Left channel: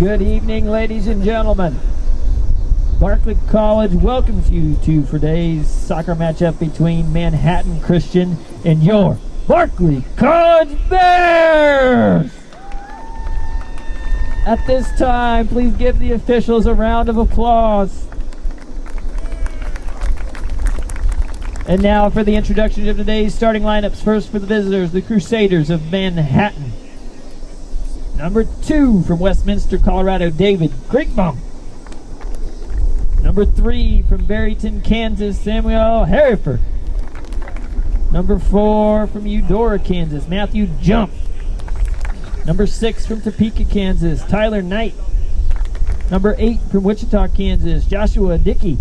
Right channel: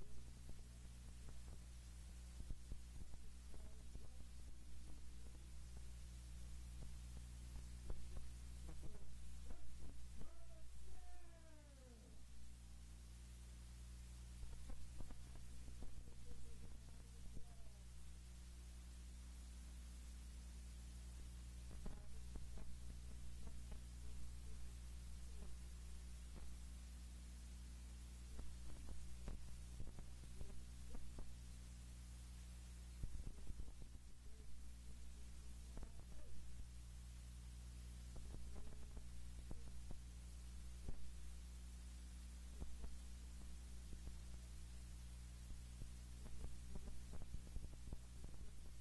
Good evening, ladies and gentlemen. Barclay College welcomes you to today's soccer matchup between Manhattan Christian and your Barclay College Bears. At this time, please give the officials a round of applause. And now for the introduction of today's starting lineups. First for the visitors, the Crusaders of Manhattan. Number 2 from Westminster, Colorado, David Kriegbaum. Number 3 from Barryton, Kansas, Samuel Hereford. Number 4 from Eudora, Kansas, Matthew Jump. Number 6 from Topeka, Kansas, Tyler Knight. Number 8 from Wichita, Kansas, Joshua Dickey.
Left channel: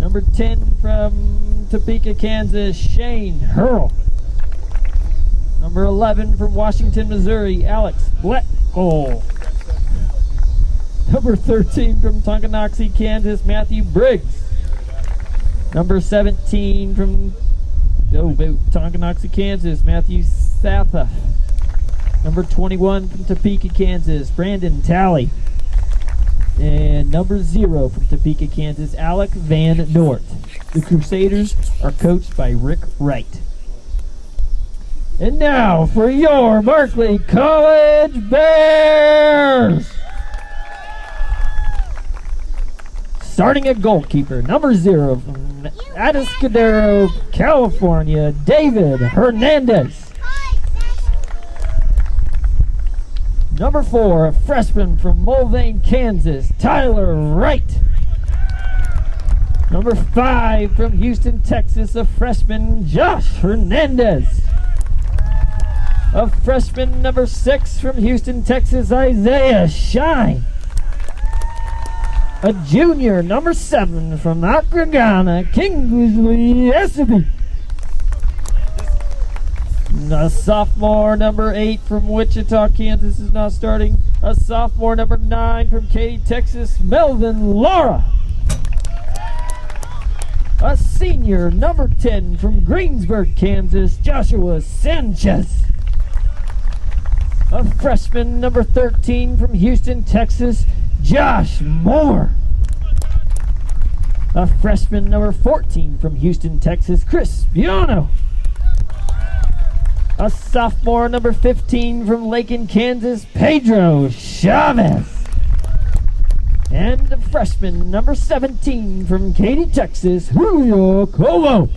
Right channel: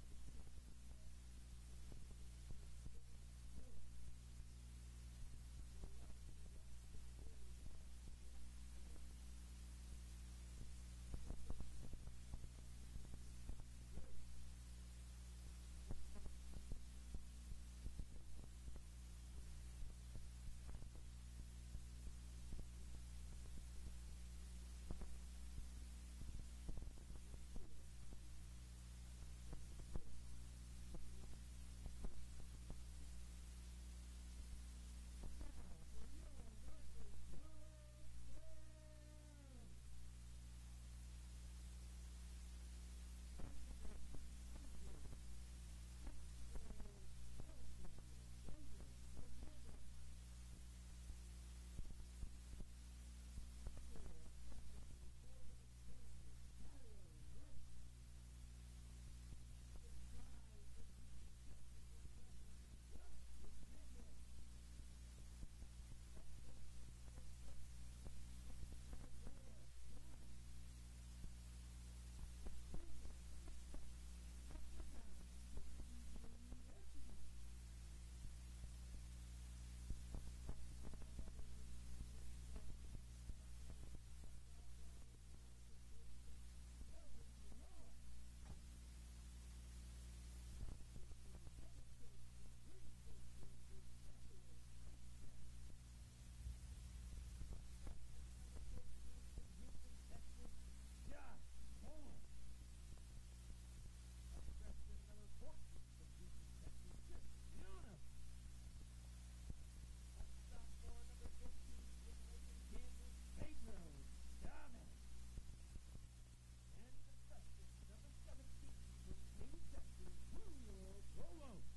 Number 10 from Topeka, Kansas, Shane Hurl. Number 11 from Washington, Missouri, Alex Bletcole. Number 13 from Tonganoxie, Kansas, Matthew Briggs. Number 17 from Tonganoxie, Kansas, Matthew Satha. Number 21 from Topeka, Kansas, Brandon Talley. And number 0 from Topeka, Kansas, Alec Van Nort. The Crusaders are coached by Rick Wright. And now for your Barclay College Bears! Starting at goalkeeper, number 0 from Atascadero, California, David Hernandez. Number 4, a freshman from Mulvane, Kansas, Tyler Wright. Number 5 from Houston, Texas, a freshman, Josh Hernandez. A freshman, number 6 from Houston, Texas, Isaiah Shine. A junior, number 7 from Akragana, Kingsley Esaby. A sophomore, number 8 from Wichita, Kansas is not starting. A sophomore, number 9 from Katy, Texas, Melvin Laura. A senior, number 10 from Greensburg, Kansas, Joshua Sanchez. A freshman, number 13 from Houston, Texas, Josh Moore. A freshman, number 14 from Houston, Texas, Chris Biano. A sophomore, number 15 from Lakin, Kansas, Pedro Chavez. And a freshman, number 17 from Katy, Texas, Julio Covo.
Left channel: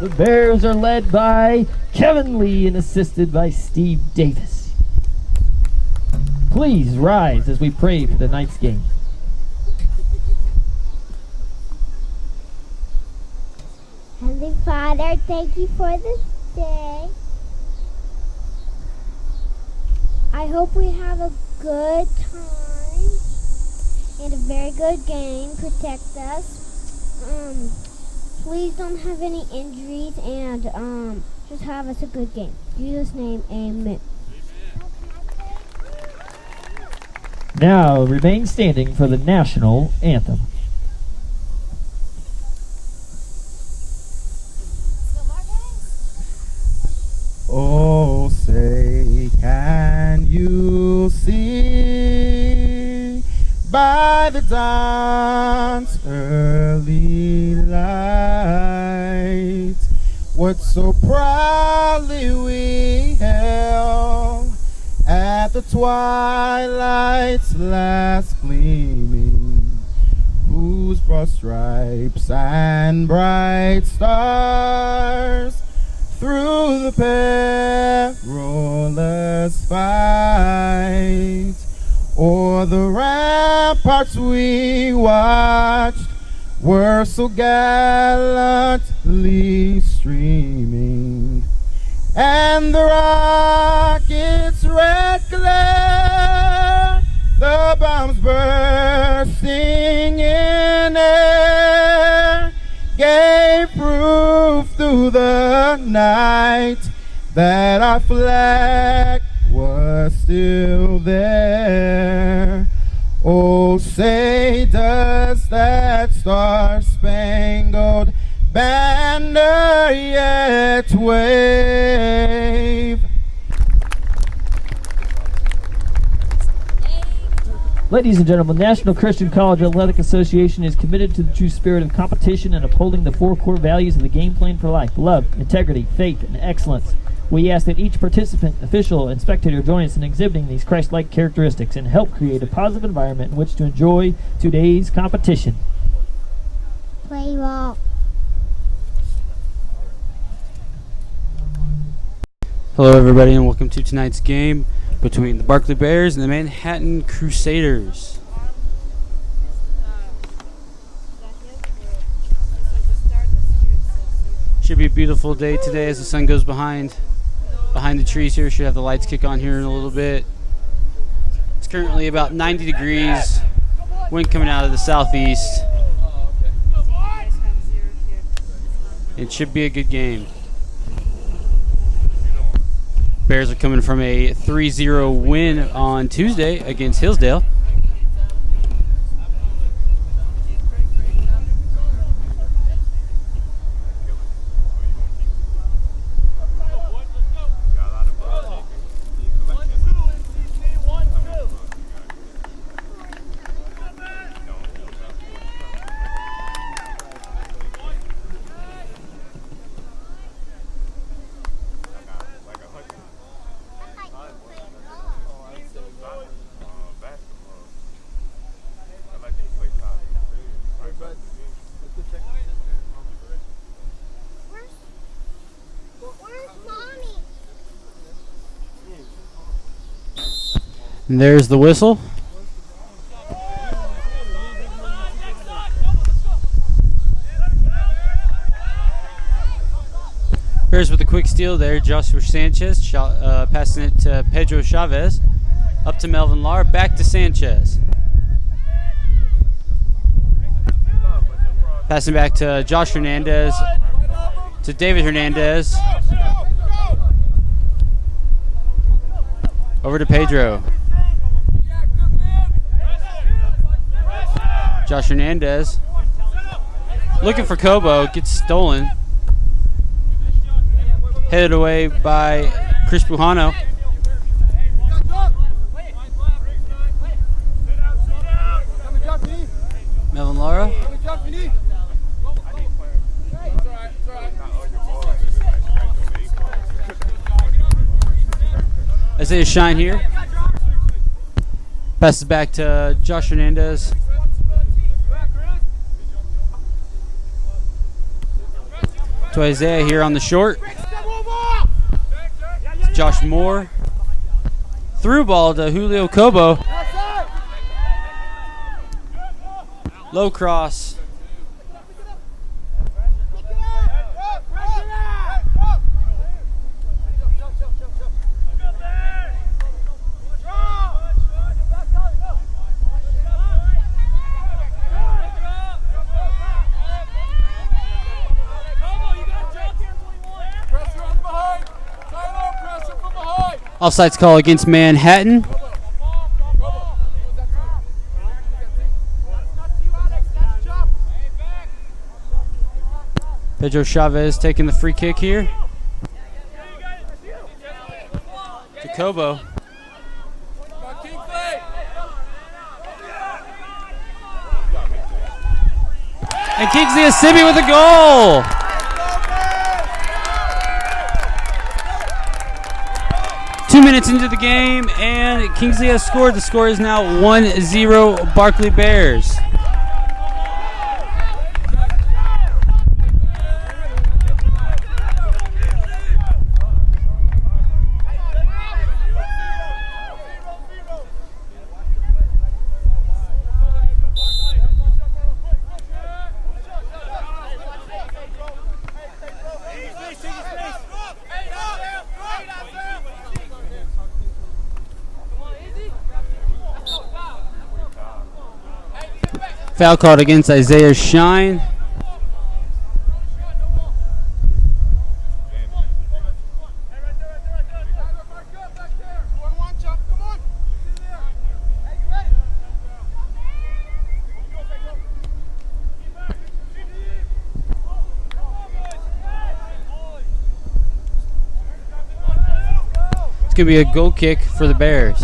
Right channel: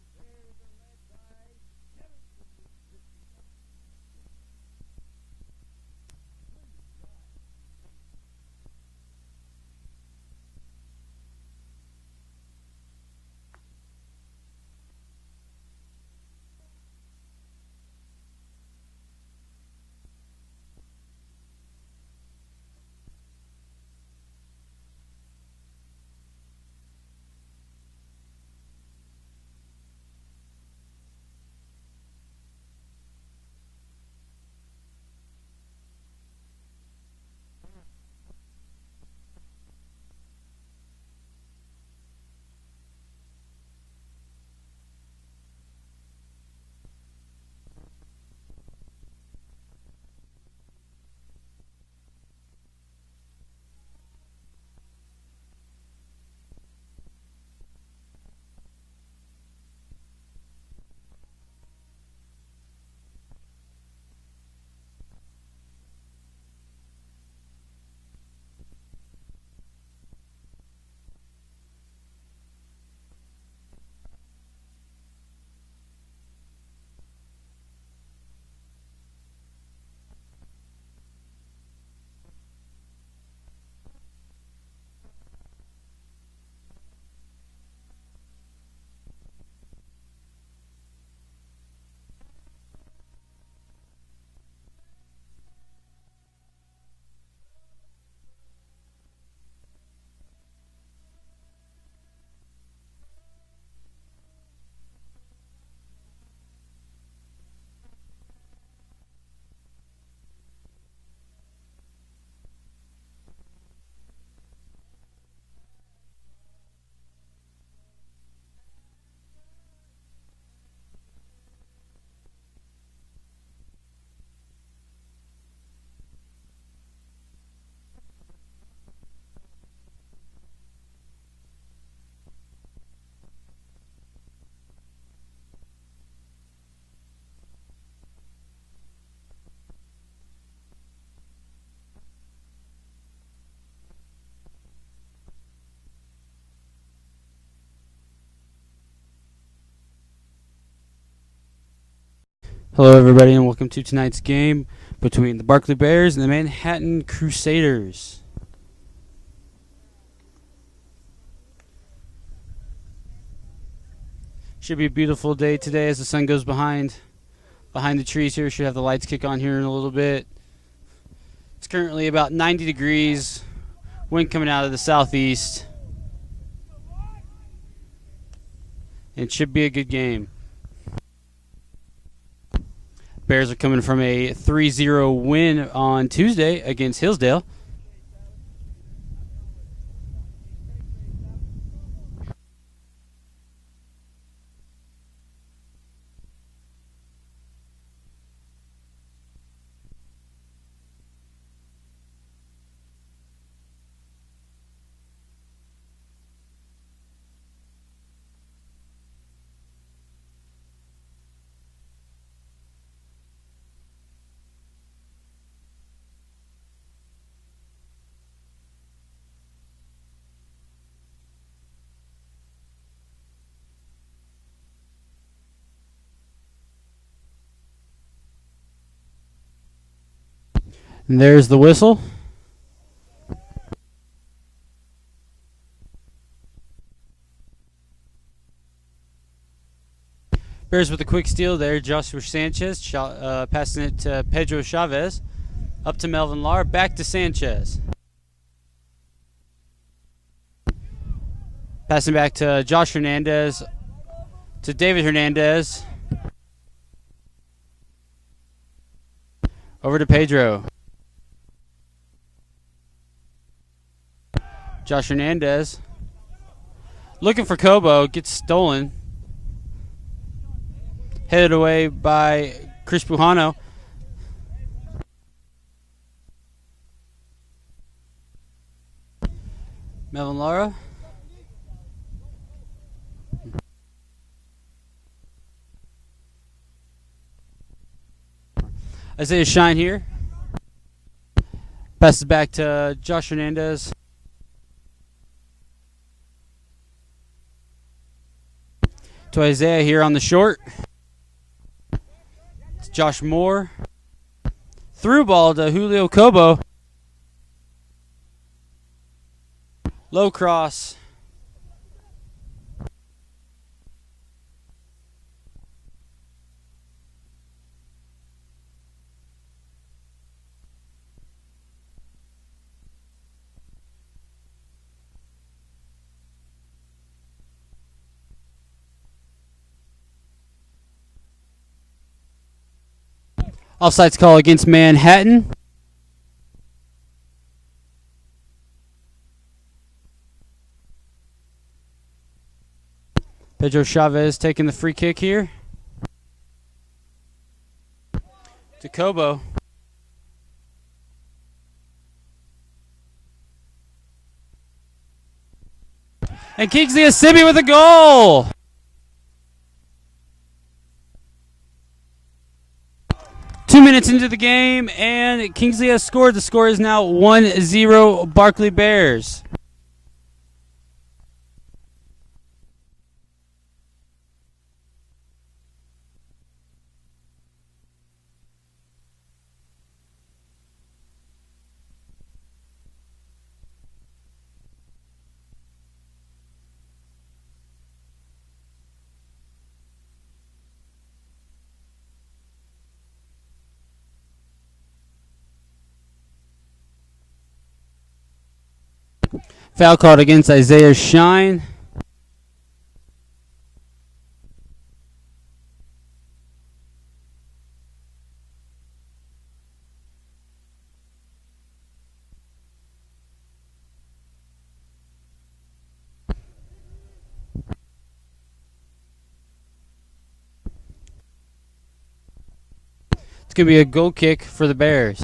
The Bears are led by Kevin Lee and assisted by Steve Davis. Please rise as we pray for the night's game. Heavenly Father, thank you for this day. I hope we have a good time and a very good game. Protect us. Please don't have any injuries and just have us a good game. In Jesus' name, amen. Now remain standing for the national anthem. Oh, say, can you see by the dawn's early light what so proudly we held at the twilight's last gleaming, whose broad stripes and bright stars through the perilous fight o'er the ramparts we watched were so gallantly streaming, and the rocket's red glare, the bombs bursting in air, gave proof through the night that our flag was still there. Oh, say does that star-spangled banner yet wave Ladies and gentlemen, National Christian College Athletic Association is committed to the true spirit of competition and upholding the 4 core values of the game plan for life: love, integrity, faith, and excellence. We ask that each participant, official, and spectator join us in exhibiting these Christ-like characteristics and help create a positive environment in which to enjoy today's competition. Play ball. Hello everybody and welcome to tonight's game between the Barclay Bears and the Manhattan Crusaders. Should be a beautiful day today as the sun goes behind the trees here. Should have the lights kick on here in a little bit. It's currently about 90 degrees. Wind coming out of the southeast. It should be a good game. Bears are coming from a 3-0 win on Tuesday against Hillsdale. And there's the whistle. Bears with a quick steal there. Joshua Sanchez passing it to Pedro Chavez. Up to Melvin Lar. Back to Sanchez. Passing back to Josh Hernandez. To David Hernandez. Over to Pedro. Josh Hernandez looking for Kobo, gets stolen. Headed away by Chris Pujano. Melvin Lara. Isaiah Shine here. Passes back to Josh Hernandez. To Isaiah here on the short. It's Josh Moore. Through ball to Julio Kobo. Low cross. Offsides call against Manhattan. Pedro Chavez taking the free kick here. To Kobo. And Kingsley Asibi with a goal. Minutes into the game, and Kingsley has scored. The score is now 1-0 Barclay Bears. Foul called against Isaiah Shine. It's going to be a goal kick for the Bears.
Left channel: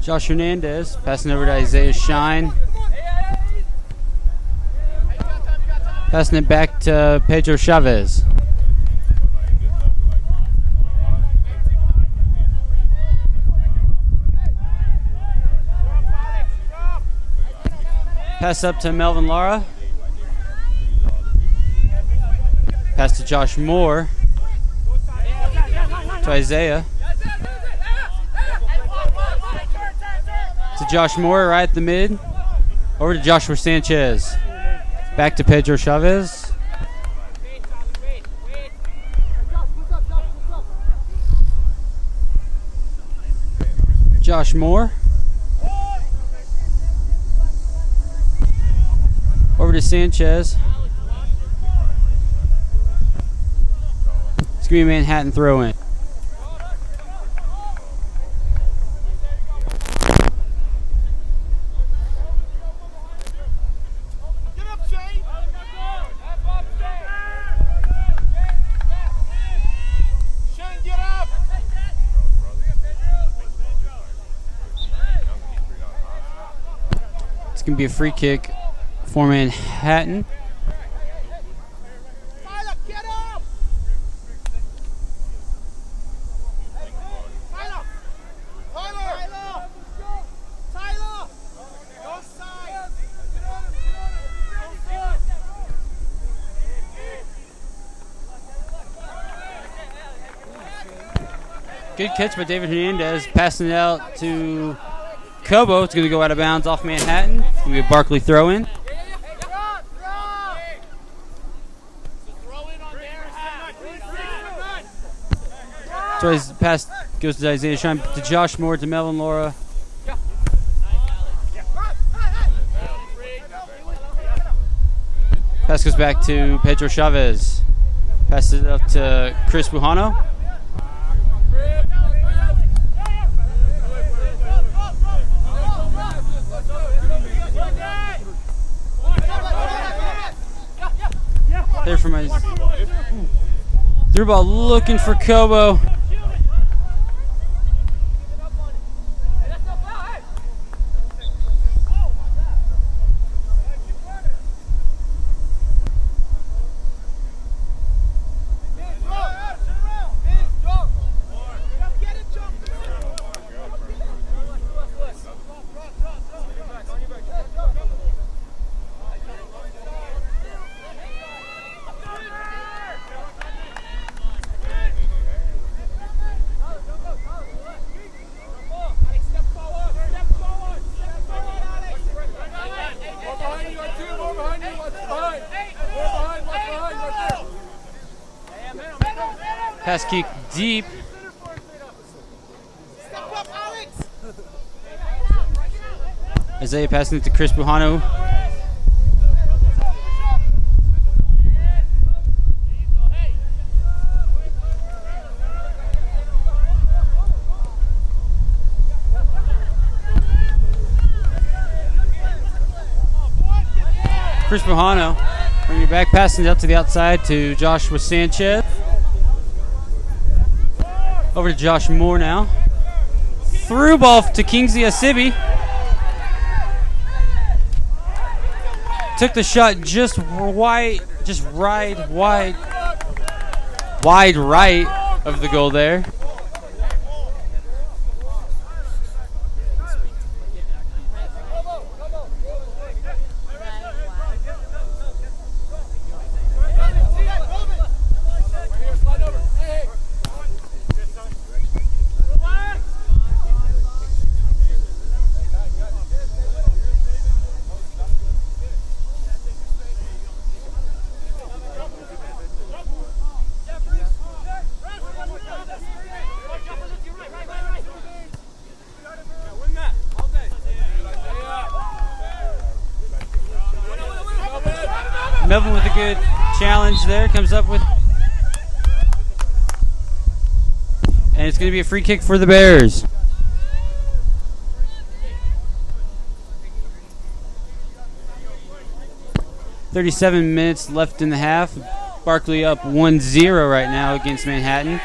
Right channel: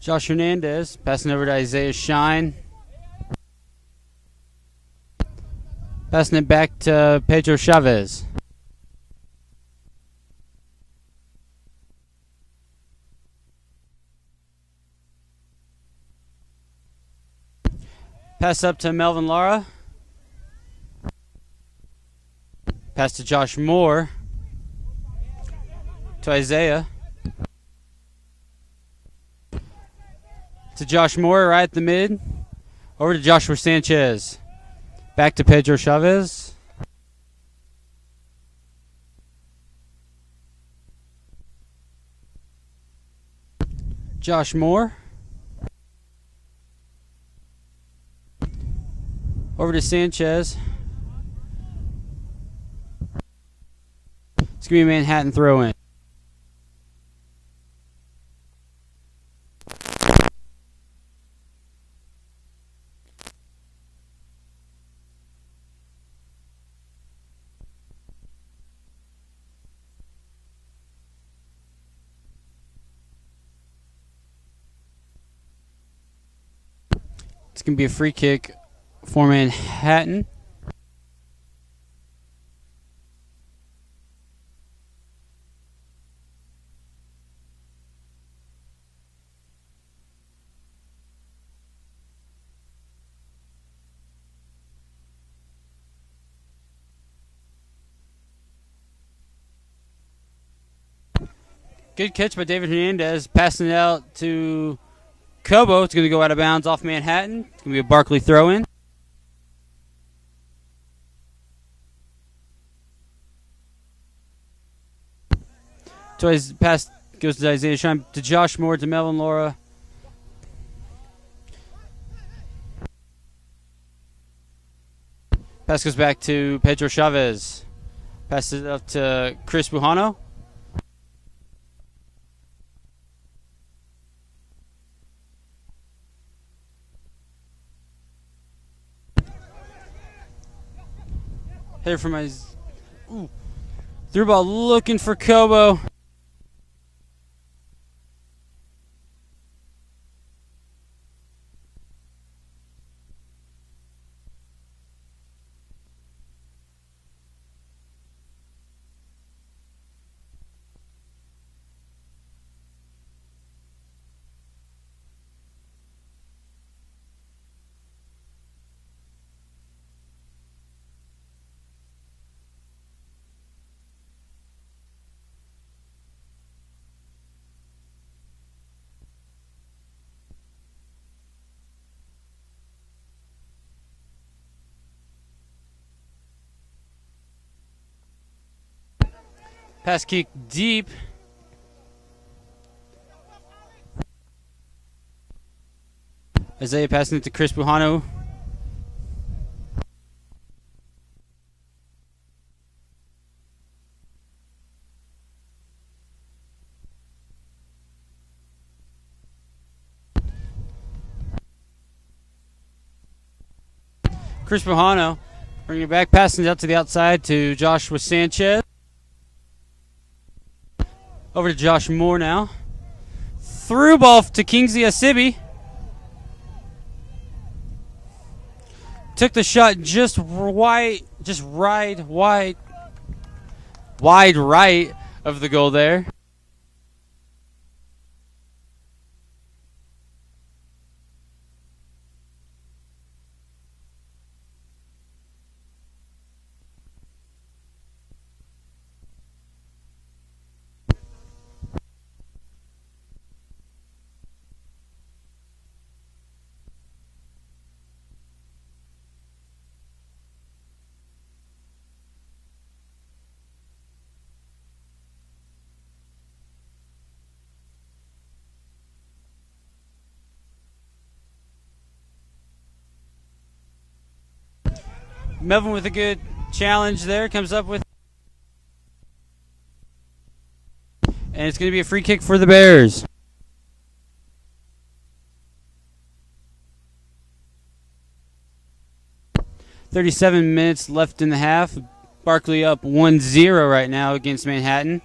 Josh Hernandez passing over to Isaiah Shine. Passing it back to Pedro Chavez. Pass up to Melvin Lara. Pass to Josh Moore. To Isaiah. To Josh Moore right at the mid. Over to Joshua Sanchez. Back to Pedro Chavez. Josh Moore. Over to Sanchez. It's going to be a Manhattan throw in. It's going to be a free kick for Manhattan. Good catch by David Hernandez, passing it out to Kobo. It's going to go out of bounds off Manhattan. It's going to be a Barclay throw in. So his pass goes to Isaiah Shine, to Josh Moore, to Melvin Lara. Pass goes back to Pedro Chavez. Pass it up to Chris Bujano. There from my through ball looking for Kobo. Pass kick deep. Isaiah passing it to Chris Bujano. Chris Bujano bringing it back, passing it out to the outside to Joshua Sanchez. Over to Josh Moore now. Through ball to Kingsley Asibi. Took the shot just wide right of the goal there. Melvin with a good challenge there, comes up with, and it's going to be a free kick for the Bears. .37 minutes left in the half. Barclay up 1-0 right now against Manhattan.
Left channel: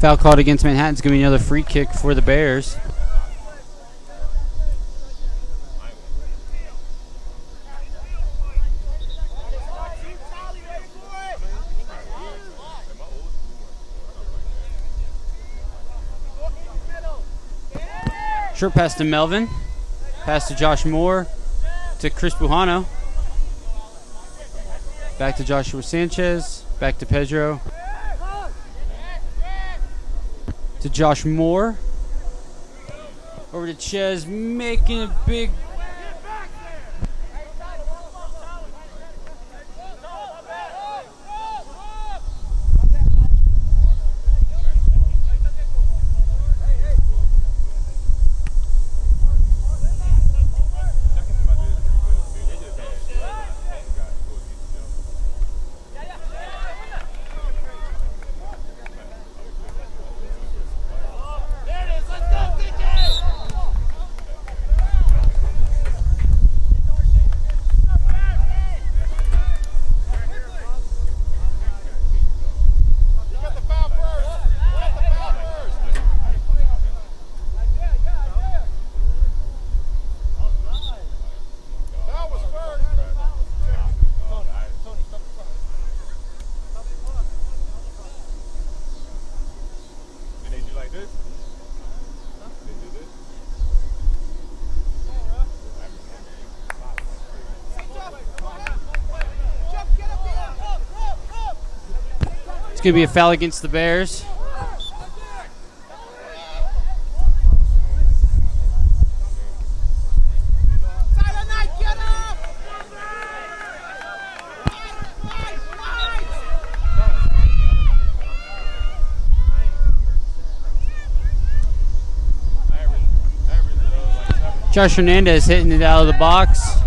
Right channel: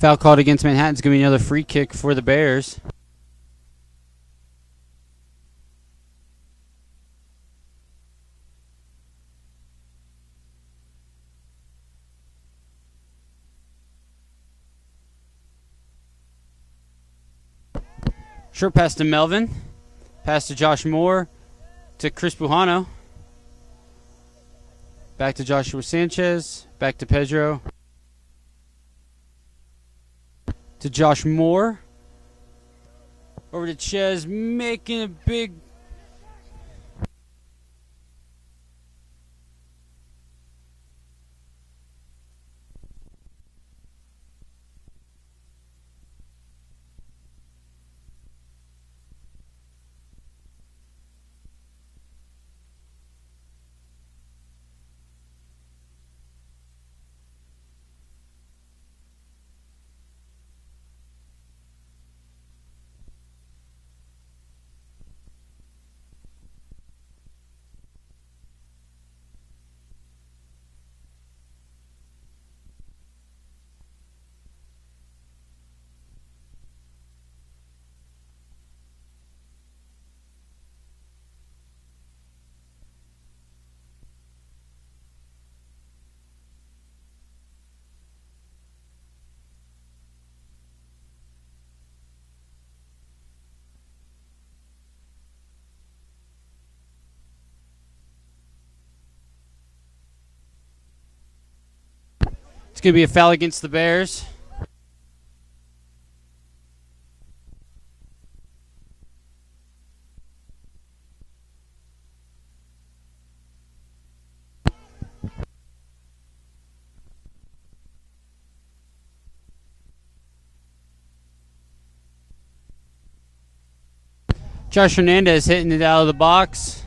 Foul called against Manhattan. It's going to be another free kick for the Bears. Short pass to Melvin. Pass to Josh Moore. To Chris Bujano. Back to Joshua Sanchez. Back to Pedro. To Josh Moore. Over to Ches, making a big... It's going to be a foul against the Bears. Josh Hernandez hitting it out of the box.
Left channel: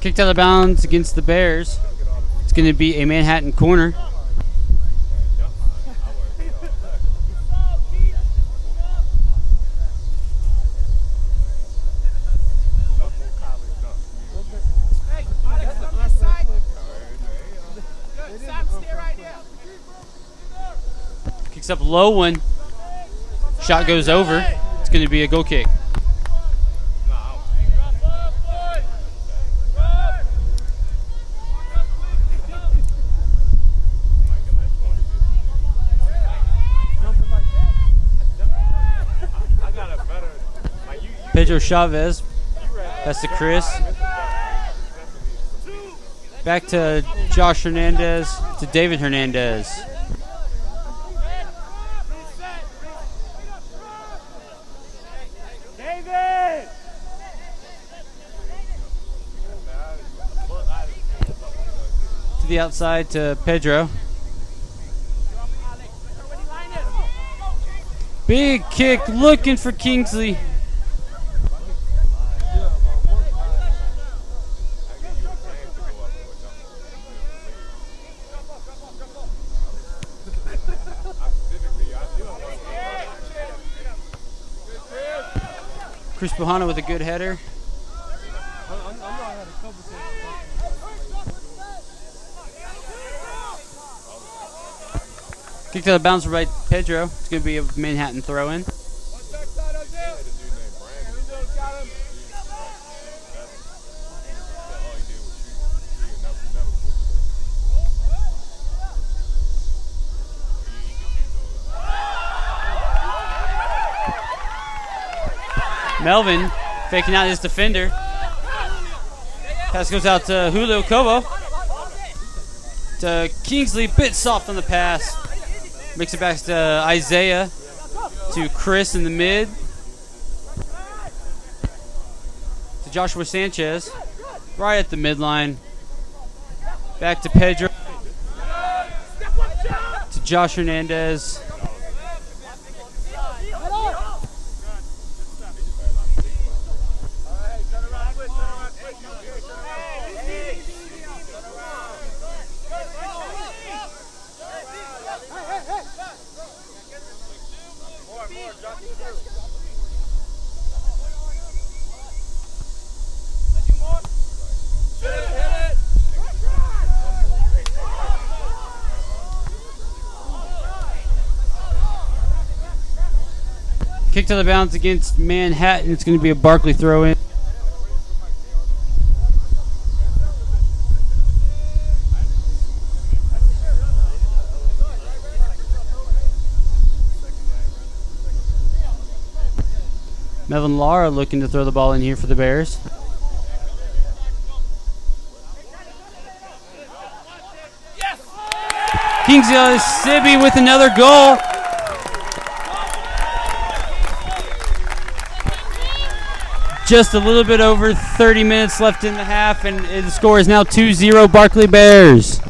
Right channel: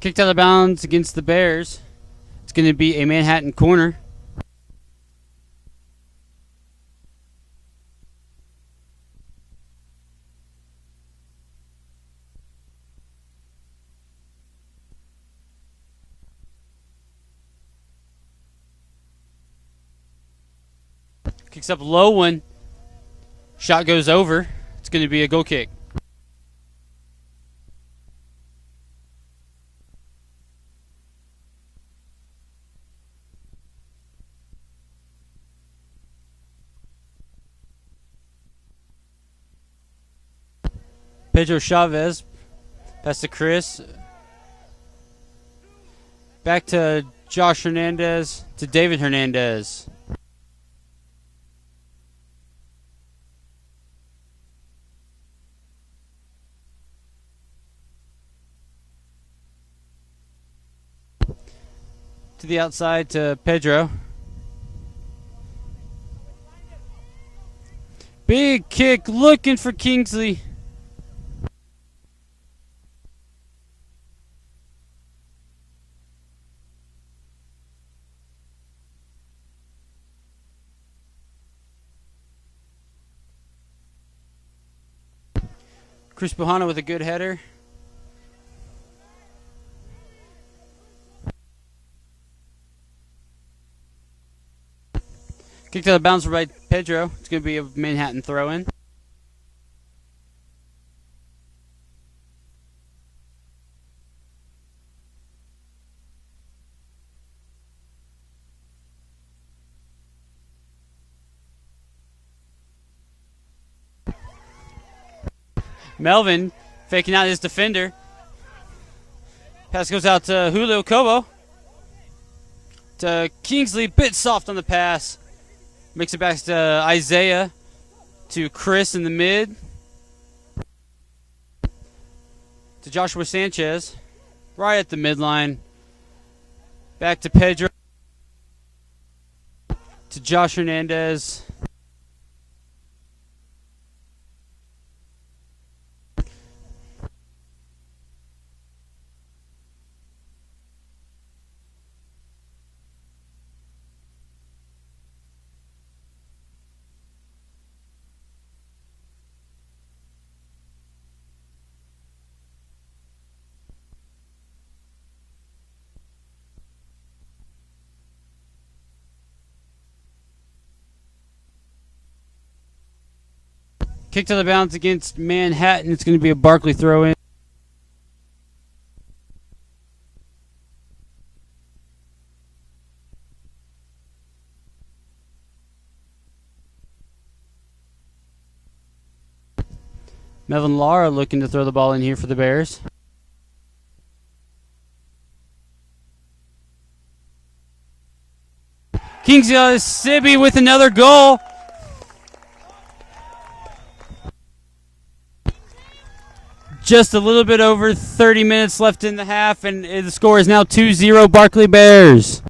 Kicked out of bounds against the Bears. It's going to be a Manhattan corner. Kicks up low one. Shot goes over. It's going to be a goal kick. Pedro Chavez. Pass to Chris. Back to Josh Hernandez. To David Hernandez. To the outside to Pedro. Big kick looking for Kingsley. Chris Bujano with a good header. Kicked out of bounds by Pedro. It's going to be a Manhattan throw-in. Melvin faking out his defender. Pass goes out to Julio Cobo. To Kingsley, bit soft on the pass. Makes it back to Isaiah. To Chris in the mid. To Joshua Sanchez. Right at the midline. Back to Pedro. To Josh Hernandez. Kick to the bounce against Manhattan. It's going to be a Barclay throw in. Melvin Lara looking to throw the ball in here for the Bears. Kingsley Sibby with another goal. Just a little bit over 30 minutes left in the half, and the score is now 2-0 Barclay Bears.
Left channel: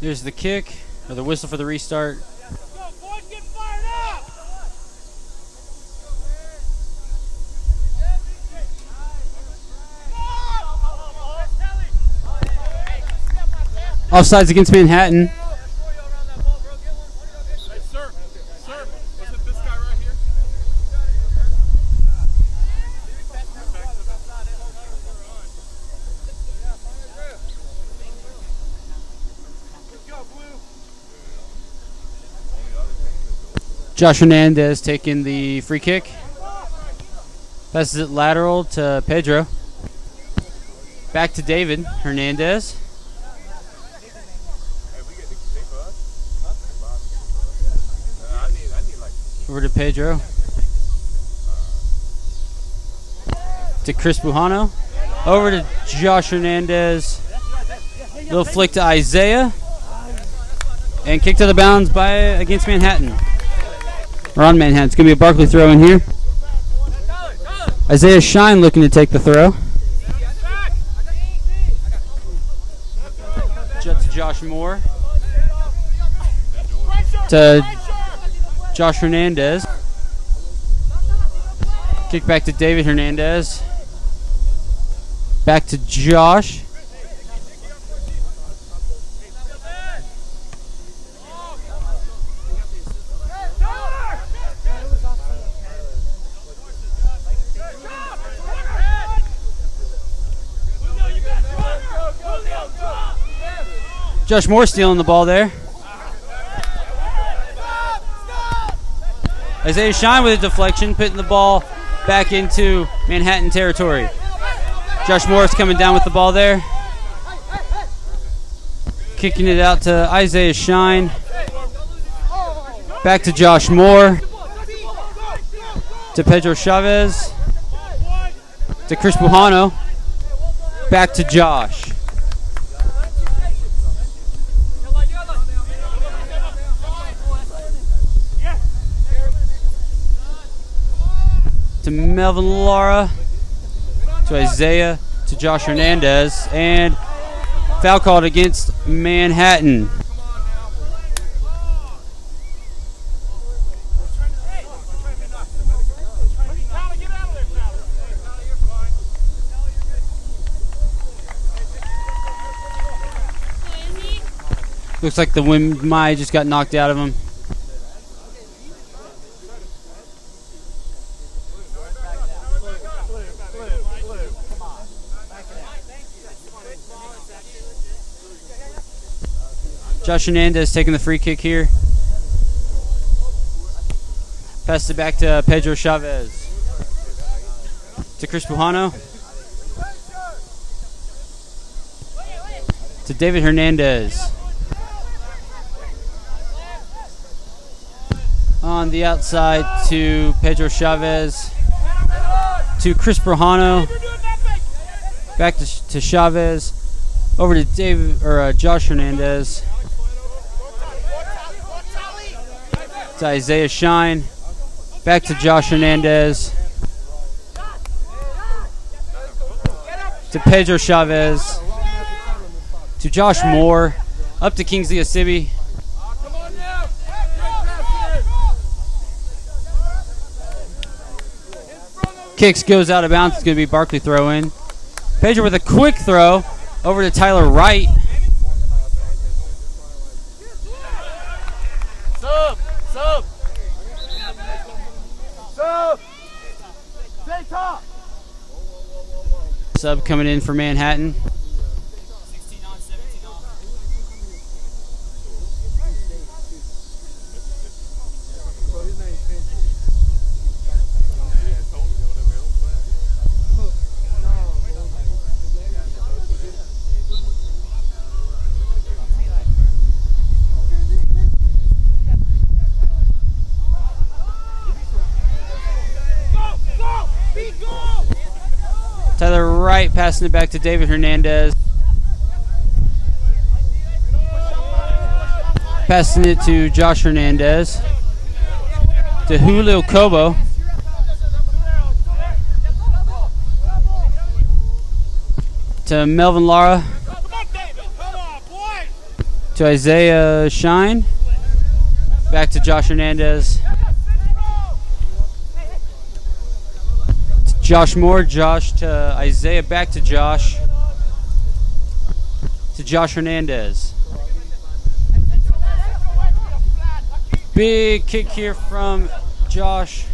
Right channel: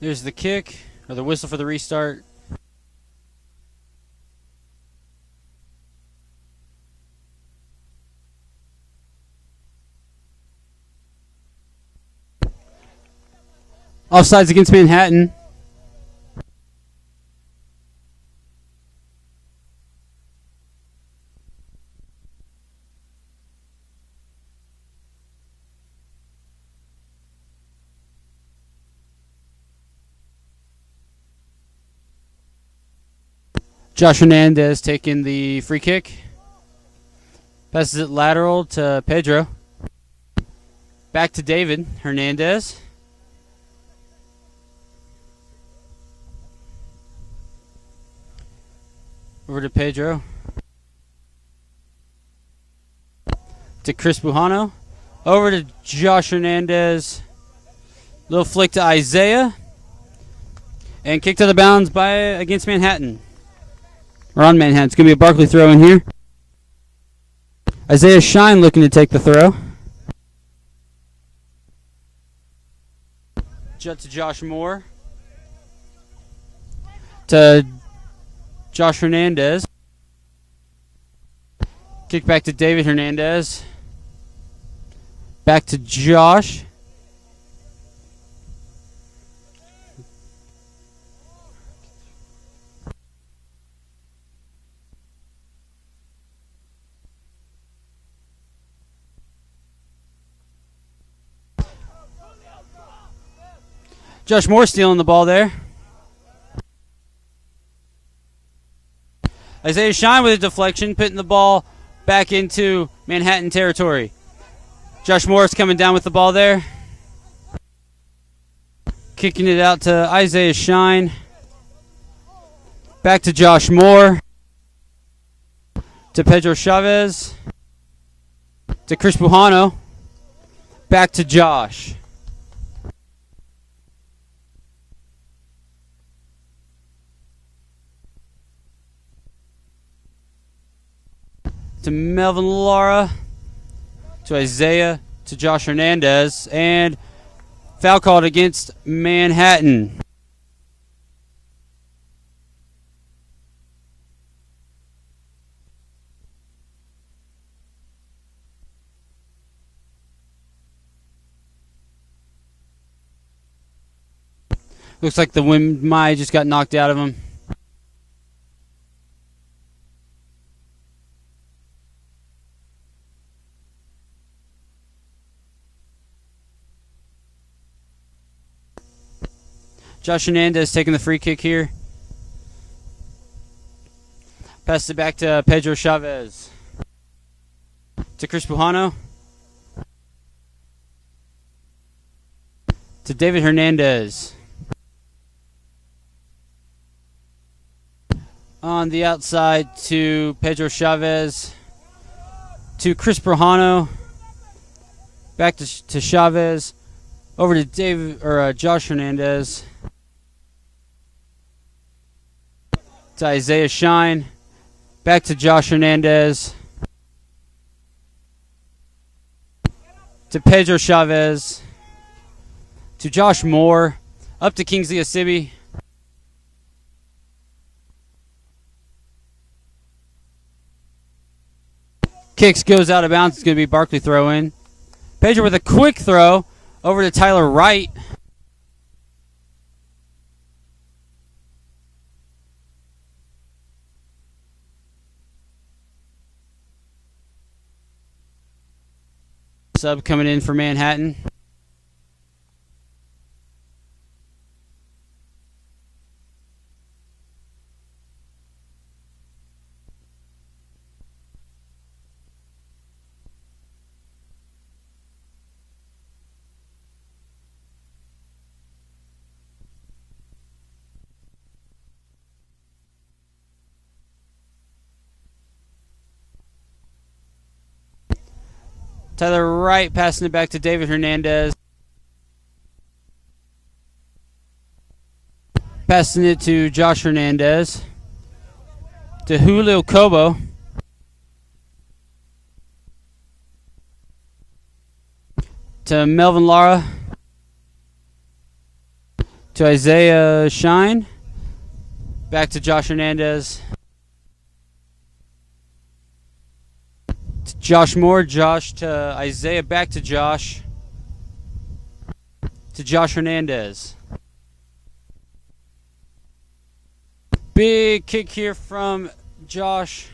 There's the kick, or the whistle for the restart. Offsides against Manhattan. Josh Hernandez taking the free kick. Passes it lateral to Pedro. Back to David Hernandez. Over to Pedro. To Chris Bujano. Over to Josh Hernandez. Little flick to Isaiah. And kick to the bounds against Manhattan. Or on Manhattan. It's going to be a Barclay throw in here. Isaiah Shine looking to take the throw. Jet to Josh Moore. To Josh Hernandez. Kick back to David Hernandez. Back to Josh. Josh Moore stealing the ball there. Isaiah Shine with a deflection, putting the ball back into Manhattan territory. Josh Morris coming down with the ball there. Kicking it out to Isaiah Shine. Back to Josh Moore. To Pedro Chavez. To Chris Bujano. Back to Josh. To Melvin Lara, to Isaiah, to Josh Hernandez, and foul called against Manhattan. Looks like the wind might just got knocked out of him. Josh Hernandez taking the free kick here. Passes it back to Pedro Chavez. To Chris Bujano. To David Hernandez. On the outside to Pedro Chavez. To Chris Bujano. Back to Chavez. Over to Josh Hernandez. To Isaiah Shine. Back to Josh Hernandez. To Pedro Chavez. To Josh Moore. Up to Kingsley Asibi. Kicks, goes out of bounds. It's going to be Barclay throw in. Pedro with a quick throw over to Tyler Wright. Sub coming in for Manhattan. Tyler Wright passing it back to David Hernandez. Passing it to Josh Hernandez. To Julio Cobo. To Melvin Lara. To Isaiah Shine. Back to Josh Hernandez. Josh Moore, Josh to Isaiah, back to Josh. To Josh Hernandez. Big kick here from Josh.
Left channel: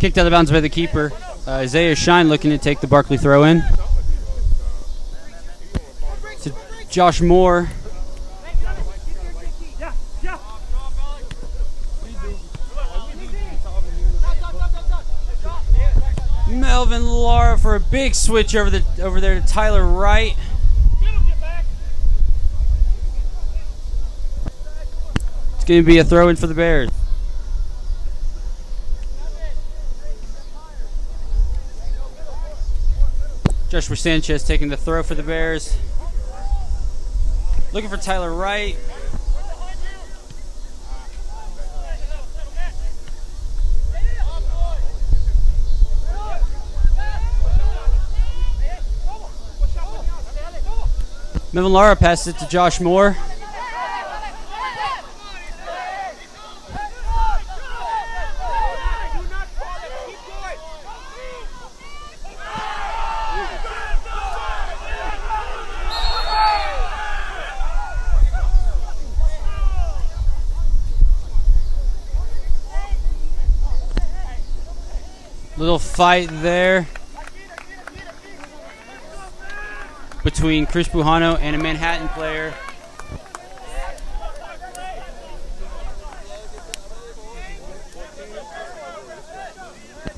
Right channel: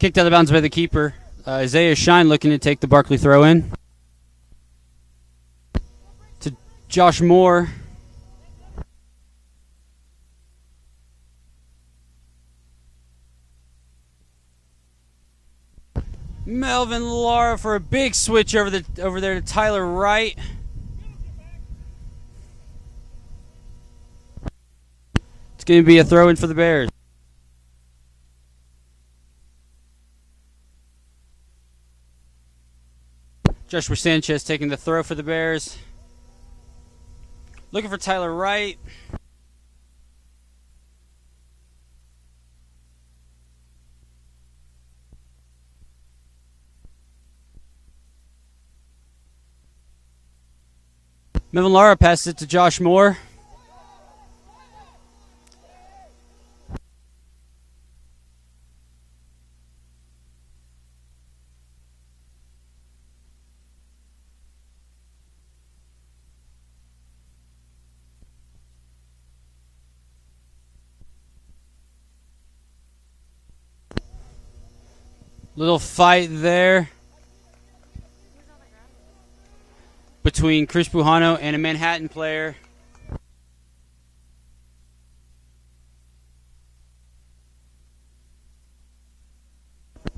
Kicked out of bounds by the keeper. Isaiah Shine looking to take the Barclay throw in. To Josh Moore. Melvin Lara for a big switch over there to Tyler Wright. It's going to be a throw in for the Bears. Joshua Sanchez taking the throw for the Bears. Looking for Tyler Wright. Melvin Lara passes it to Josh Moore. Little fight there between Chris Bujano and a Manhattan player.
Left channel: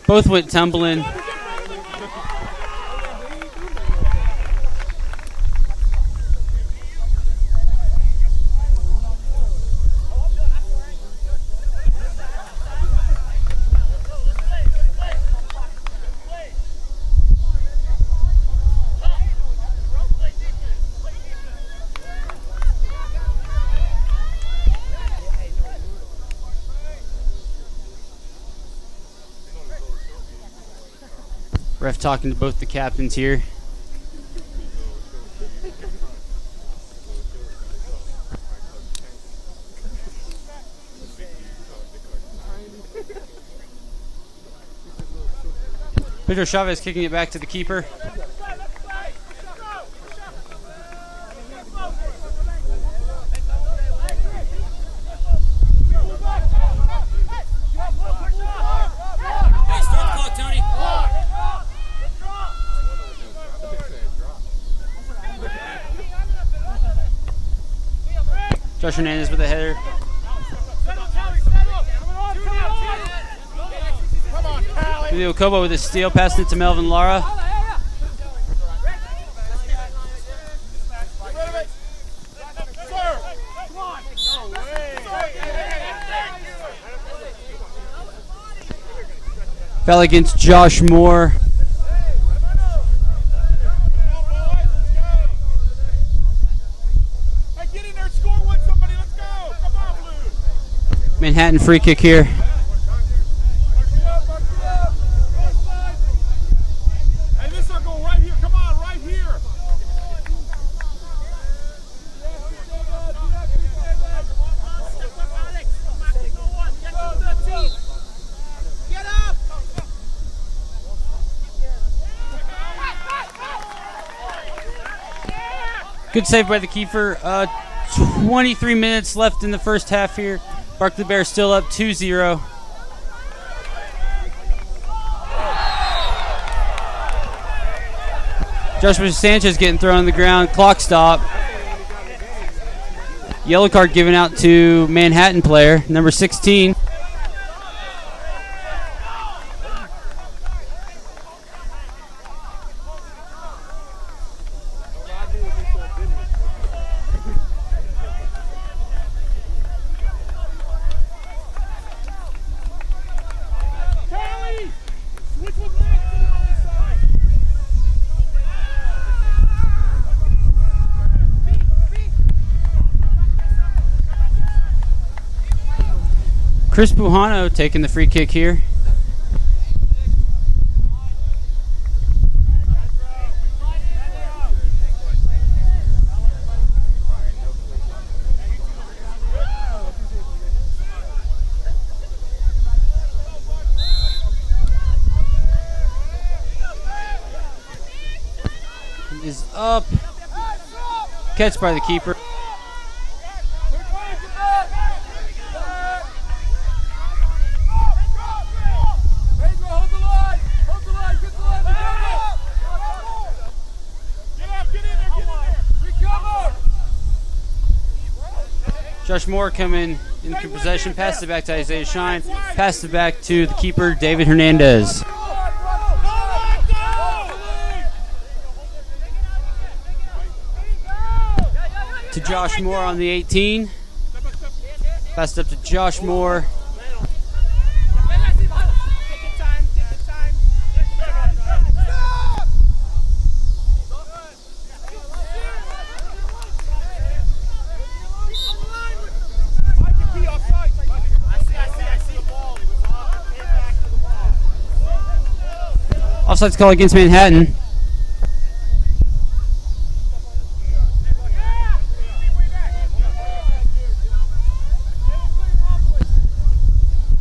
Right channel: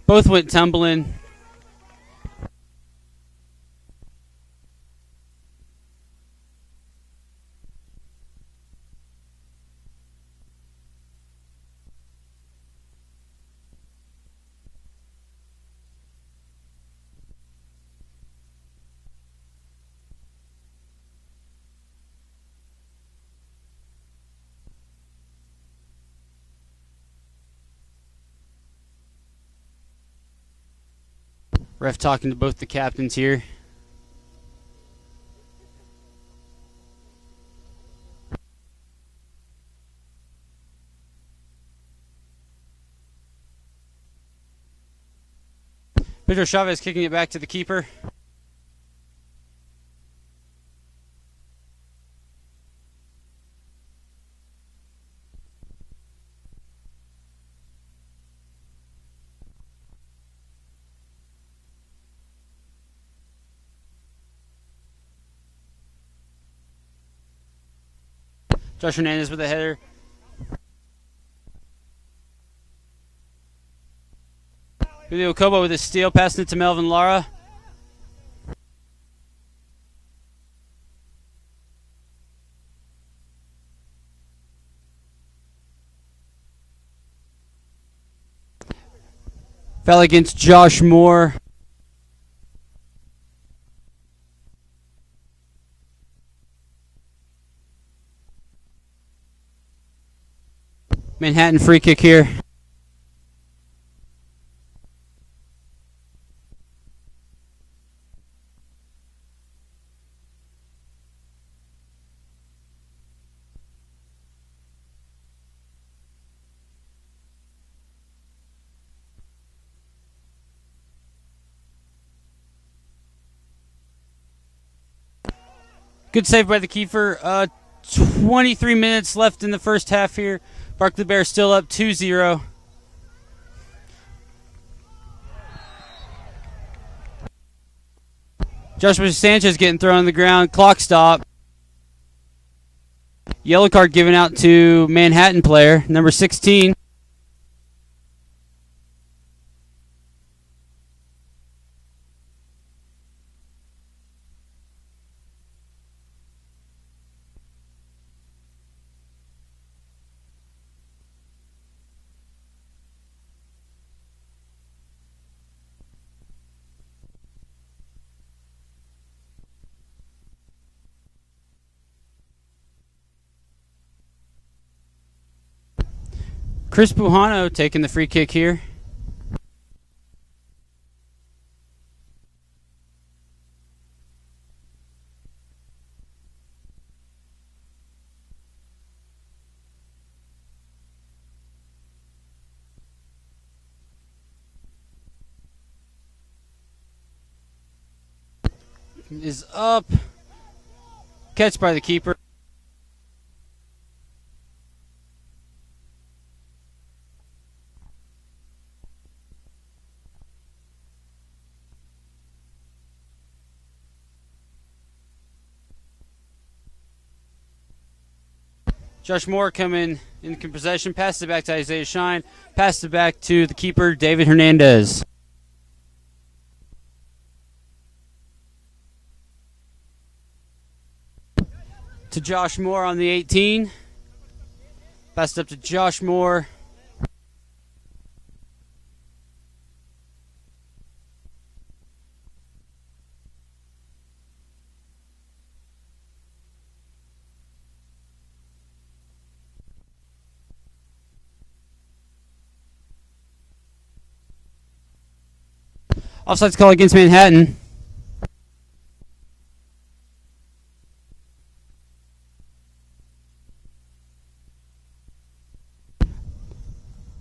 Both went tumbling. Ref talking to both the captains here. Pedro Chavez kicking it back to the keeper. Josh Hernandez with a header. Julio Cobo with a steal, passing it to Melvin Lara. Fell against Josh Moore. Manhattan free kick here. Good save by the keeper. 23 minutes left in the first half here. Barclay Bears still up 2-0. Joshua Sanchez getting thrown on the ground. Clock stop. Yellow card given out to Manhattan player, number 16. Chris Bujano taking the free kick here. Is up. Catch by the keeper. Josh Moore coming in possession, passed it back to Isaiah Shine, passed it back to the keeper, David Hernandez. To Josh Moore on the 18. Passed up to Josh Moore. Offsides call against Manhattan.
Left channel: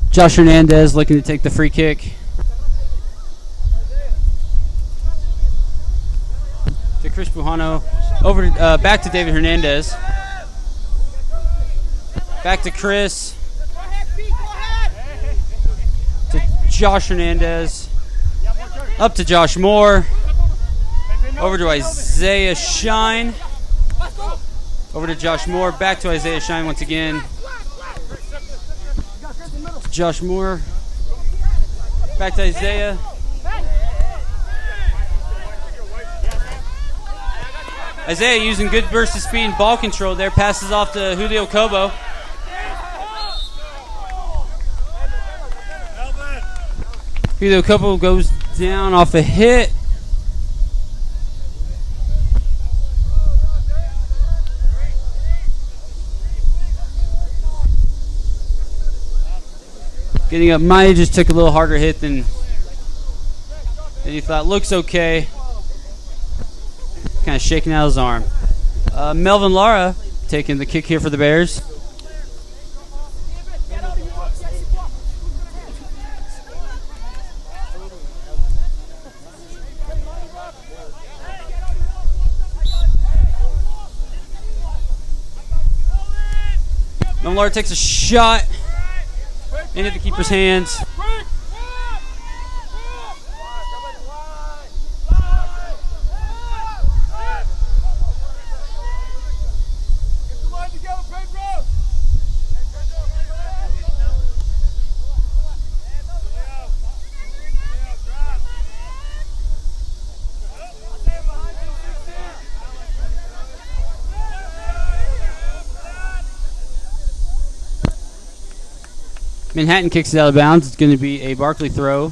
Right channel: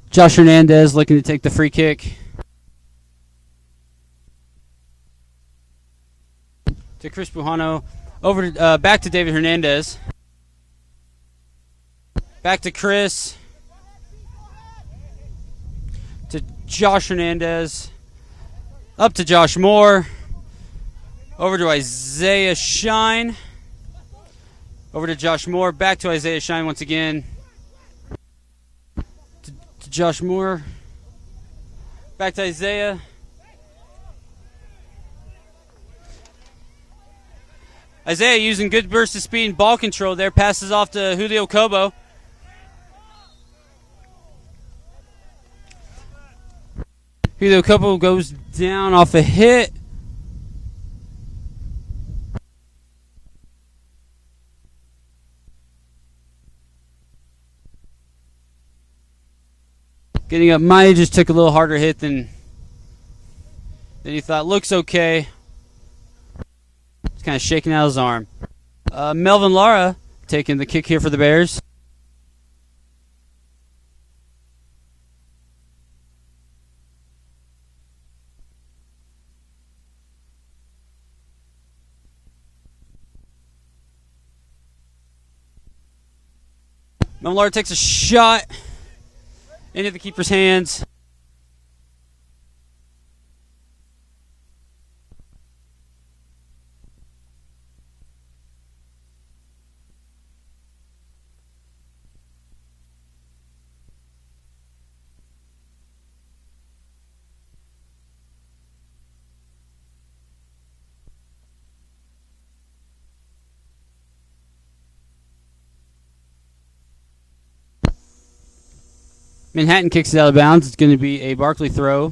Josh Hernandez looking to take the free kick. To Chris Bujano. Over to, back to David Hernandez. Back to Chris. To Josh Hernandez. Up to Josh Moore. Over to Isaiah Shine. Over to Josh Moore. Back to Isaiah Shine once again. To Josh Moore. Back to Isaiah. Isaiah using good burst of speed and ball control there. Passes off to Julio Cobo. Julio Cobo goes down off a hit. Getting up, Maya just took a little harder hit than he thought. Looks okay. Kind of shaking out his arm. Melvin Lara taking the kick here for the Bears. Melvin Lara takes a shot into the keeper's hands. Manhattan kicks it out of bounds. It's going to be a Barclay throw.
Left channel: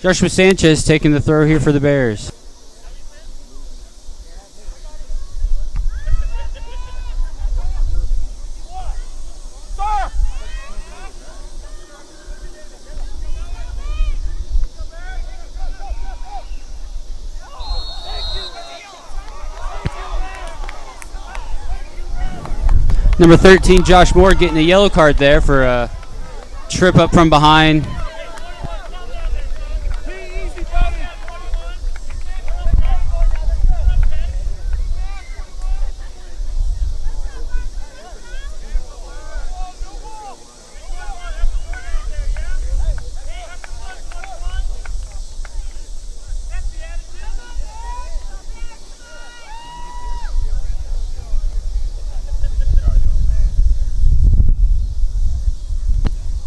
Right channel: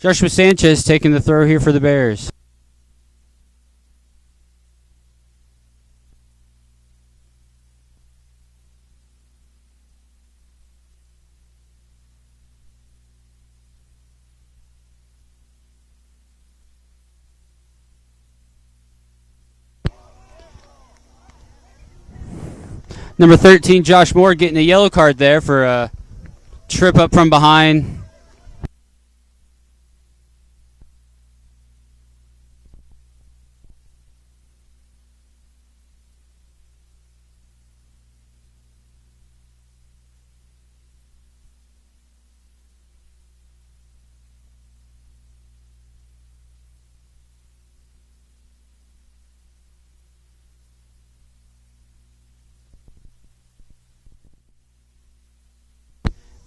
Joshua Sanchez taking the throw here for the Bears. Number 13, Josh Moore, getting a yellow card there for a trip up from behind.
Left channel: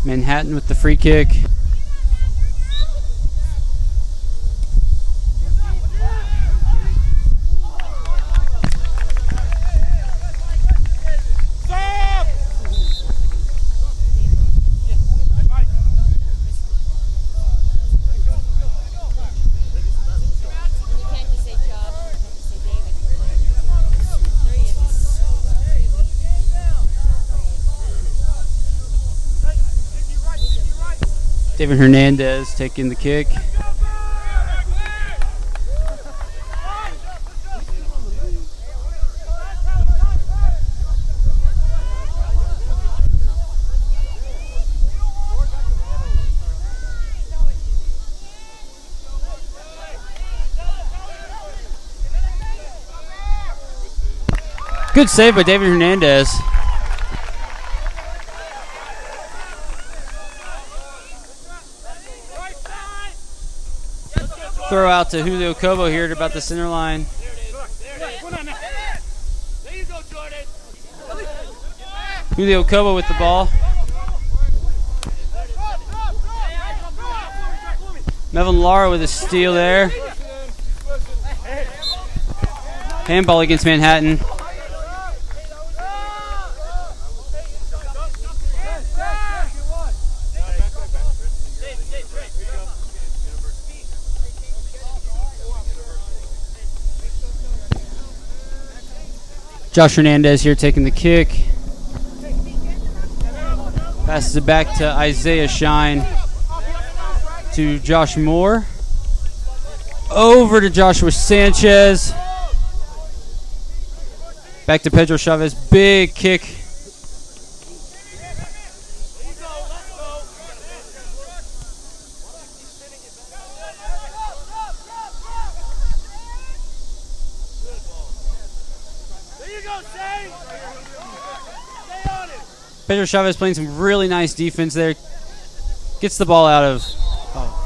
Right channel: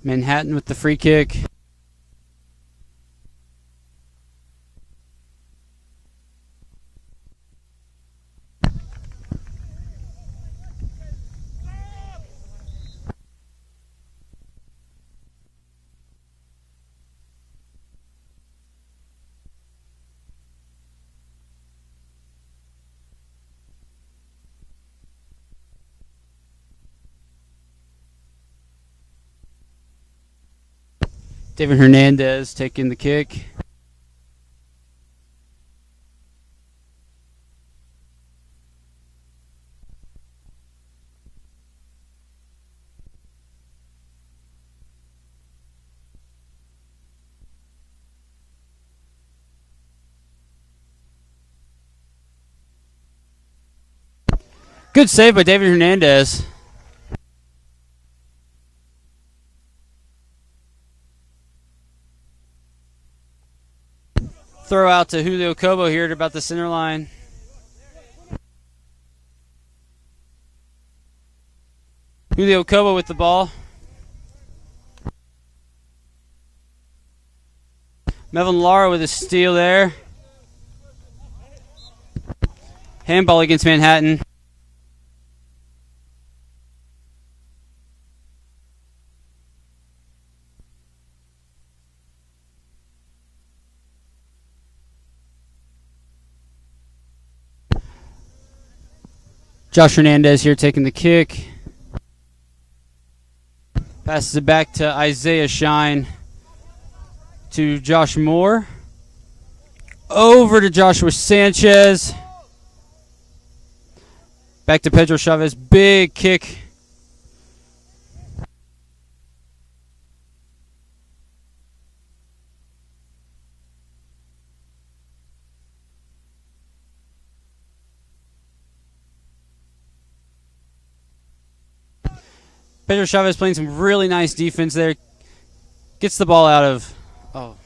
Manhattan with the free kick. David Hernandez taking the kick. Good save by David Hernandez. Throw out to Julio Cobo here at about the center line. Julio Cobo with the ball. Melvin Lara with a steal there. Handball against Manhattan. Josh Hernandez here taking the kick. Passes it back to Isaiah Shine. To Josh Moore. Over to Joshua Sanchez. Back to Pedro Chavez. Big kick. Pedro Chavez playing some really nice defense there. Gets the ball out of... Oh.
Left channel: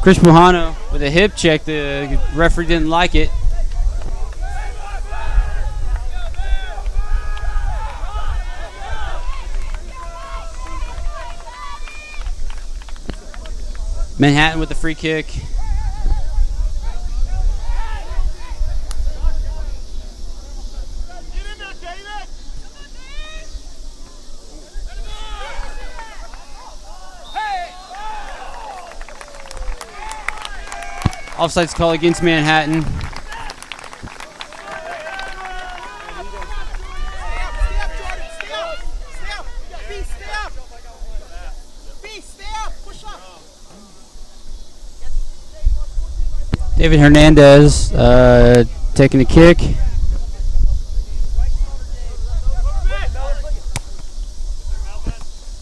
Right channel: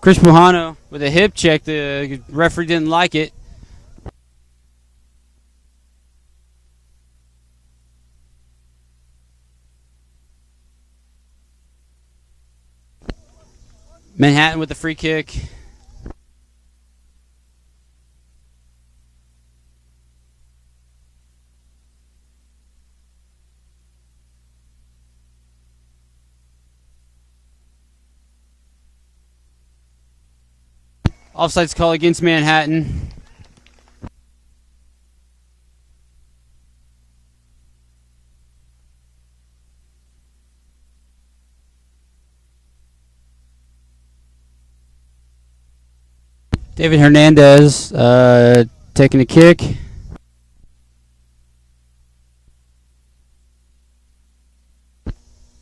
Chris Pujano with a hip check. The referee didn't like it. Manhattan with the free kick. Offsides call against Manhattan. David Hernandez taking a kick.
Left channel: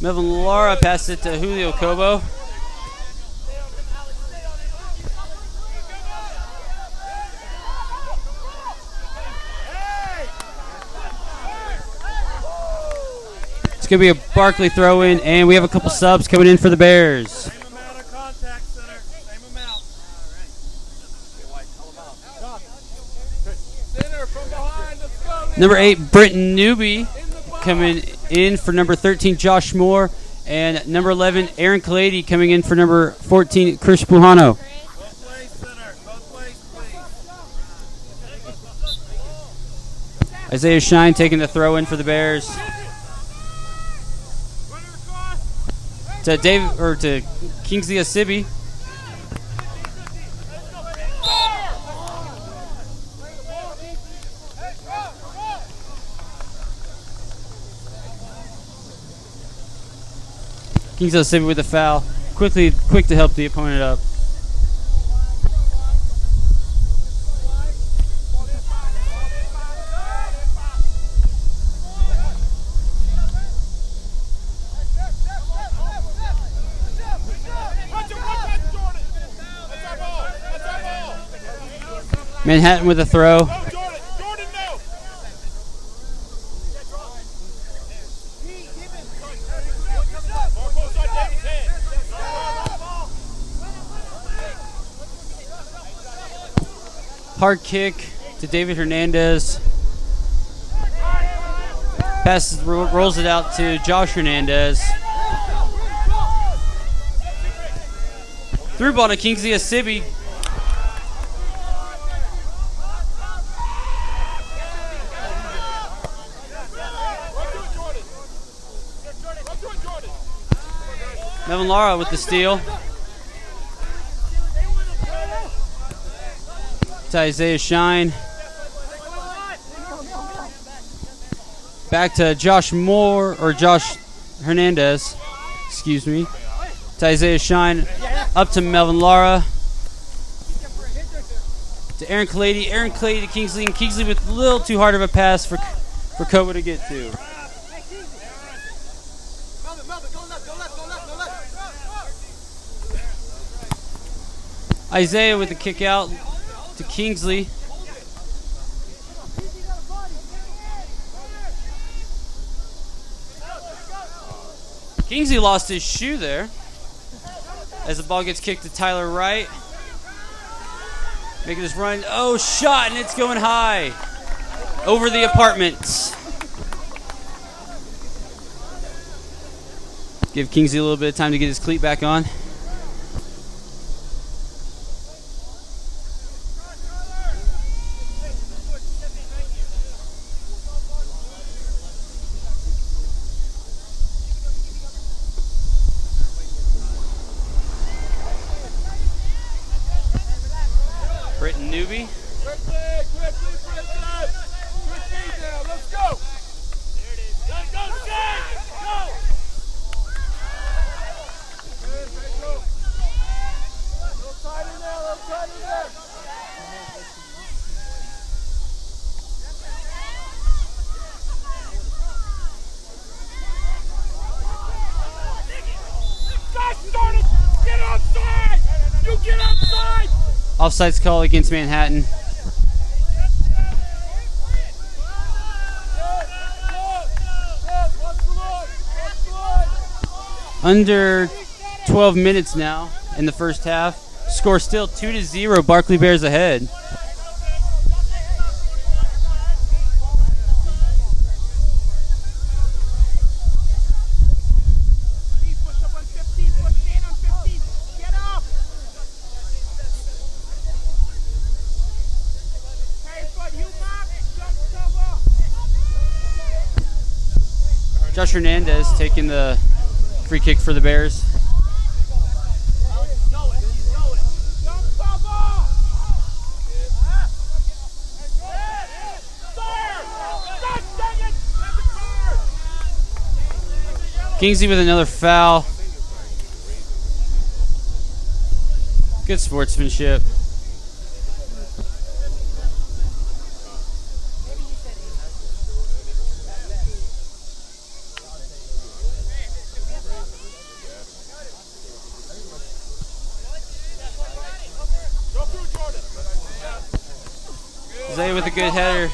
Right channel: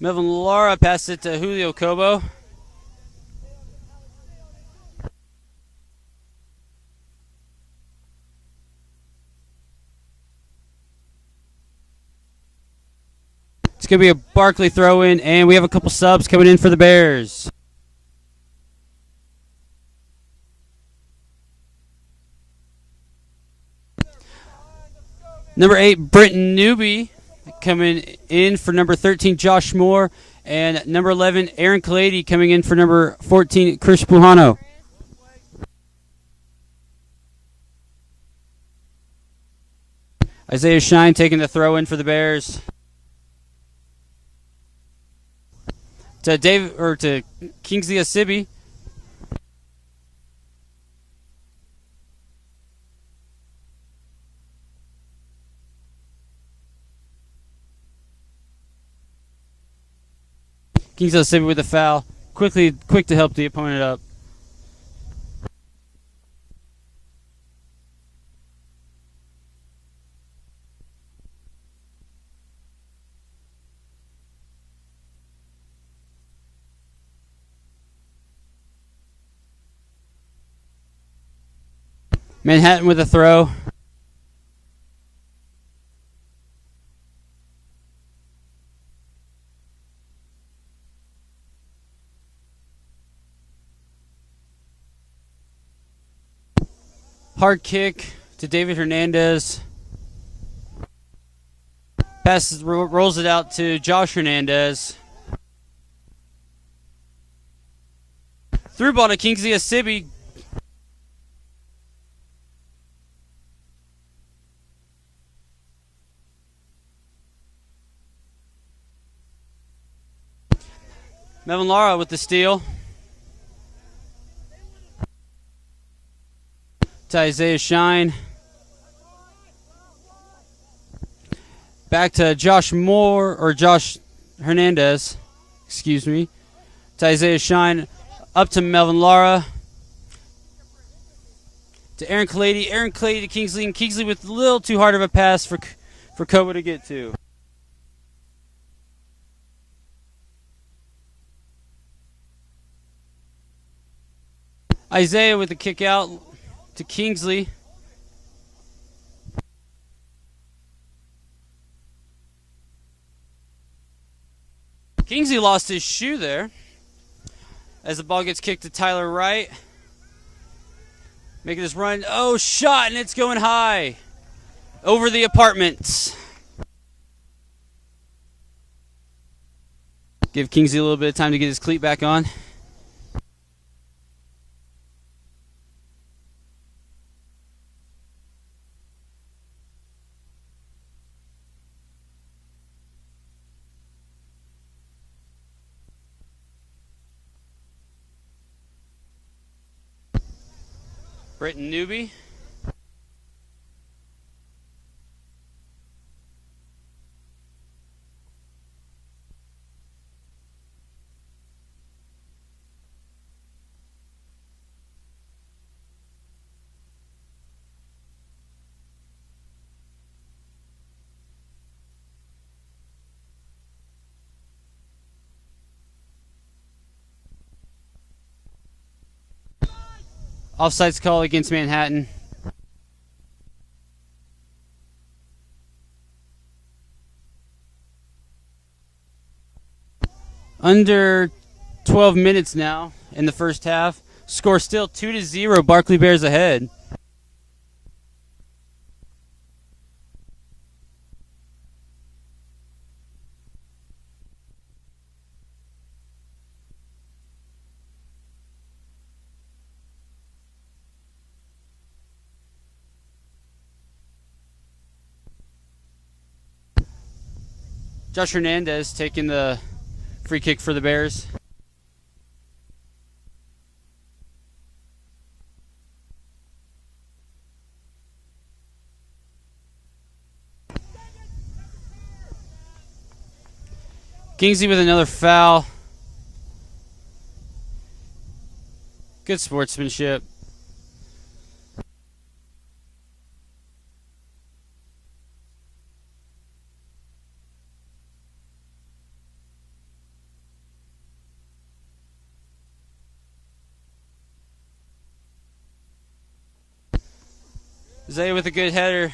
Melvin Lara passed it to Julio Cobo. It's going to be a Barclay throw-in, and we have a couple subs coming in for the Bears. Number 8, Brenton Newby coming in for number 13, Josh Moore. And number 11, Aaron Kalady coming in for number 14, Chris Pujano. Isaiah Shine taking the throw-in for the Bears. To Kingsley Asibi. Kingsley Asibi with a foul. Quick to help the opponent up. Manhattan with a throw. Hard kick to David Hernandez. Passes, rolls it out to Josh Hernandez. Through ball to Kingsley Asibi. Melvin Lara with the steal. To Isaiah Shine. Back to Josh Hernandez. Excuse me. To Isaiah Shine. Up to Melvin Lara. To Aaron Kalady. Aaron Kalady to Kingsley. And Kingsley with a little too hard of a pass for Koba to get to. Isaiah with the kick out to Kingsley. Kingsley lost his shoe there as the ball gets kicked to Tyler Wright. Making this run. Oh, shot, and it's going high over the apartments. Give Kingsley a little bit of time to get his cleat back on. Britton Newby. Offsides call against Manhattan. Under 12 minutes now in the first half. Score still 2-0. Barclay Bears ahead. Josh Hernandez taking the free kick for the Bears. Kingsley with another foul. Good sportsmanship. Zay with a good header.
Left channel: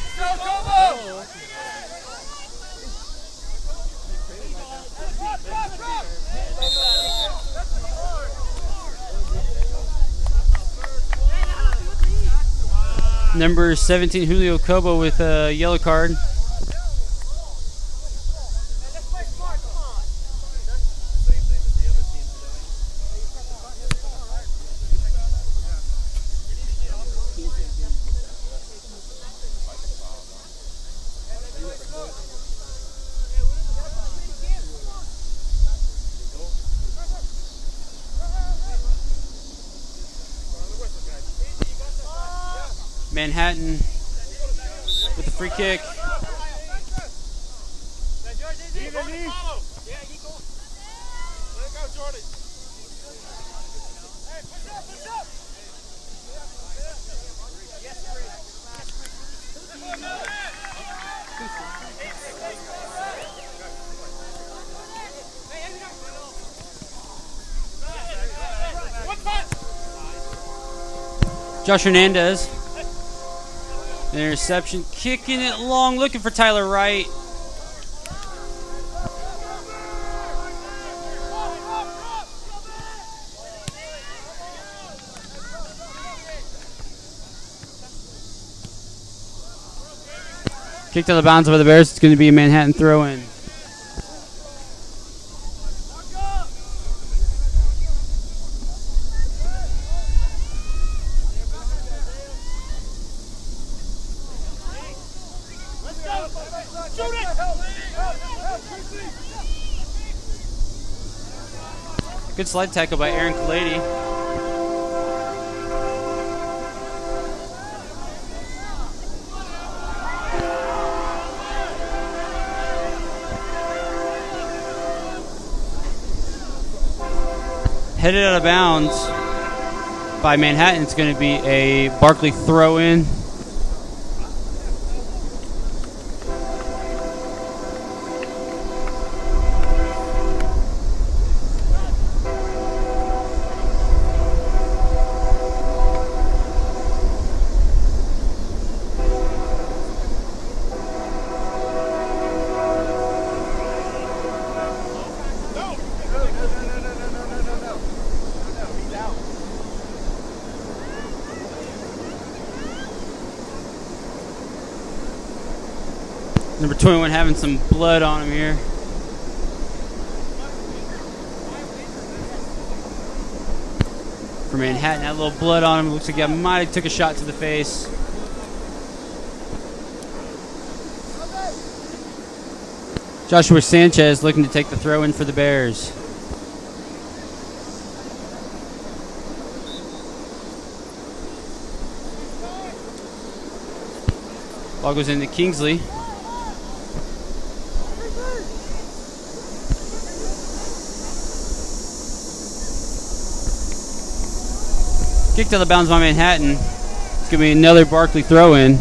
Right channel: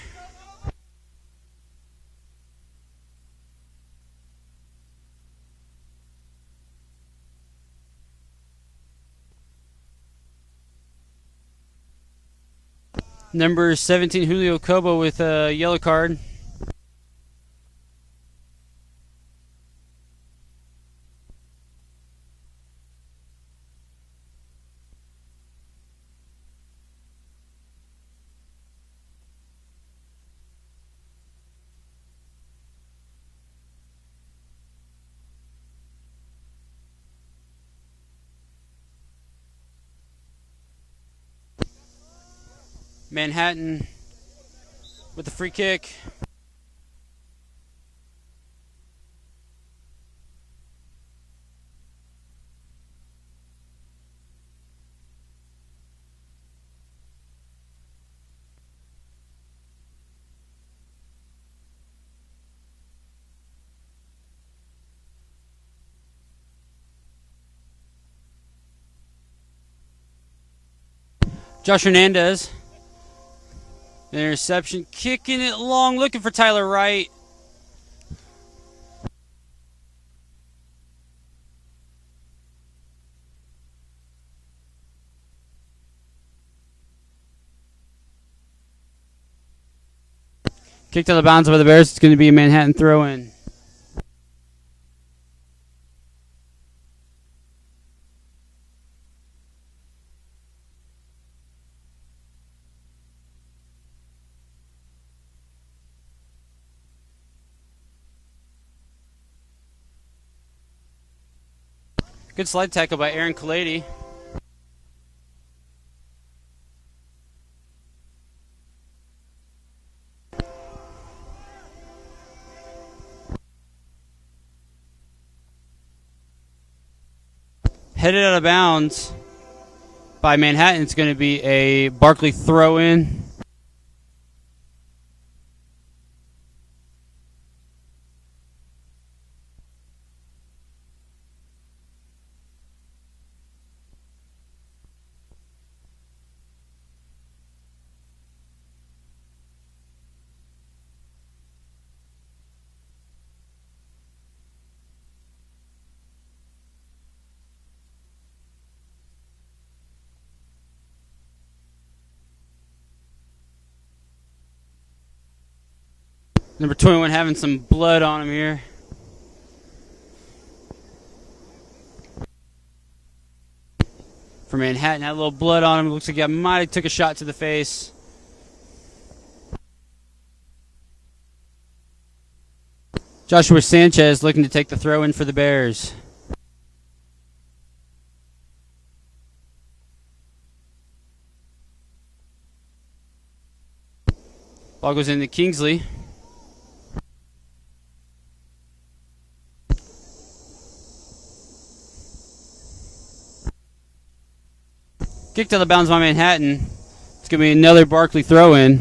Number 17, Julio Cobo with a yellow card. Manhattan with the free kick. Josh Hernandez The interception, kicking it long, looking for Tyler Wright. Kicked out of bounds by the Bears. It's going to be a Manhattan throw-in. Good slide tackle by Aaron Kalady. Headed out of bounds by Manhattan. It's going to be a Barclay throw-in. Number 21 having some blood on him here. For Manhattan, had a little blood on him. Looks like he might have took a shot to the face. Joshua Sanchez looking to take the throw in for the Bears. Ball goes into Kingsley. Kicked out of bounds by Manhattan. It's going to be another Barclay throw-in.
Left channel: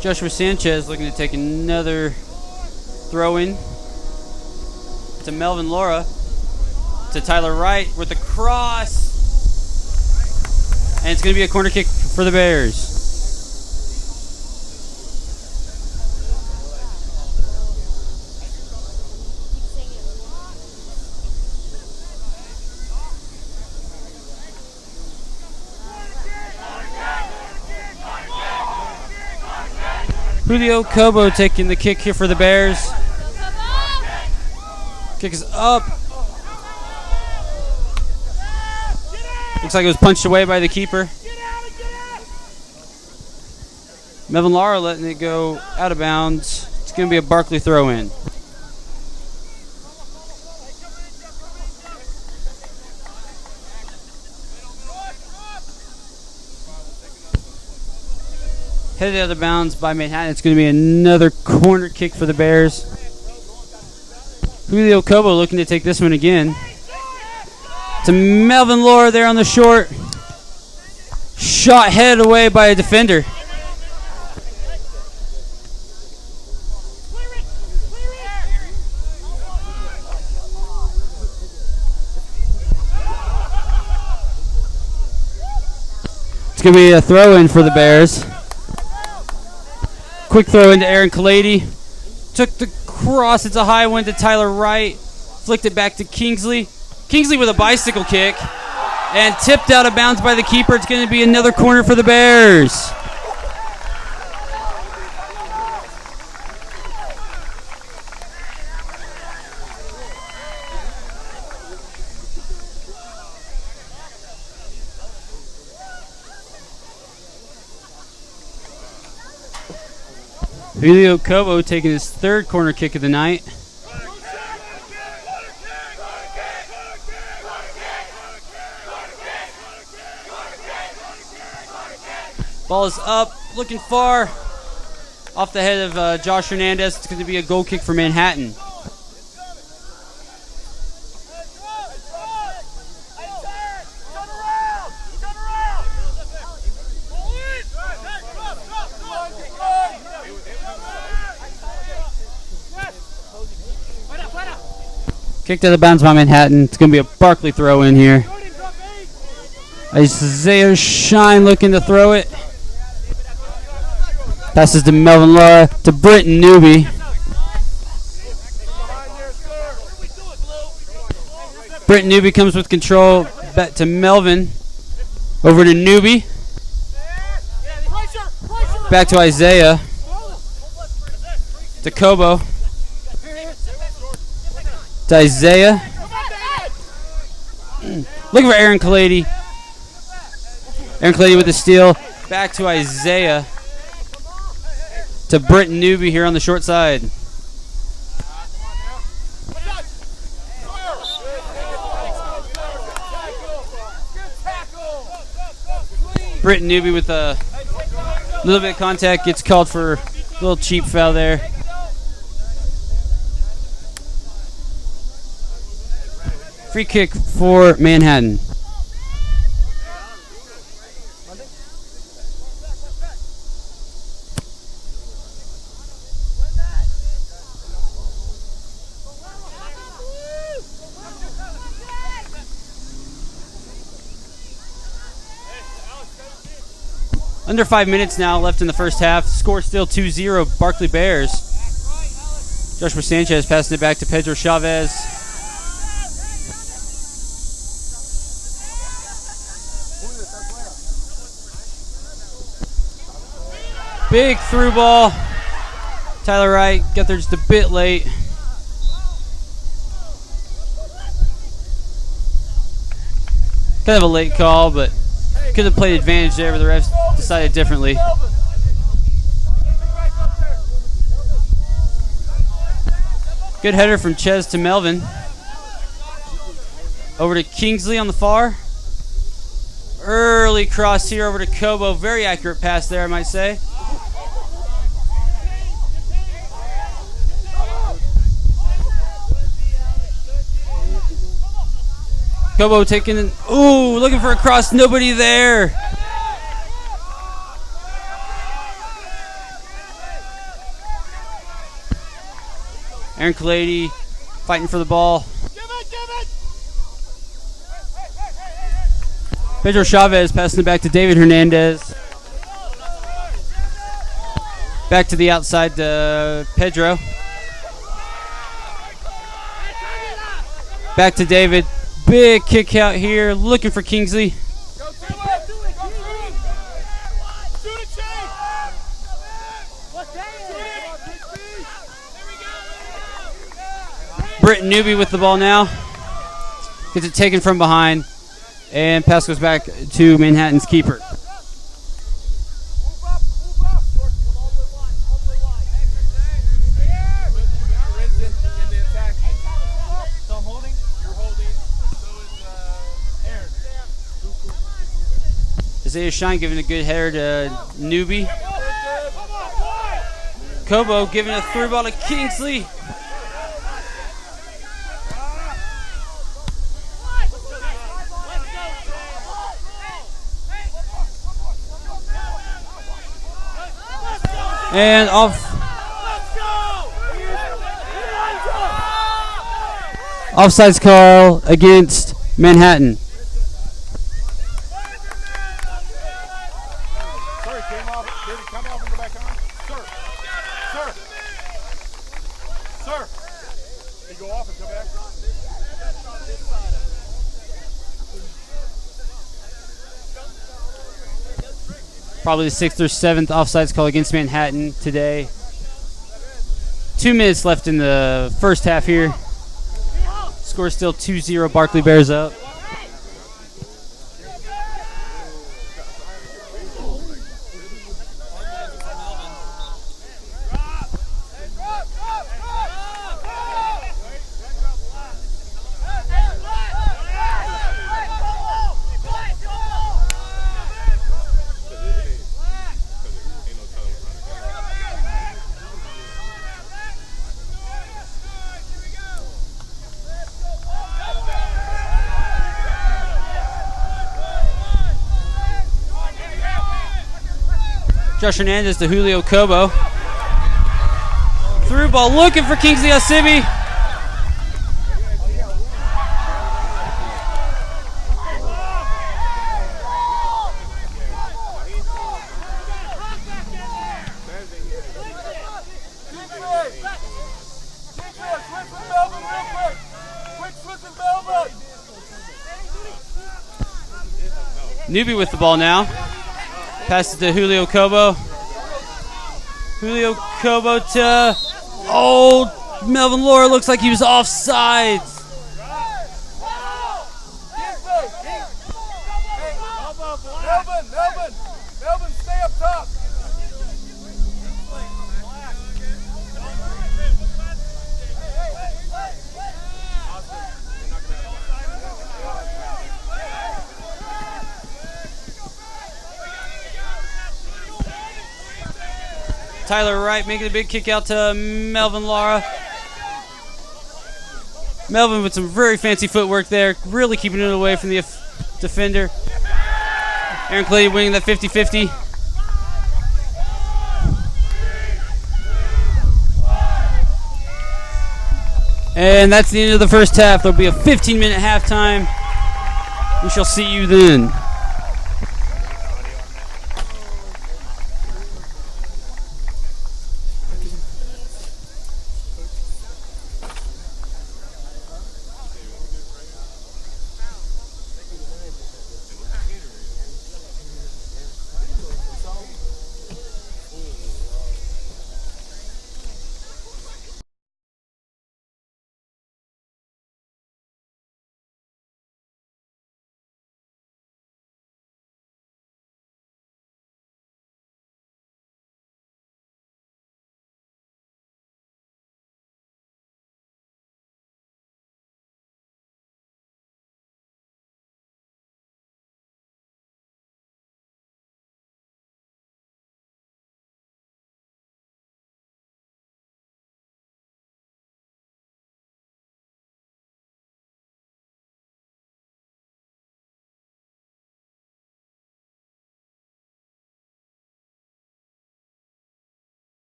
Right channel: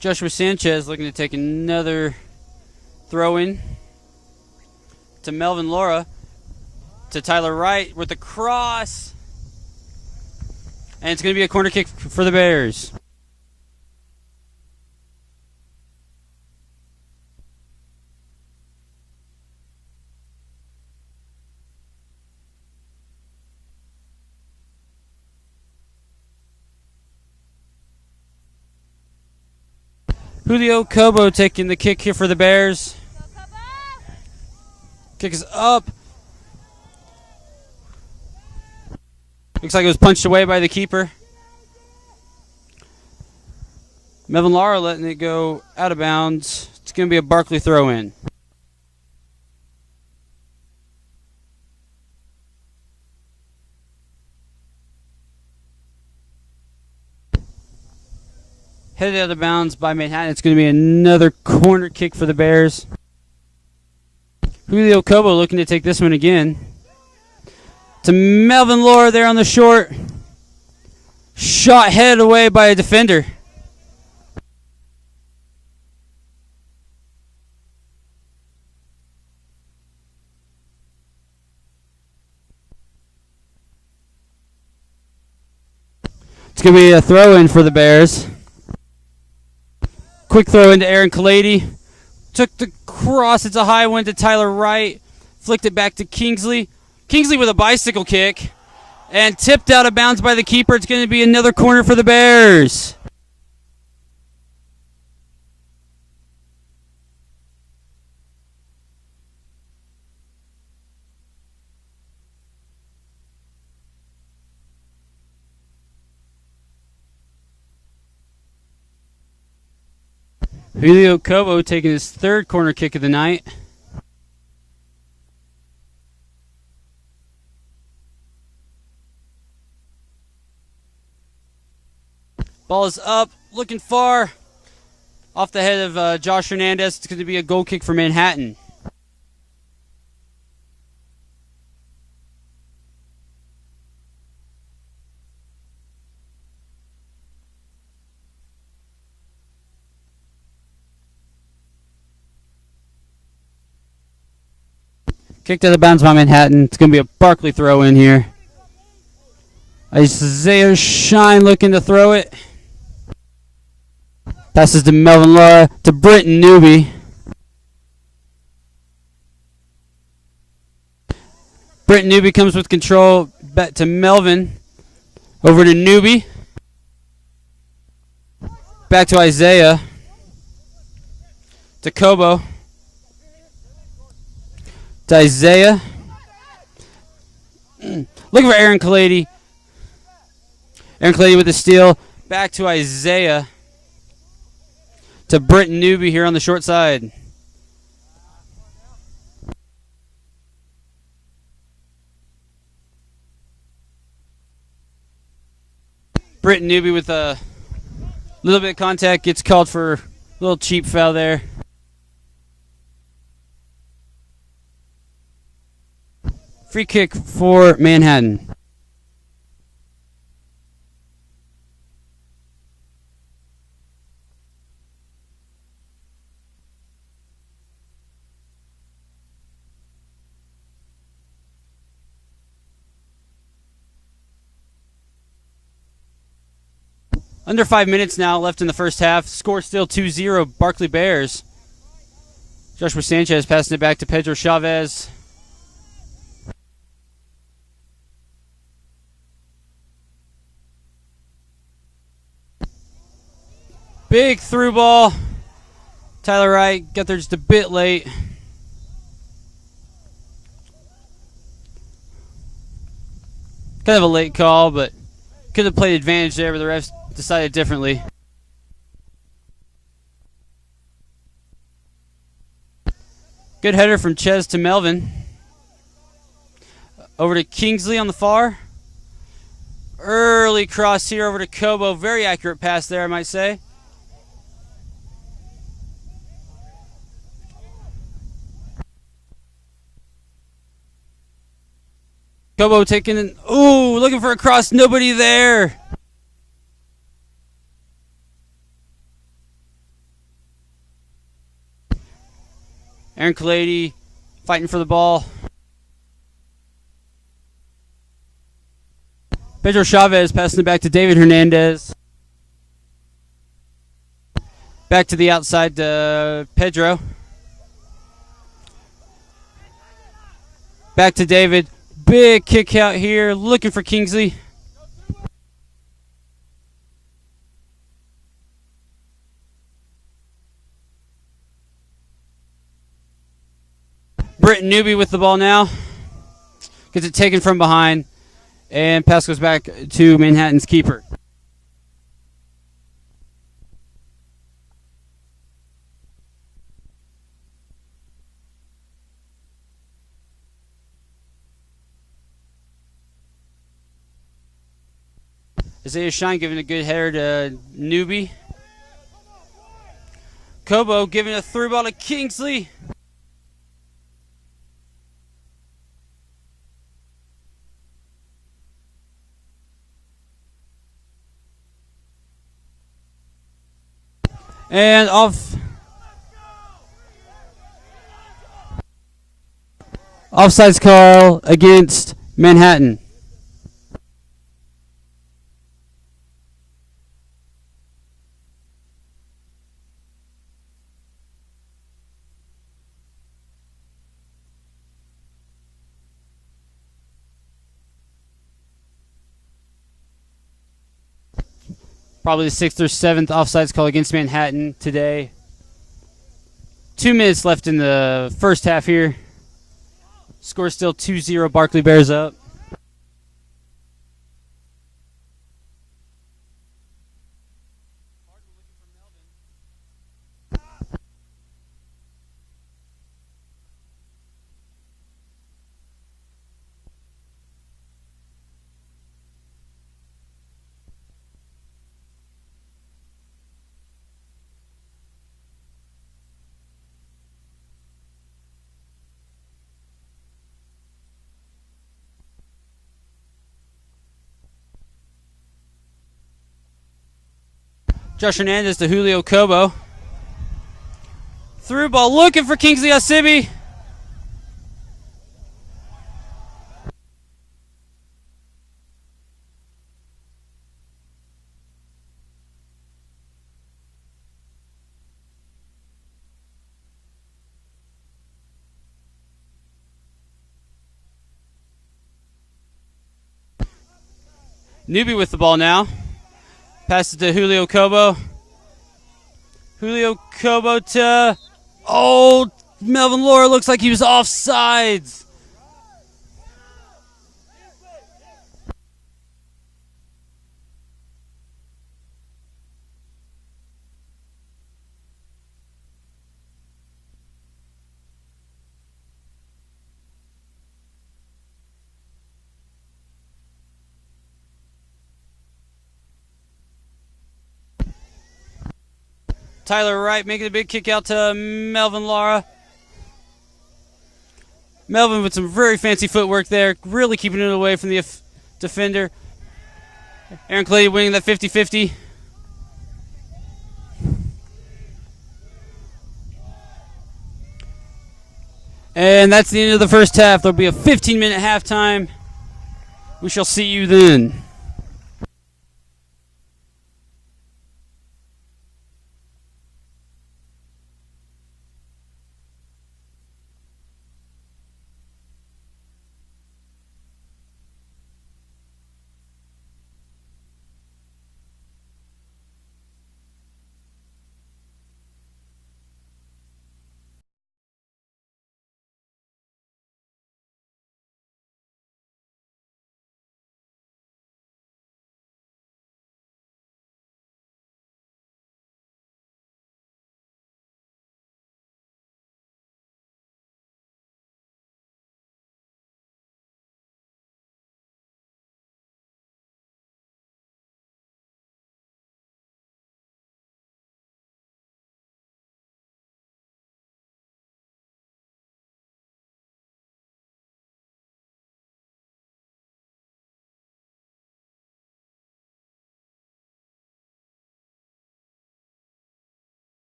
Joshua Sanchez looking to take another throw-in. To Melvin Laura. To Tyler Wright with the cross. And it's going to be a corner kick for the Bears. Julio Cobo taking the kick here for the Bears. Kick is up. Looks like it was punched away by the keeper. Melvin Lara letting it go out of bounds. It's going to be a Barclay throw-in. Headed out of bounds by Manhattan. It's going to be another corner kick for the Bears. Julio Cobo looking to take this one again. To Melvin Laura there on the short. Shot headed away by a defender. It's going to be a throw-in for the Bears. Quick throw into Aaron Kalady. Took the cross. It's a high one to Tyler Wright. Flicked it back to Kingsley. Kingsley with a bicycle kick. And tipped out of bounds by the keeper. It's going to be another corner for the Bears. Julio Cobo taking his third corner kick of the night. Ball is up, looking far. Off the head of Josh Hernandez. It's going to be a goal kick for Manhattan. Kicked out of bounds by Manhattan. It's going to be a Barclay throw in here. Isaiah Shine looking to throw it. Passes to Melvin Laura to Britton Newby. Britton Newby comes with control. Back to Melvin. Over to Newby. Back to Isaiah. To Kobo. To Isaiah. Looking for Aaron Kalady. Aaron Kalady with the steal. Back to Isaiah. To Britton Newby here on the short side. Britton Newby with a little bit of contact, gets called for a little cheap foul there. Free kick for Manhattan. Under 5 minutes now left in the first half. Score still 2-0, Barclay Bears. Joshua Sanchez passing it back to Pedro Chavez. Big through ball. Tyler Wright got there just a bit late. Kind of a late call, but could have played advantage there, but the refs decided differently. Good header from Ches to Melvin. Over to Kingsley on the far. Early cross here over to Kobo. Very accurate pass there, I might say. Kobo taking an, ooh, looking for a cross, nobody there. Aaron Kalady fighting for the ball. Pedro Chavez passing it back to David Hernandez. Back to the outside to Pedro. Back to David. Big kick out here, looking for Kingsley. Britton Newby with the ball now. Gets it taken from behind. And pass goes back to Manhattan's keeper. Isaiah Shine giving a good header to Newby. Kobo giving a through ball to Kingsley. And offsides call against Manhattan. Probably the 6th or 7th offsides call against Manhattan today. 2 minutes left in the first half here. Score still 2-0, Barclay Bears up. Josh Hernandez to Julio Kobo. Through ball looking for Kingsley Asibi. Newbie with the ball now. Passes to Julio Cobo. Julio Cobo to... Oh, Melvin Laura looks like he was offsides. Melvin, stay up top. Tyler Wright making a big kick out to Melvin Lara. Melvin with some very fancy footwork there, really keeping it away from the defender. Aaron Clay winning that 50-50. And that's the end of the first half. There'll be a 15-minute halftime. We shall see you then.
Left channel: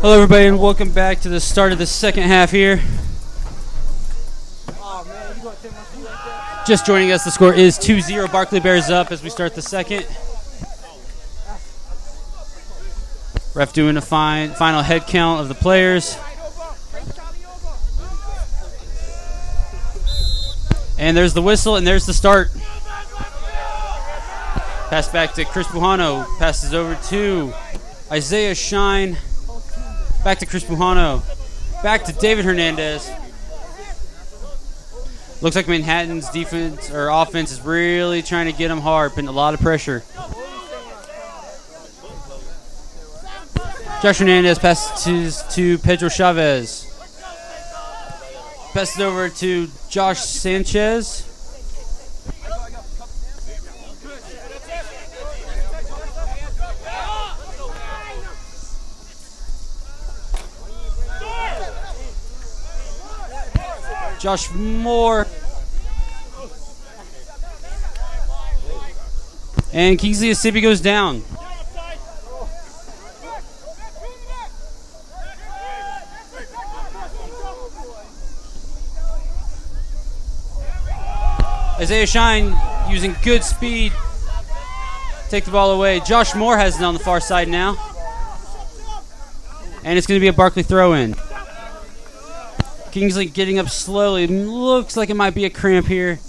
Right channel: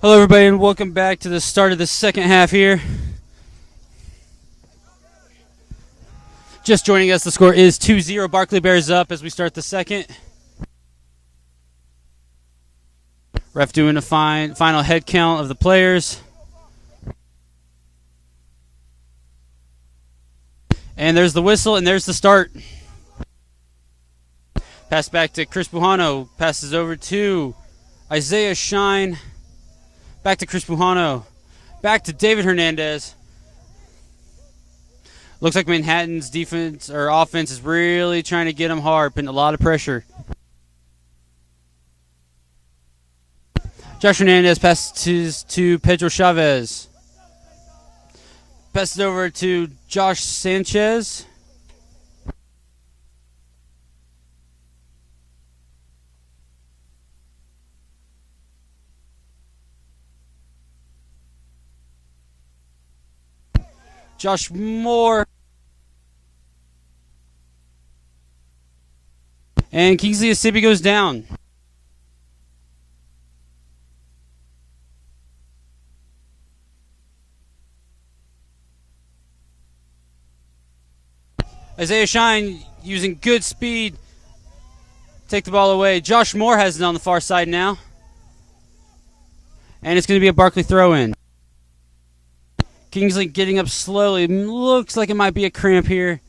Hello everybody and welcome back to the start of the second half here. Just joining us, the score is 2-0. Barclay Bears up as we start the second. Ref doing a final head count of the players. And there's the whistle and there's the start. Pass back to Chris Bujano. Passes over to Isaiah Shine. Back to Chris Bujano. Back to David Hernandez. Looks like Manhattan's defense or offense is really trying to get them hard, putting a lot of pressure. Josh Hernandez passes to Pedro Chavez. Passes over to Josh Sanchez. Josh Moore. And Kingsley Asibi goes down. Isaiah Shine using good speed. Take the ball away. Josh Moore has it on the far side now. And it's going to be a Barclay throw-in. Kingsley getting up slowly. Looks like it might be a cramp here.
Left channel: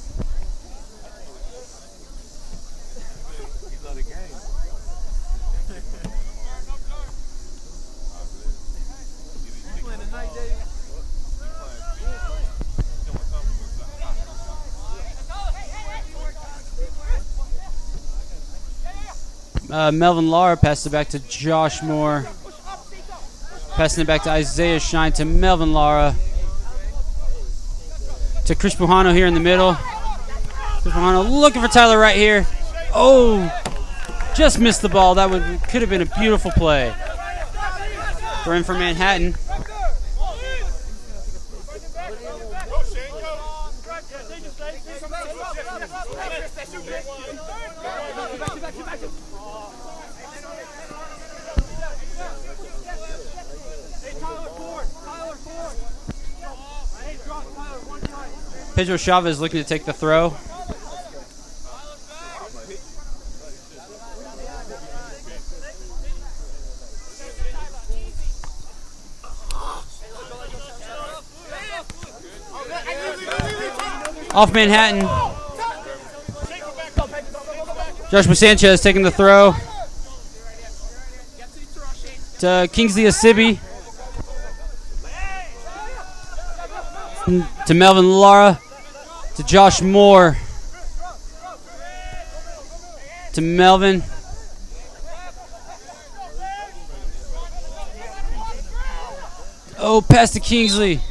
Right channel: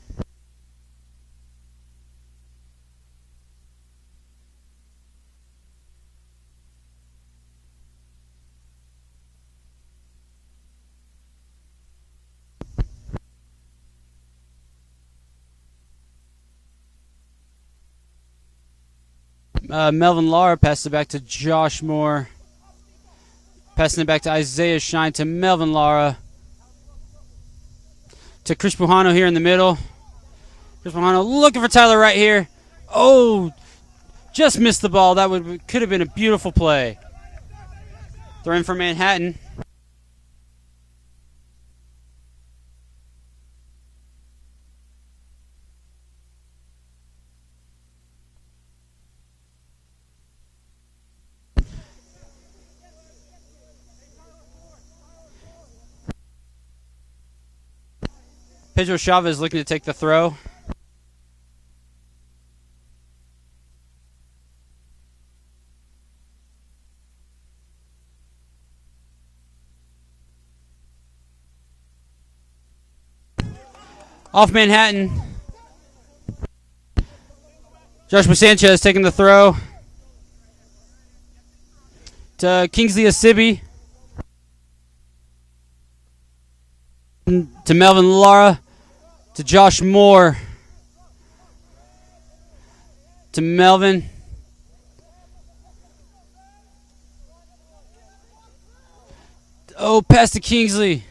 Melvin Lara passes it back to Josh Moore. Passing it back to Isaiah Shine to Melvin Lara. To Chris Bujano here in the middle. Chris Bujano looking for Tyler right here. Oh, just missed the ball. That could have been a beautiful play. Throw in for Manhattan. Pedro Chavez looking to take the throw. Off Manhattan. Joshua Sanchez taking the throw. To Kingsley Asibi. To Melvin Lara. To Josh Moore. To Melvin. Oh, pass to Kingsley.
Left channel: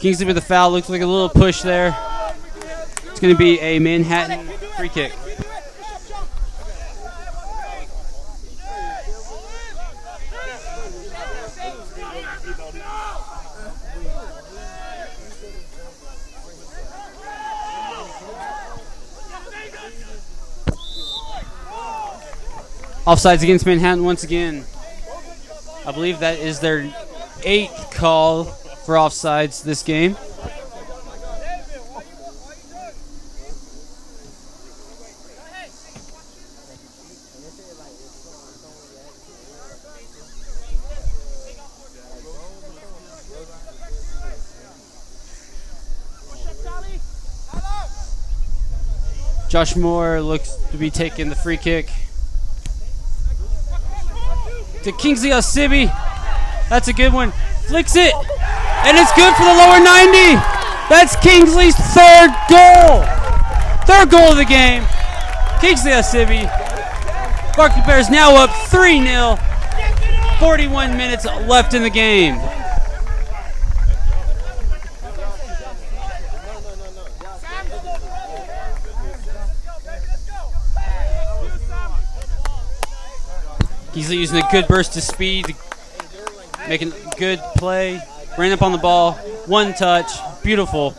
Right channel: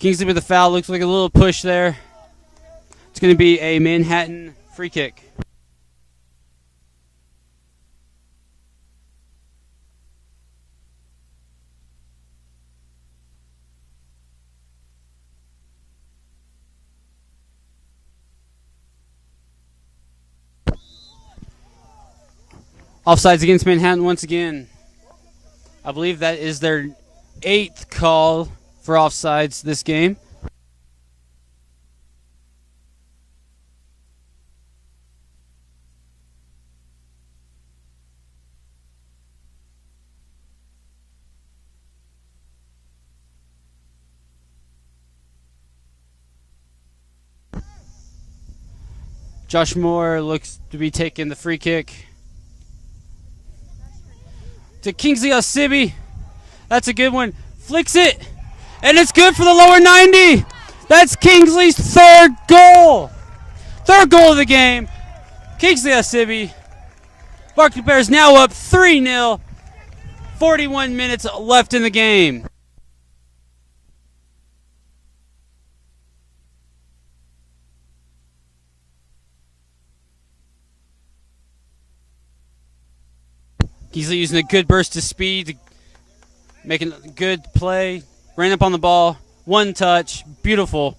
Kingsley with a foul. Looks like a little push there. It's going to be a Manhattan free kick. Offsides against Manhattan once again. I believe that is their 8th call for offsides this game. Josh Moore looks to be taking the free kick. To Kingsley Asibi. That's a good one. Flicks it. And it's good for the lower 90. That's Kingsley's 3rd goal. 3rd goal of the game. Kingsley Asibi. Barclay Bears now up 3-0. 41 minutes left in the game. Kingsley using a good burst of speed, making a good play. Ran up on the ball, 1 touch, beautiful.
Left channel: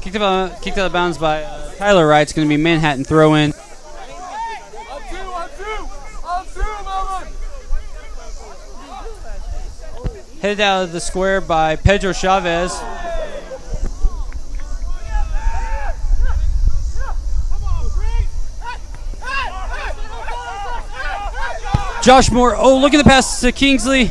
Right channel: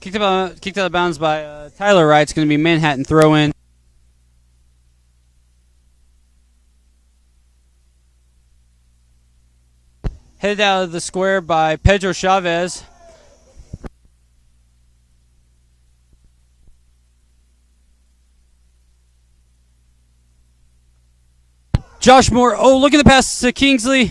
Kicked out of bounds by Tyler Wright. It's going to be Manhattan throw in. Headed out of the square by Pedro Chavez. Josh Moore. Oh, look at the pass to Kingsley.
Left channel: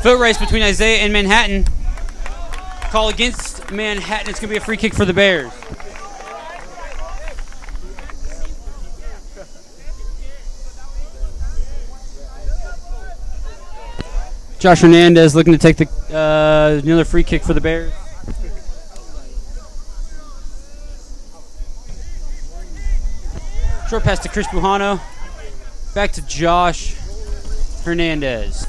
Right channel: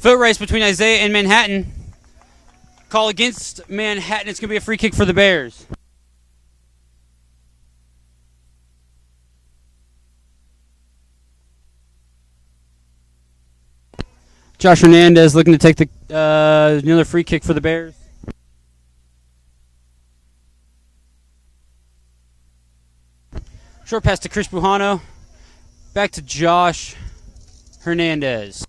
Foot race between Isaiah and Manhattan. Call against Manhattan. It's going to be a free kick for the Bears. Josh Hernandez looking to take the another free kick for the Bears. Short pass to Chris Bujano. Back to Josh Hernandez.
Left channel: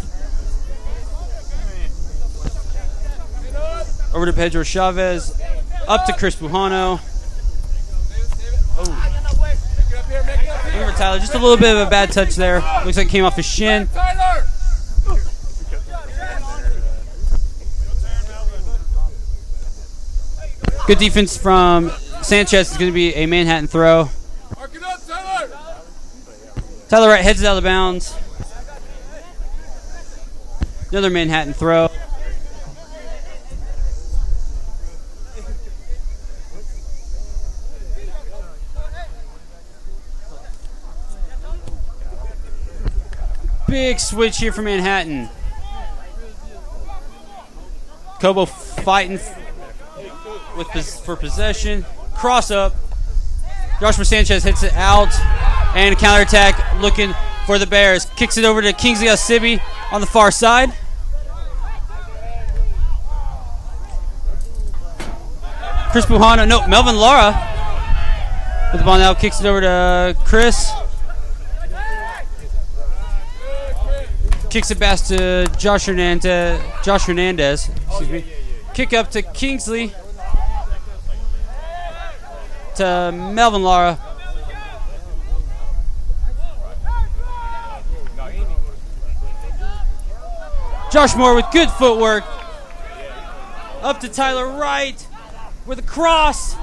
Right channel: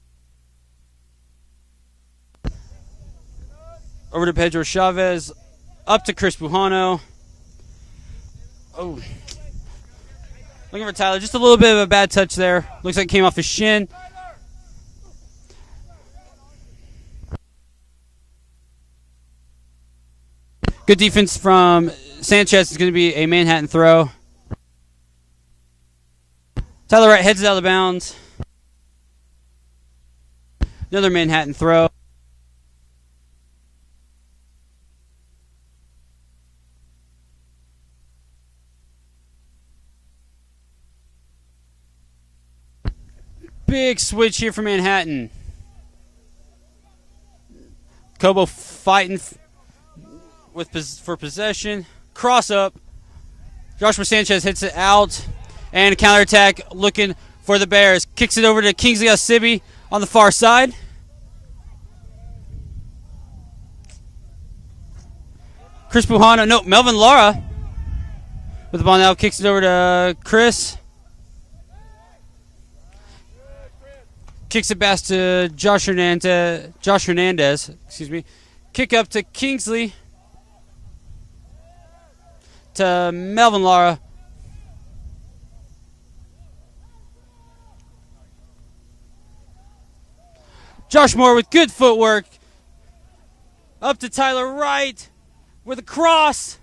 Over to Pedro Chavez. Up to Chris Bujano. Oh. Looking for Tyler. Just a little bit of a bad touch there. Looks like it came off his shin. Good defense from Sanchez. It's going to be a Manhattan throw. Tyler Wright heads out of bounds. Another Manhattan throw. Big switch here for Manhattan. Kobo fighting for possession. Cross up. Joshua Sanchez hits it out. And a counterattack looking for the Bears. Kicks it over to Kingsley Osibi on the far side. Chris Bujano. No, Melvin Lara with the ball now. Kicks it over to Chris. Kicks it back to Josh Hernandez. Excuse me. Kick up to Kingsley. To Melvin Lara. Josh Moore with good footwork. Up to Tyler Wright with a cross.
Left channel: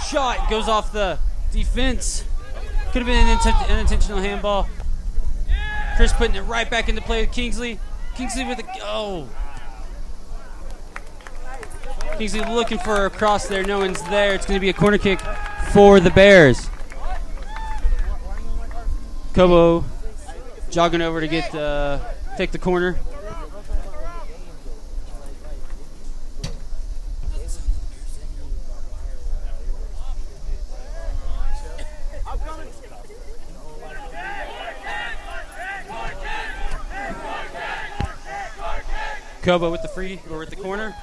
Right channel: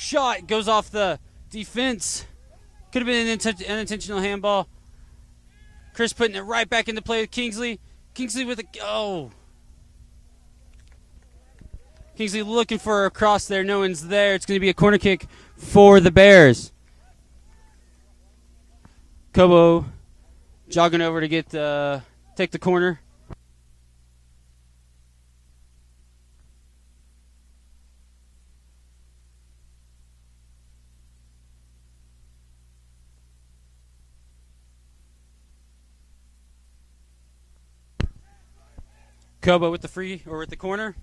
Shot goes off the defense. Could have been an unintentional handball. Chris putting it right back into play with Kingsley. Kingsley with a Kingsley looking for a cross there. No one's there. It's going to be a corner kick for the Bears. Kobo jogging over to take the corner. Kobo with the corner.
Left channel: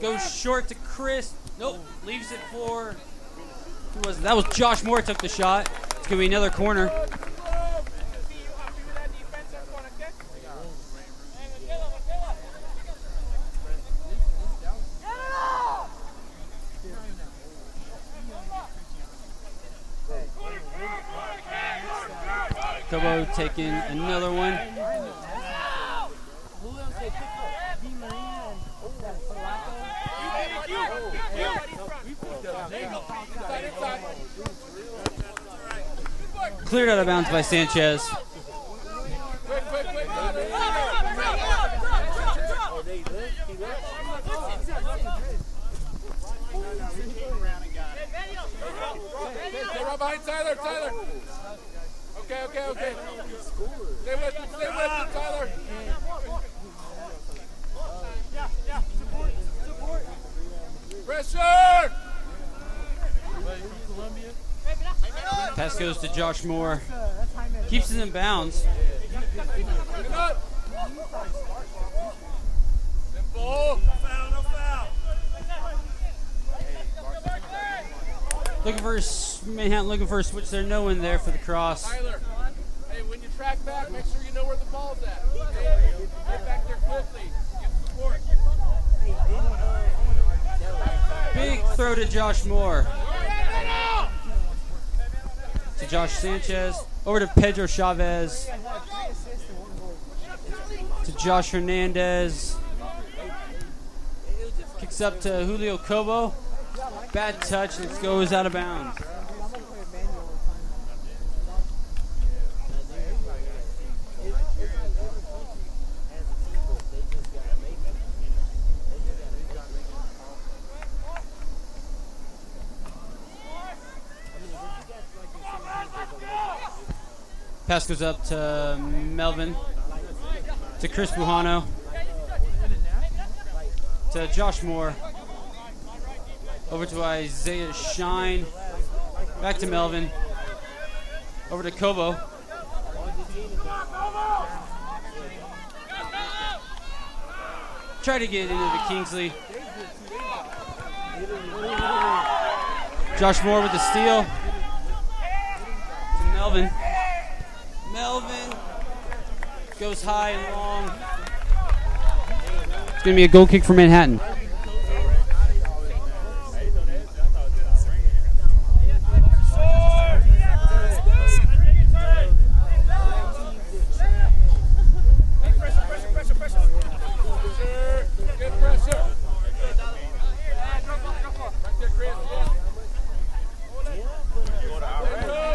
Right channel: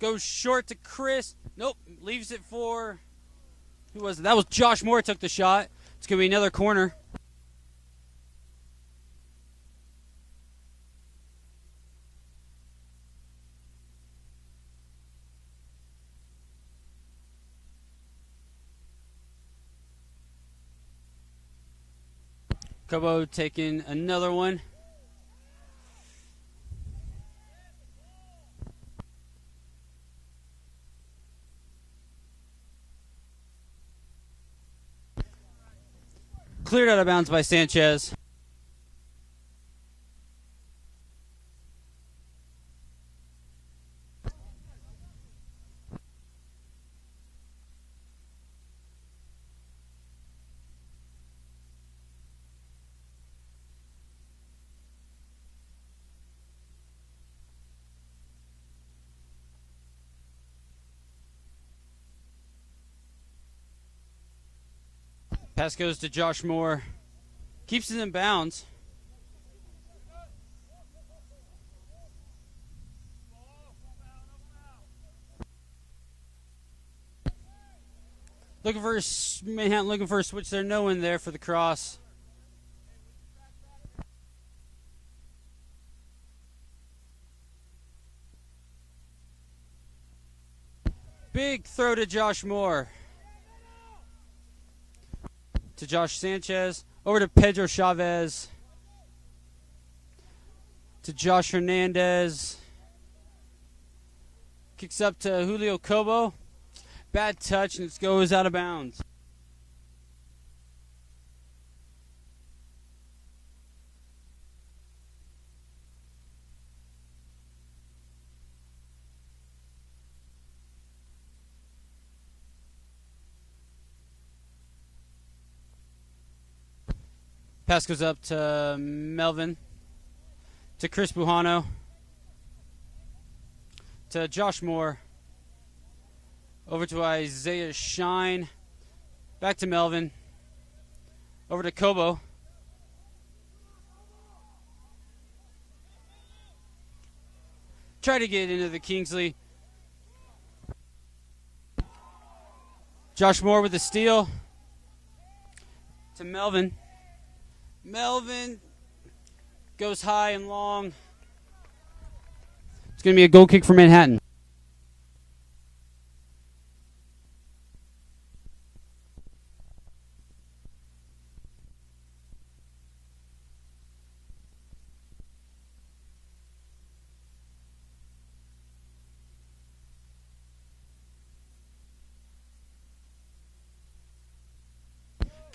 Goes short to Chris. Nope, leaves it for who was it? That was Josh Moore took the shot. It's gonna be another corner. Kobo taking another one. Cleared out of bounds by Sanchez. Tyler. Okay. Stay with it, Tyler. Pressure! Pass goes to Josh Moore. Keeps it in bounds. Manhattan looking for a switch there. No one there for the cross. Tyler, hey, when you track back, make sure you know where the ball's at. Get back there quickly. Give support. Big throw to Josh Moore. to Josh Sanchez. Over to Pedro Chavez. To Josh Hernandez. Kicks up to Julio Cobo. Bad touch, and it goes out of bounds. Pass goes up to Melvin, to Chris Bujano, to Josh Moore, over to Isaiah Shine, back to Melvin, over to Kobo. Try to get into the Kingsley. Josh Moore with the steal to Melvin. Melvin goes high and long. It's going to be a goal kick for Manhattan.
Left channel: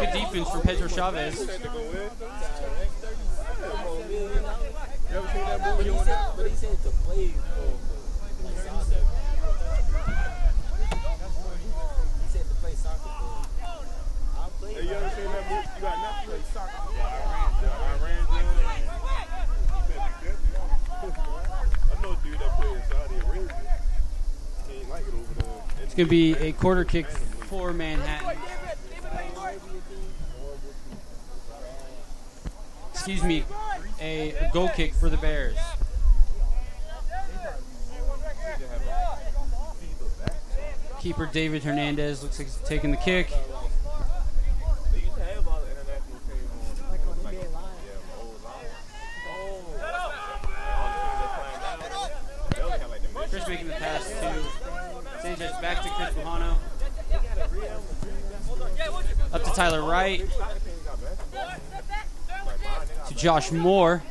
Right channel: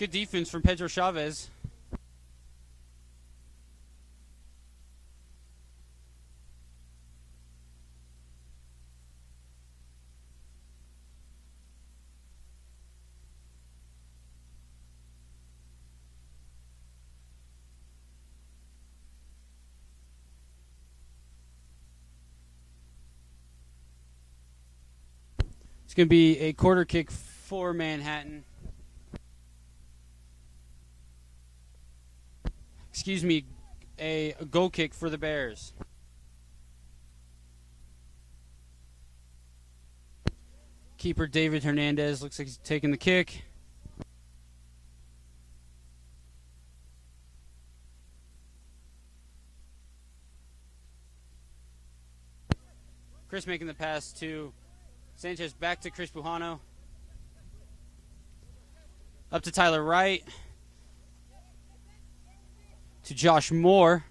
Good defense from Pedro Chavez. It's going to be a quarter kick for Manhattan. Excuse me, a goal kick for the Bears. Keeper David Hernandez looks like he's taking the kick. Chris making the pass to Sanchez, back to Chris Bujano. Up to Tyler Wright. To Josh Moore.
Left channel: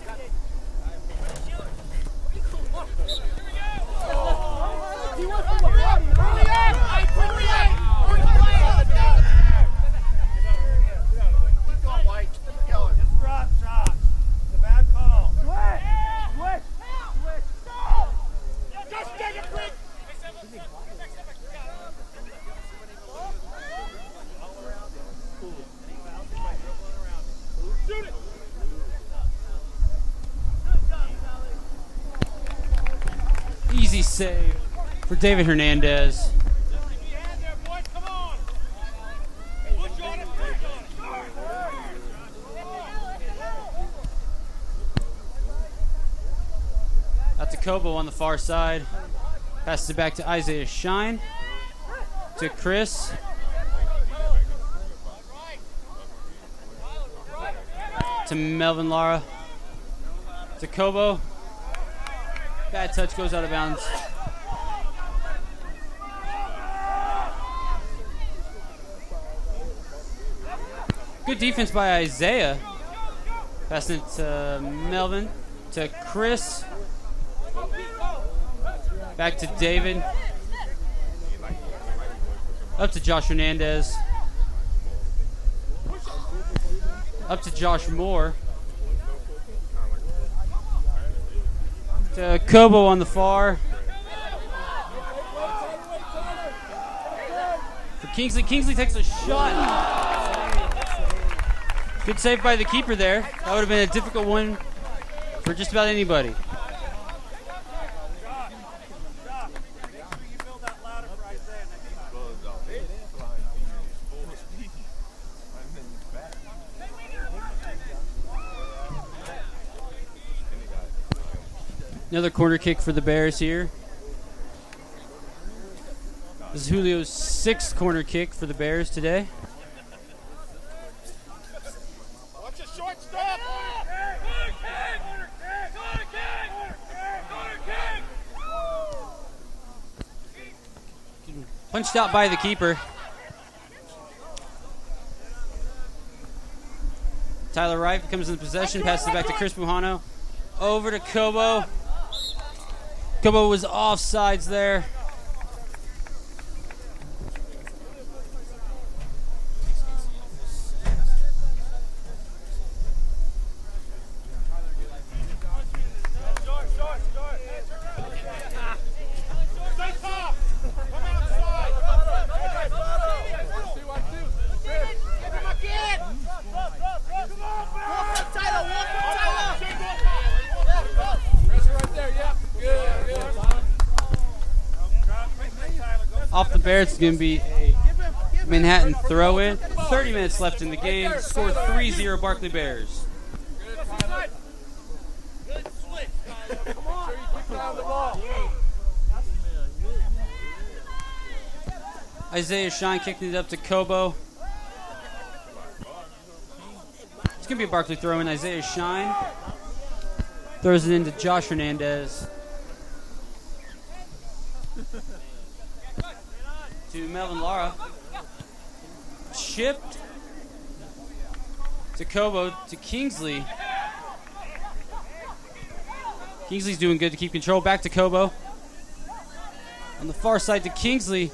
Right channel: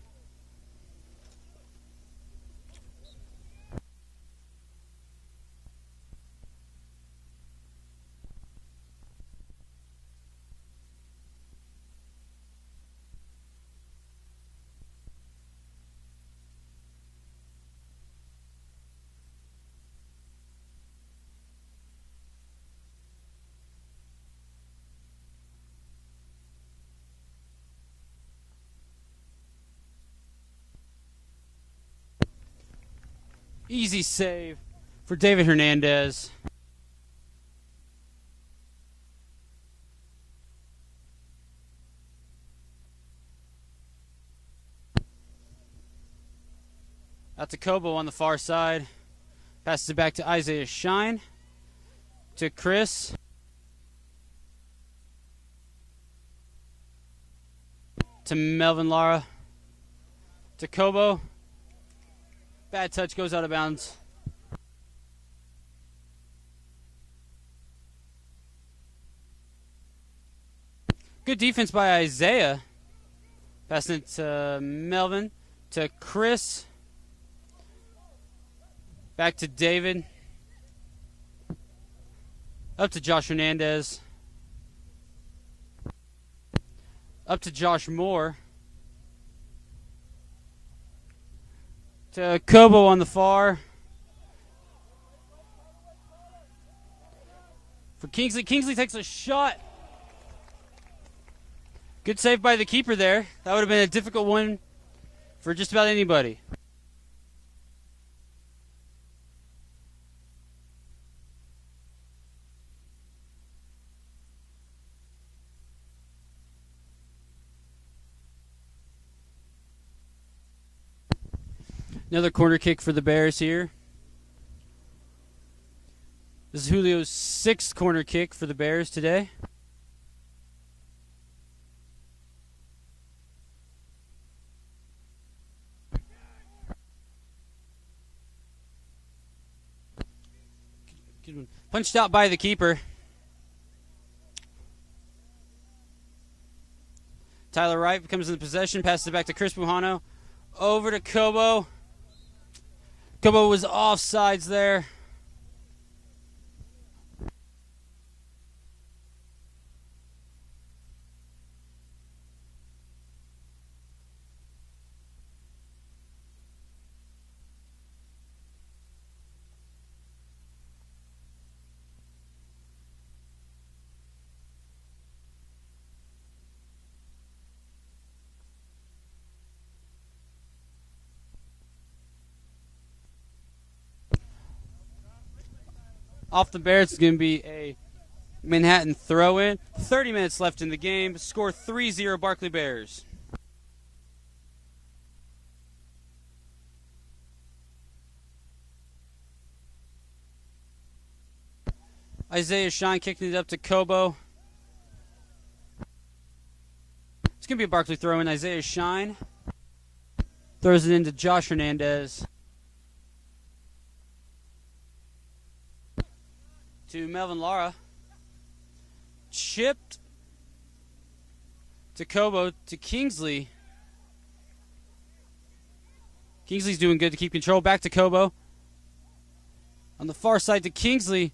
Easy save for David Hernandez. Out to Kobo on the far side. Passes it back to Isaiah Shine. To Chris. To Melvin Lara. To Kobo. Bad touch, goes out of bounds. Good defense by Isaiah. Passing it to Melvin. To Chris. Back to David. Up to Josh Hernandez. Up to Josh Moore. To Kobo on the far. For Kingsley. Kingsley takes a shot. Good save by the keeper there. That would have been a difficult one for just about anybody. Another corner kick for the Bears here. This is Julio's 6th corner kick for the Bears today. Punched out by the keeper. Tyler Wright comes in the possession, passes it back to Chris Bujano. Over to Kobo. Kobo was offsides there. Off the Bears, it's going to be a Manhattan throw-in. 30 minutes left in the game. Score 3-0 Barclay Bears. Isaiah Shine kicking it up to Kobo. It's going to be a Barclay throw-in. Isaiah Shine throws it into Josh Hernandez. To Melvin Lara. Chipped to Kobo to Kingsley. Kingsley's doing good to keep control. Back to Kobo. On the far side to Kingsley.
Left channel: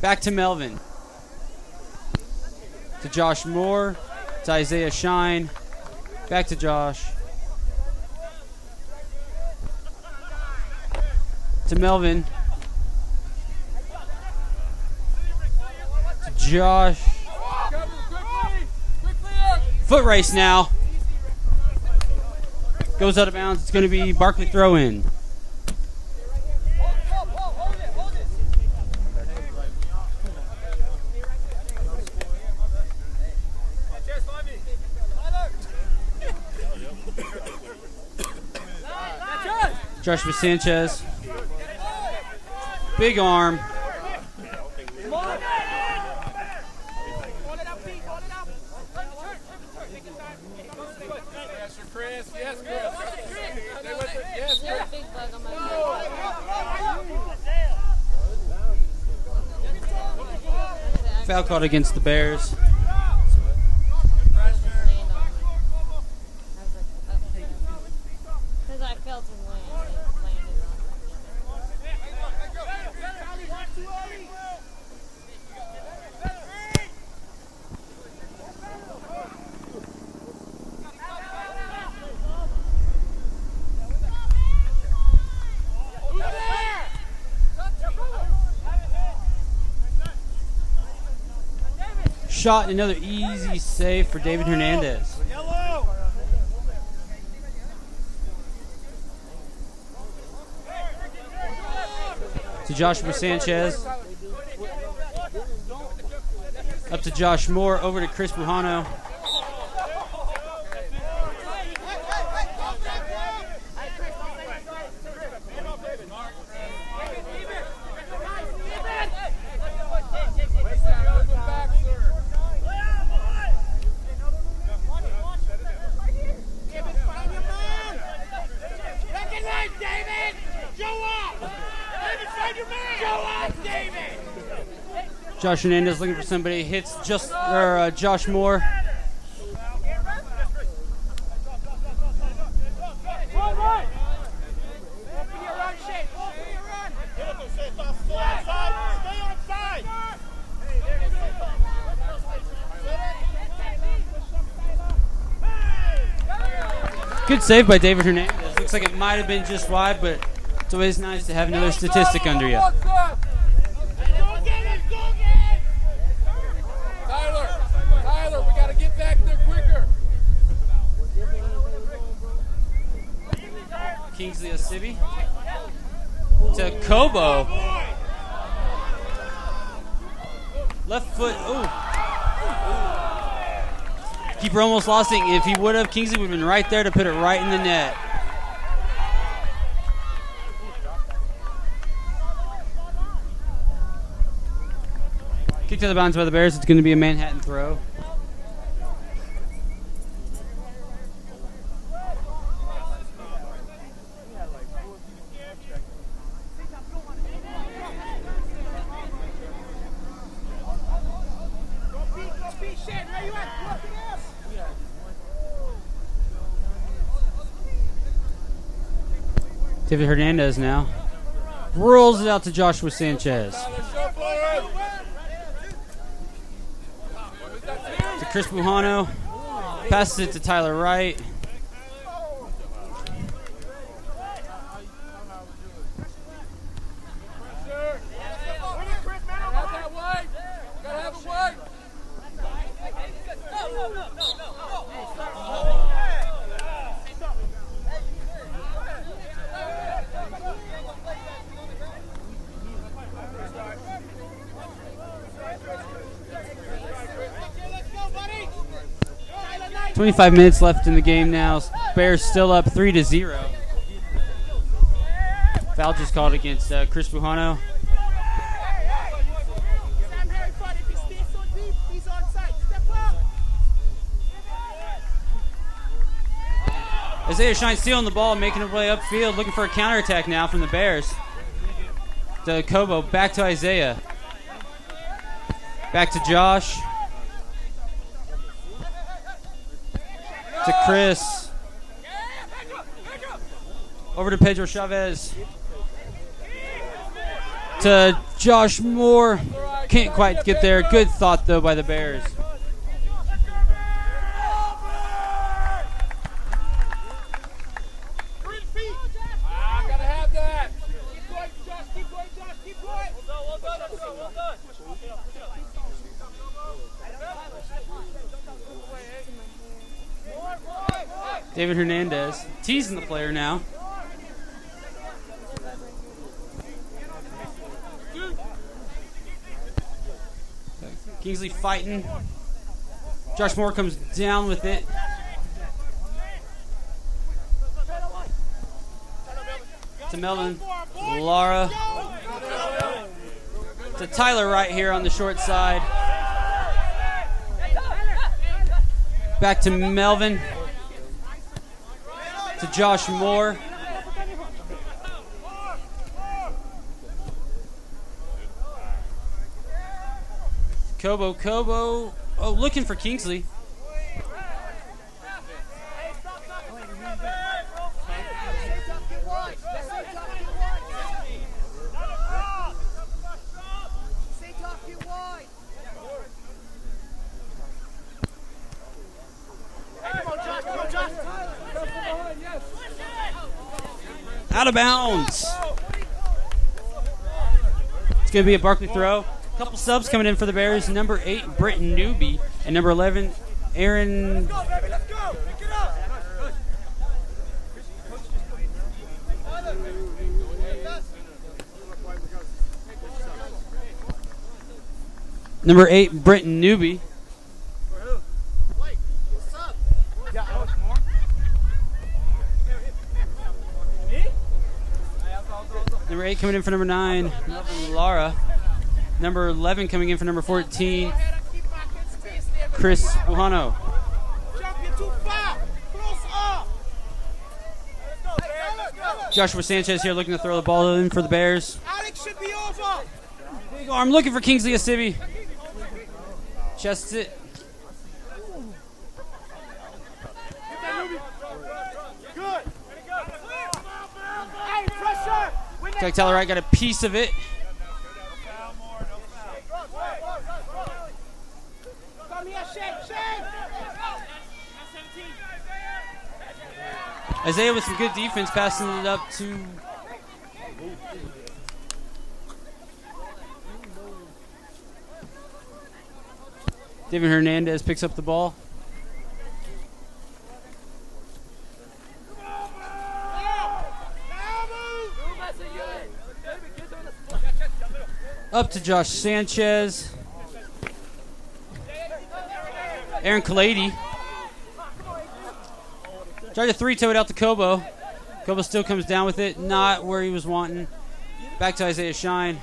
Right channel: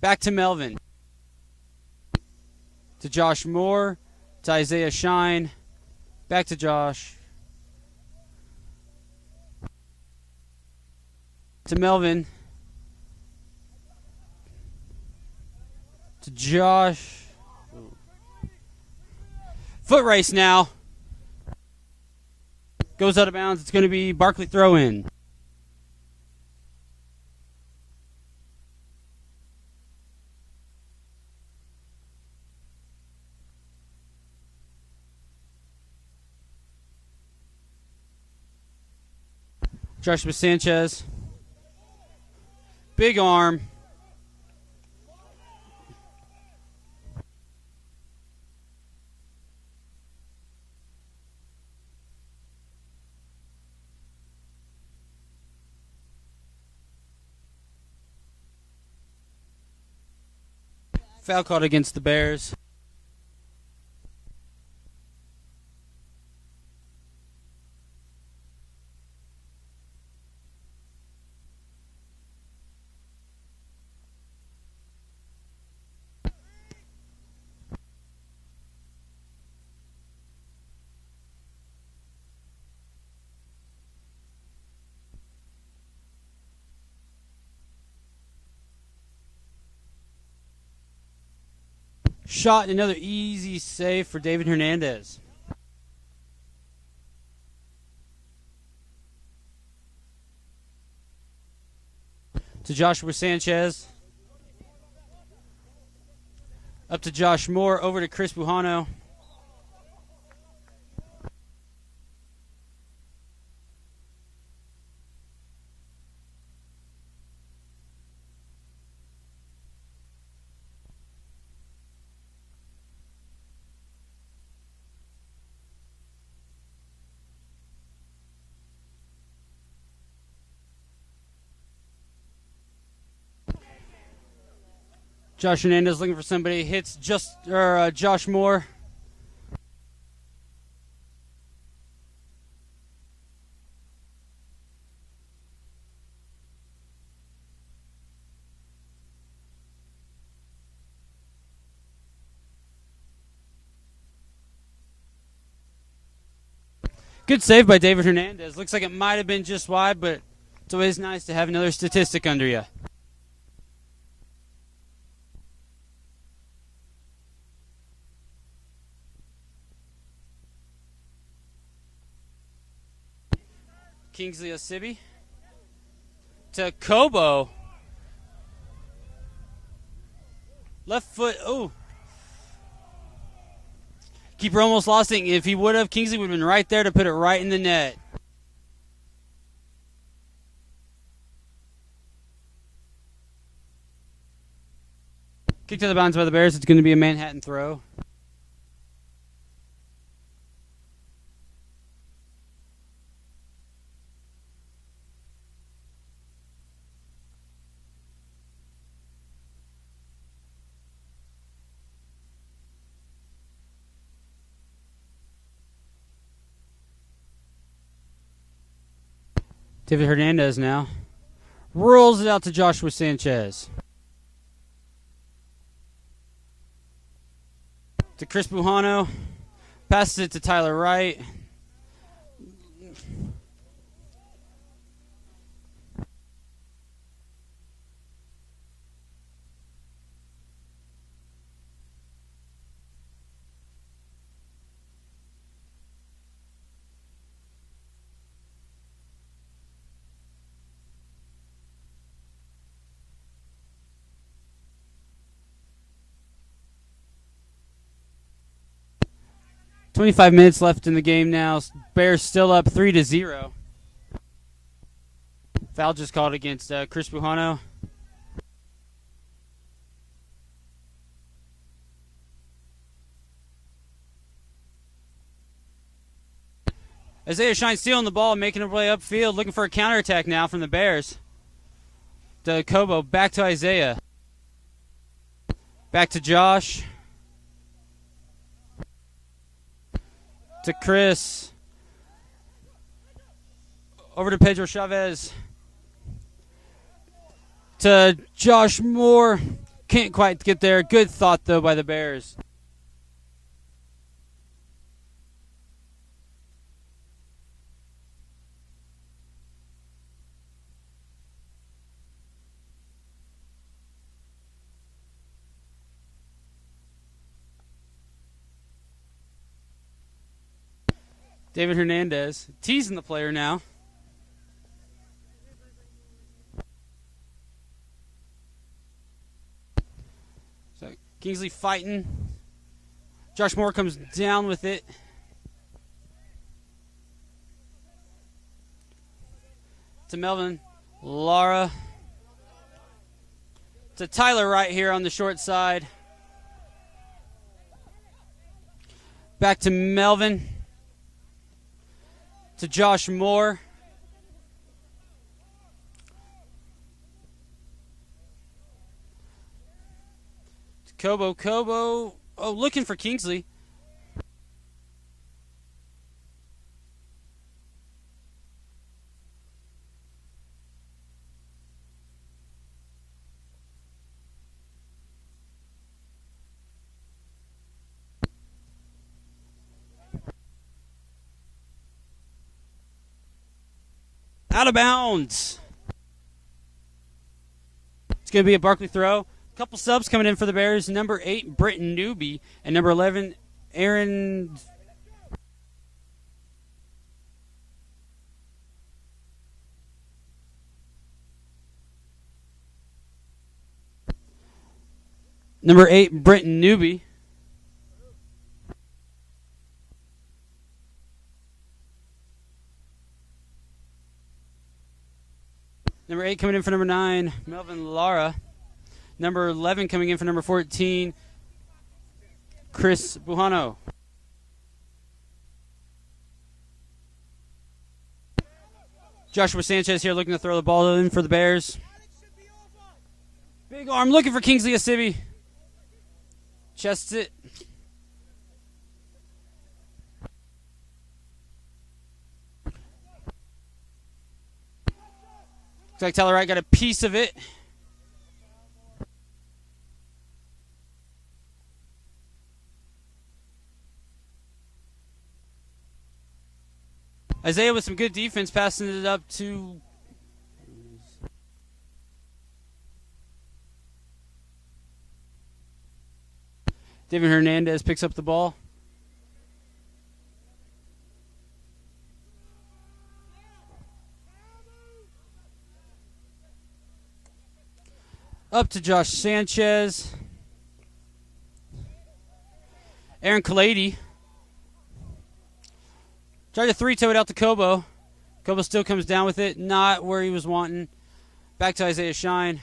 Back to Melvin. To Josh Moore. To Isaiah Shine. Back to Josh. To Melvin. To Josh. Foot race now. Goes out of bounds. It's going to be Barclay throw in. Joshua Sanchez. Big arm. Foul called against the Bears. Shot, another easy save for David Hernandez. To Joshua Sanchez. Up to Josh Moore, over to Chris Bujano. Josh Hernandez looking for somebody. Hits Josh Moore. Good save by David Hernandez. Looks like it might have been just wide, but it's always nice to have another statistic under you. Kingsley Osibi to Kobo. Left foot. Oh. Keeper almost lost it. If he would have, Kingsley would have been right there to put it right in the net. Kicked out of bounds by the Bears. It's going to be a Manhattan throw. David Hernandez now rolls it out to Joshua Sanchez. To Chris Bujano. Passes it to Tyler Wright. .25 minutes left in the game now. Bears still up 3-0. Foul just called against Chris Bujano. Isaiah Shine stealing the ball, making a way upfield, looking for a counterattack now from the Bears. To Kobo, back to Isaiah. Back to Josh. To Chris. Over to Pedro Chavez. To Josh Moore. Can't quite get there. Good thought, though, by the Bears. David Hernandez teasing the player now. So Kingsley fighting. Josh Moore comes down with it. To Melvin Lara. To Tyler Wright here on the short side. Back to Melvin. To Josh Moore. Kobo. Oh, looking for Kingsley. Out of bounds. It's going to be a Barclay throw. A couple subs coming in for the Bears. Number 8, Britton Newby. And number 11, Aaron. Number 8, Britton Newby. Number 8 coming in for number 9, Melvin Lara. Number 11 coming in for number 14, Chris Bujano. Joshua Sanchez here looking to throw the ball in for the Bears. Big arm looking for Kingsley Asibi. Chests it. Like Tyler Wright got a piece of it. Isaiah with some good defense, passing it up to David Hernandez. Picks up the ball. Up to Josh Sanchez. Aaron Kalady. Tried to three-toe it out to Kobo. Kobo still comes down with it. Not where he was wanting. Back to Isaiah Shine.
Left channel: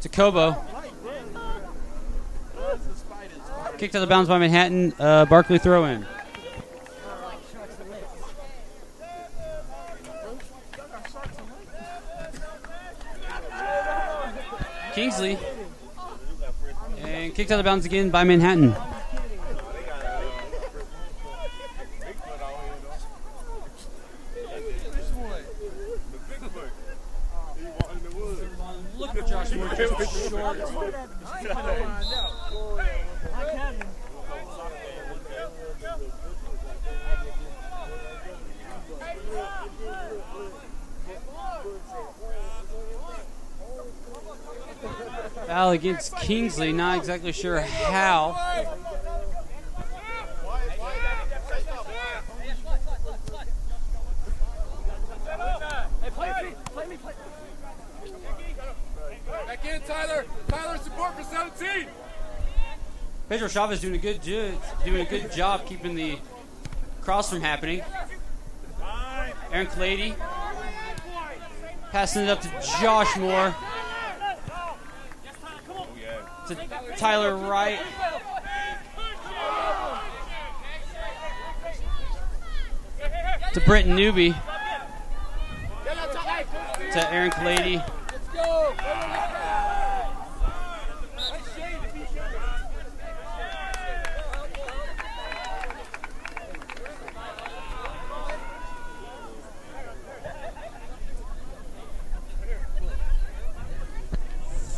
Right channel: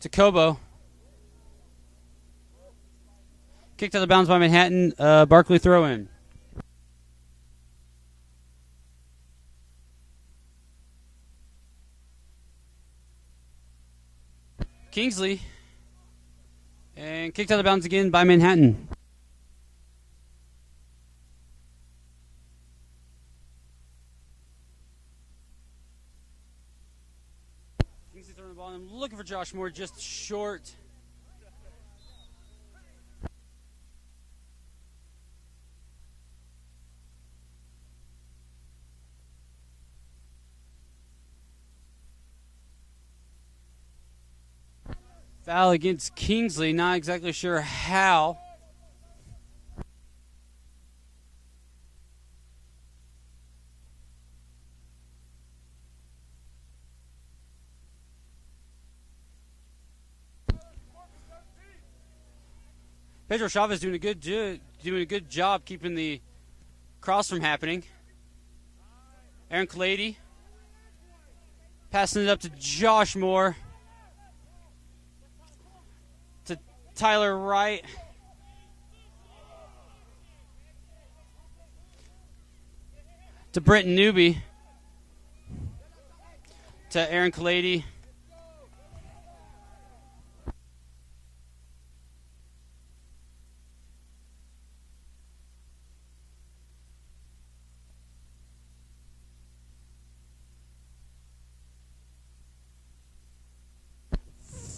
To Kobo. Kicked out of bounds by Manhattan. Barclay throw in. Kingsley. And kicked out of bounds again by Manhattan. Josh Moore just short. Foul against Kingsley, not exactly sure how. Back in, Tyler. Tyler, support for 17. Pedro Chavez doing a good job keeping the cross from happening. Aaron Clady passing it up to Josh Moore. To Tyler Wright. To Brenton Newby. To Aaron Clady.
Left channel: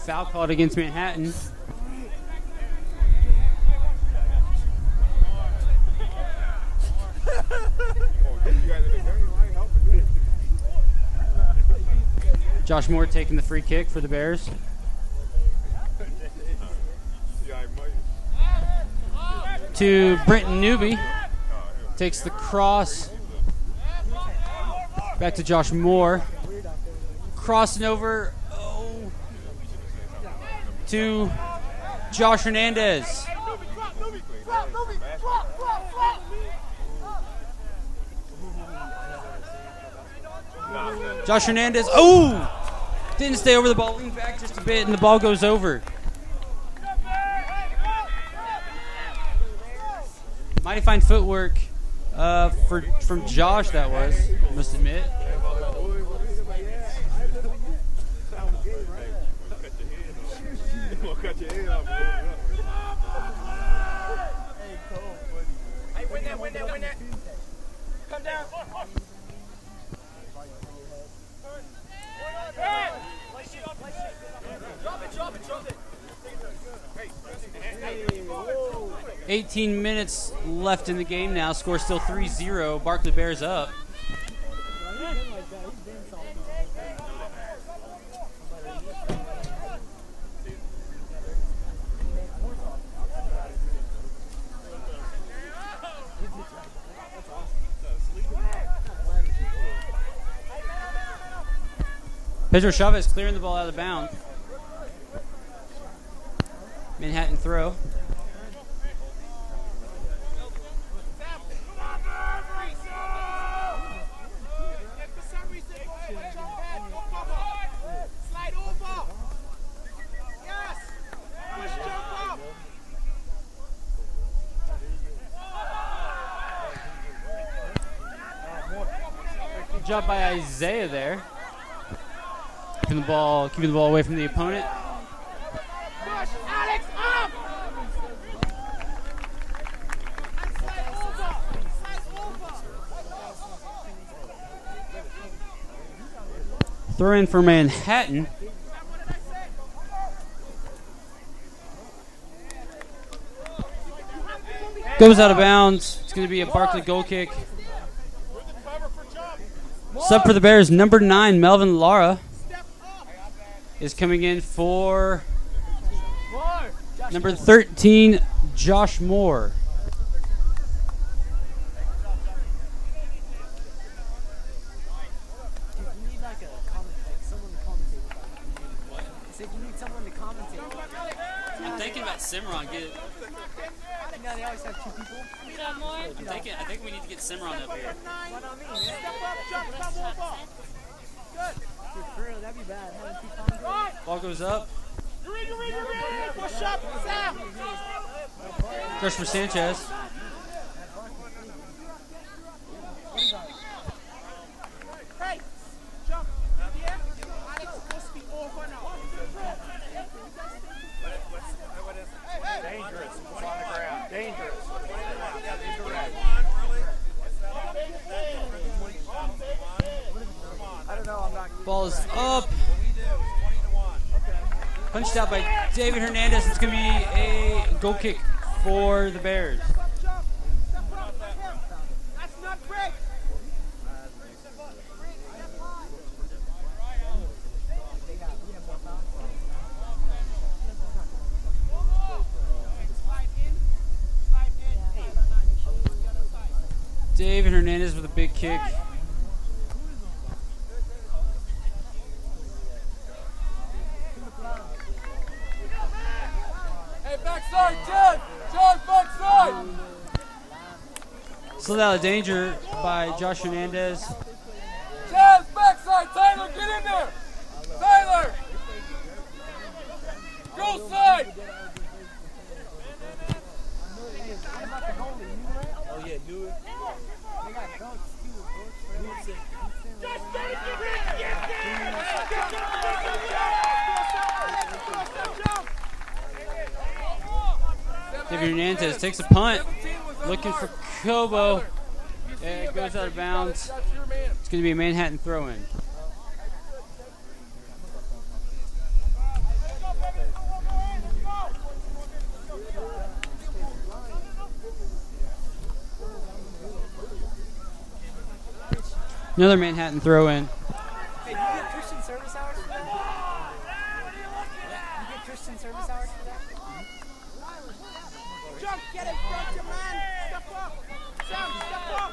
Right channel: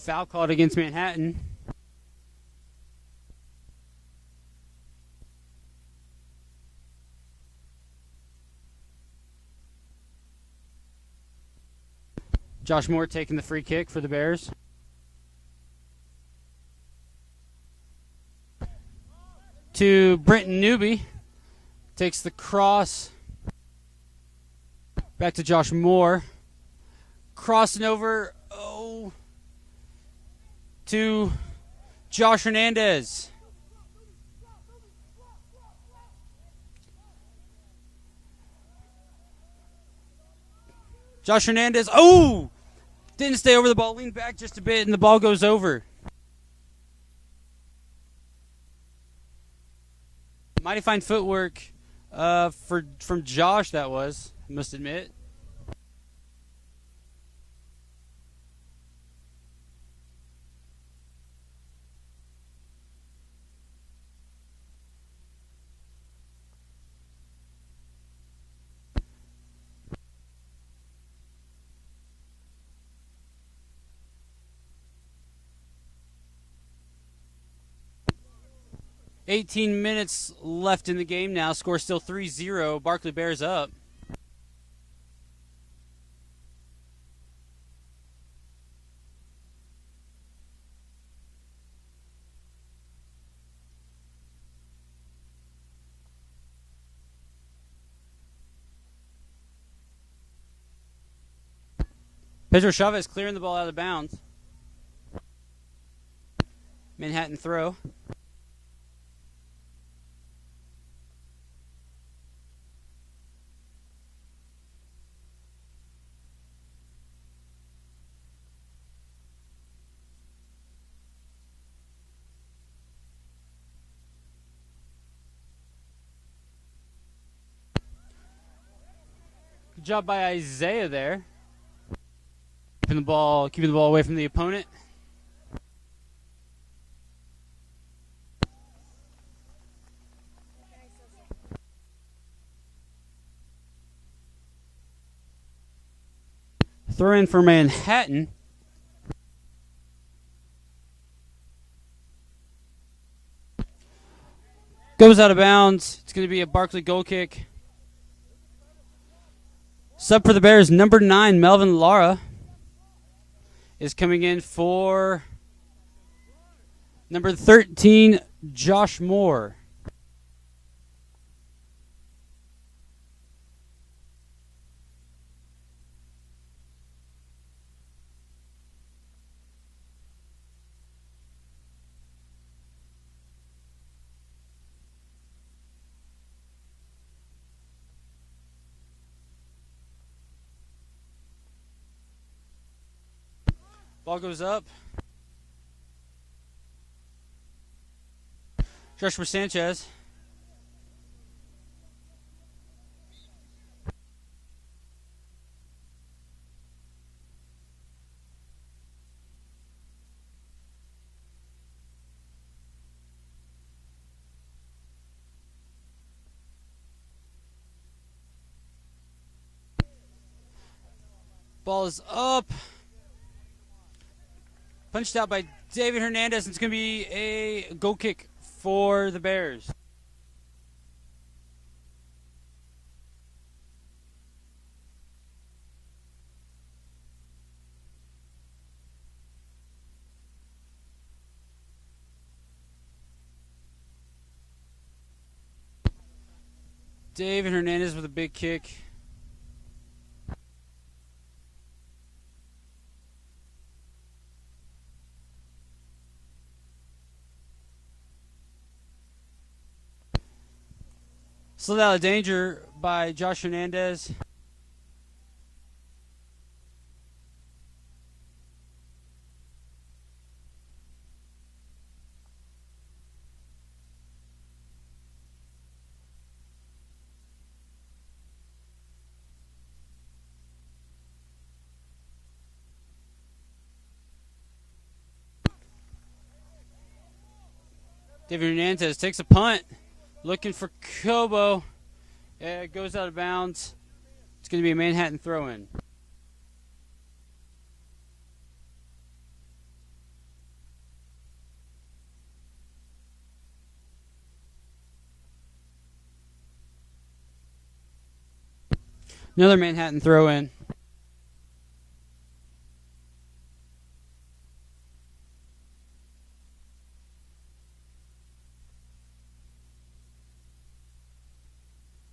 Foul called against Manhattan. Josh Moore taking the free kick for the Bears. To Brenton Newby. Takes the cross. Back to Josh Moore. Crossing over. Oh. To Josh Hernandez. Josh Hernandez. Oh! Didn't stay over the ball. Leaned back just a bit, and the ball goes over. Mighty fine footwork from Josh, that was, I must admit. Come down. 18 minutes left in the game now. Score still 3-0. Barclay Bears up. Pedro Chavez clearing the ball out of bounds. Manhattan throw. Good job by Isaiah there. Keeping the ball away from the opponent. Throw in for Manhattan. Goes out of bounds. It's going to be a Barclay goal kick. Sub for the Bears, number 9, Melvin Lara, is coming in for number 13, Josh Moore. I'm thinking about Cimarron. I think we need to get Cimarron up here. Ball goes up. Rush for Sanchez. Ball is up. Punched out by David Hernandez. It's going to be a goal kick for the Bears. David Hernandez with a big kick. Hey, backside, Chad! Chad, backside! Slid out of danger by Josh Hernandez. Chad's backside! Tyler, get in there! Tyler! Go side! David Hernandez takes a punt, looking for Kobo. It goes out of bounds. It's going to be a Manhattan throw-in. Another Manhattan throw-in. Hey, you get Christian service hours for that? You get Christian service hours for that? Jump, get it, front your man. Step up. Sam, step up.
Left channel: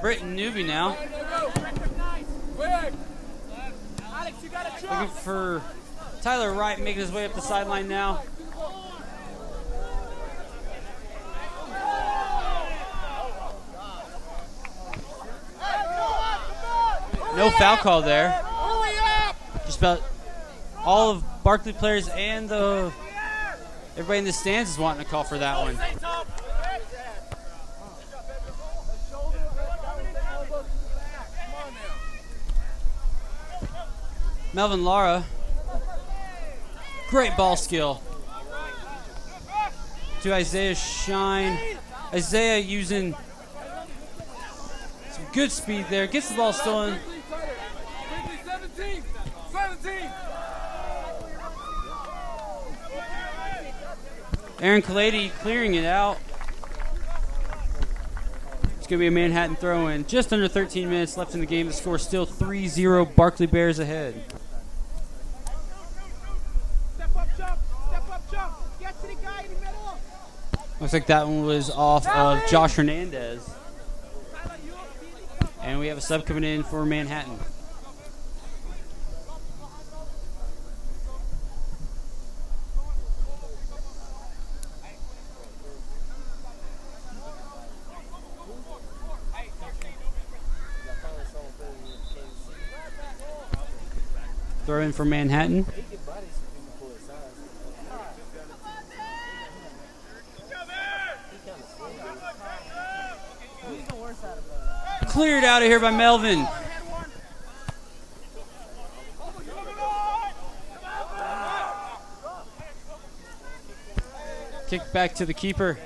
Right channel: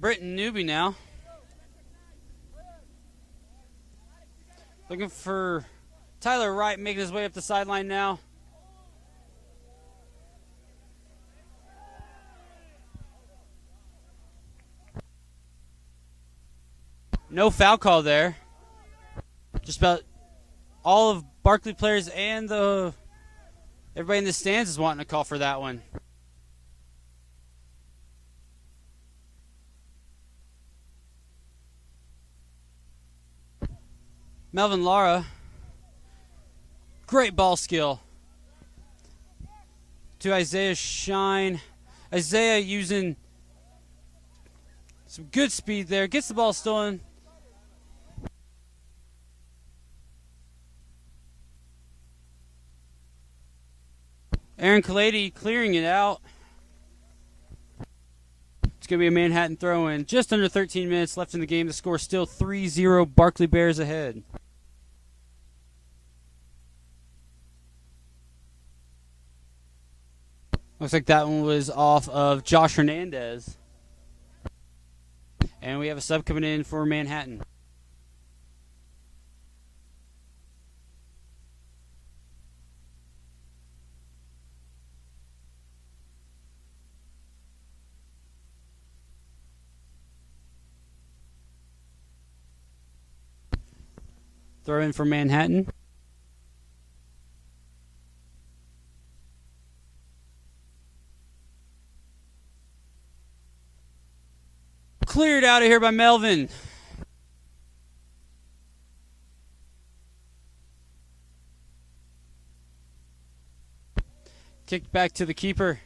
Britton Newby now. Alex, you gotta jump! Looking for Tyler Wright, making his way up the sideline now. No foul call there. Just about all of Barclay players and everybody in the stands is wanting to call for that one. Melvin Lara, great ball skill. To Isaiah Shine. Isaiah using some good speed there. Gets the ball stolen. 17! Aaron Kalady clearing it out. It's going to be a Manhattan throw-in. Just under 13 minutes left in the game. The score still 3-0. Barclay Bears ahead. Step up, jump. Get to the guy in the middle. Looks like that one was off of Josh Hernandez. And we have a sub coming in for Manhattan. Throw in for Manhattan. Cleared out of here by Melvin. Kick back to the keeper.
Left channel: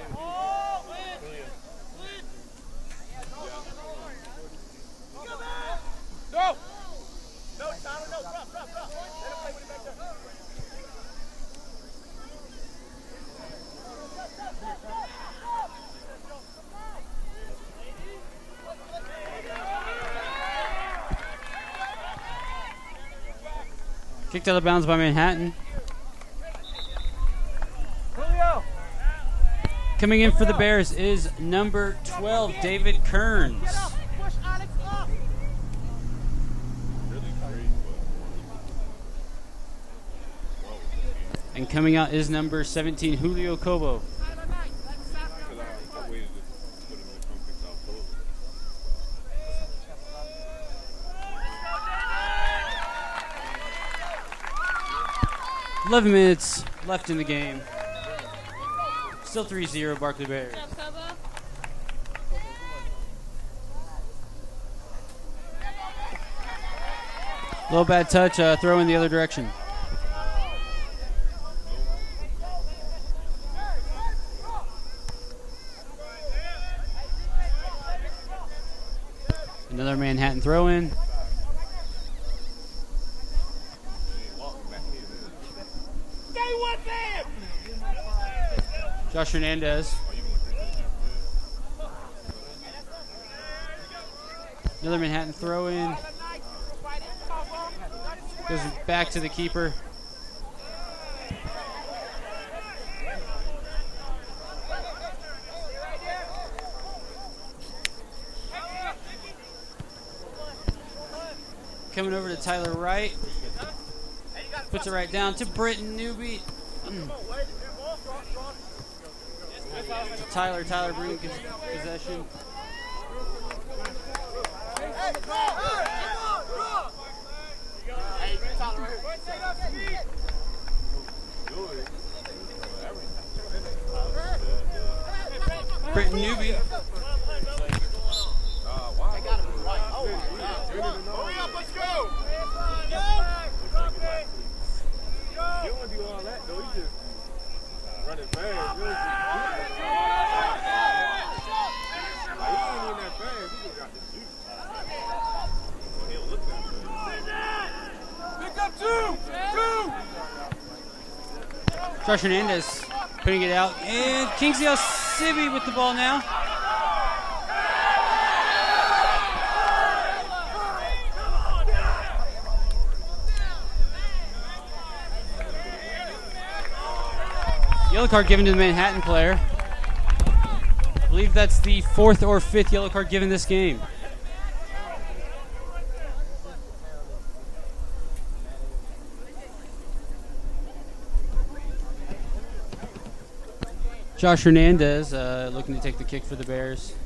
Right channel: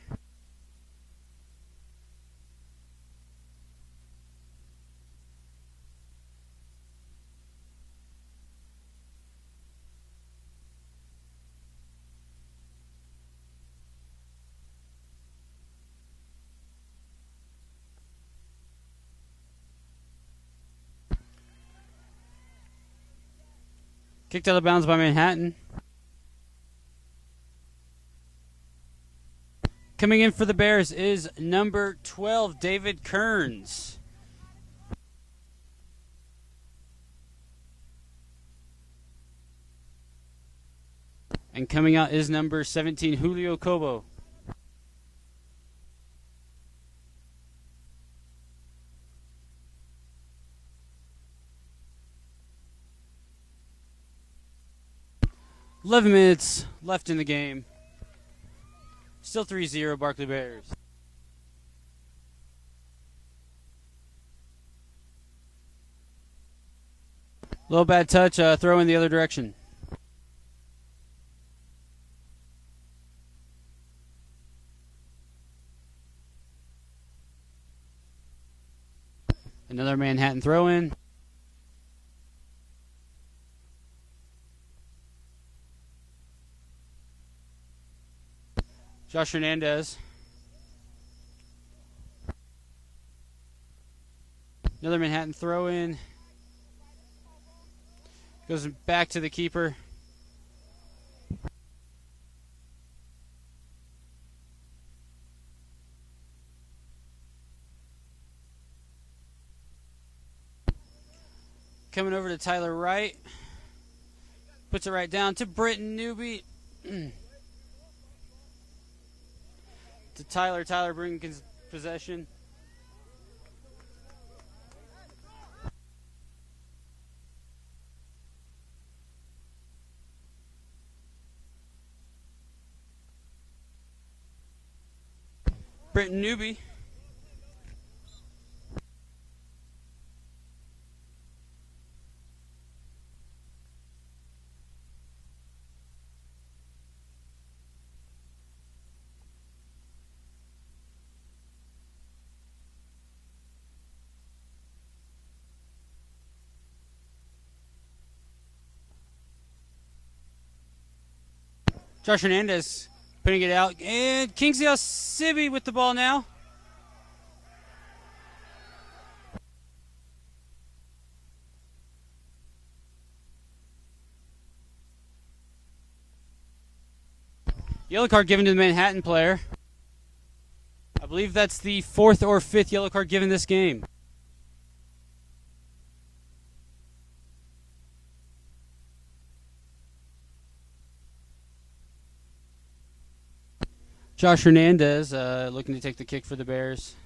Kicked out of bounds by Manhattan. Coming in for the Bears is number 12, David Kearns. And coming out is number 17, Julio Cobo. $11 minutes left in the game. Still 3-0 Barclay Bears. Little bad touch, throw in the other direction. Another Manhattan throw in. Josh Hernandez. Another Manhattan throw in. Goes back to the keeper. Coming over to Tyler Wright. Puts it right down to Britton Newby. To Tyler. Tyler bringing possession. Britton Newby. Josh Hernandez putting it out. And Kingsley Osibi with the ball now. Yellow card given to the Manhattan player. I believe that's the 4th or 5th yellow card given this game. Josh Hernandez looking to take the kick for the Bears.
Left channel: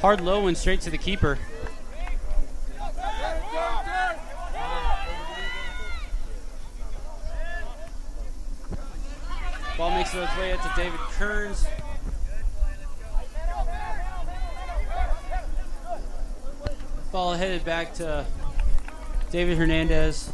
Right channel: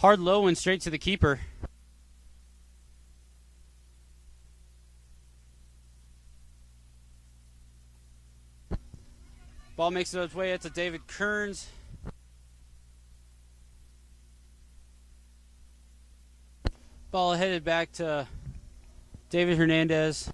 Hard low one straight to the keeper. Ball makes it its way out to David Kearns. Ball headed back to David Hernandez.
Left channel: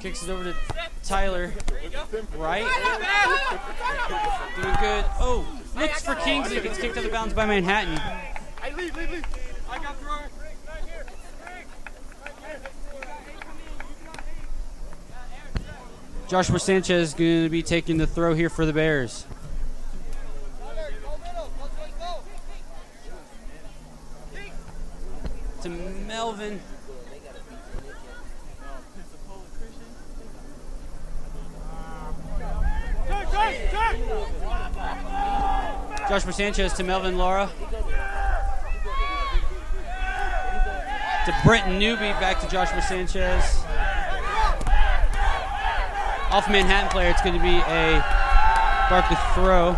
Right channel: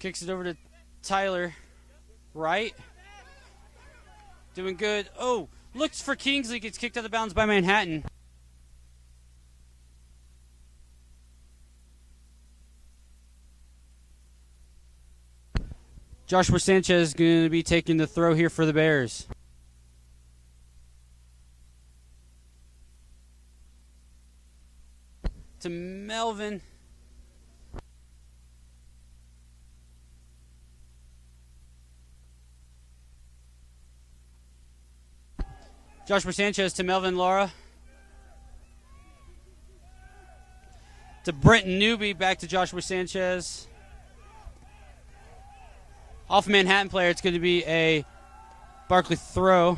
Kicks it over to Tyler Wright. Doing good. Oh, looks for Kingsley. Gets kicked out of bounds by Manhattan. Joshua Sanchez is going to be taking the throw here for the Bears. To Melvin. Joshua Sanchez to Melvin Laura. To Britton Newby, back to Joshua Sanchez. Off Manhattan player, it's going to be a Barclay throw.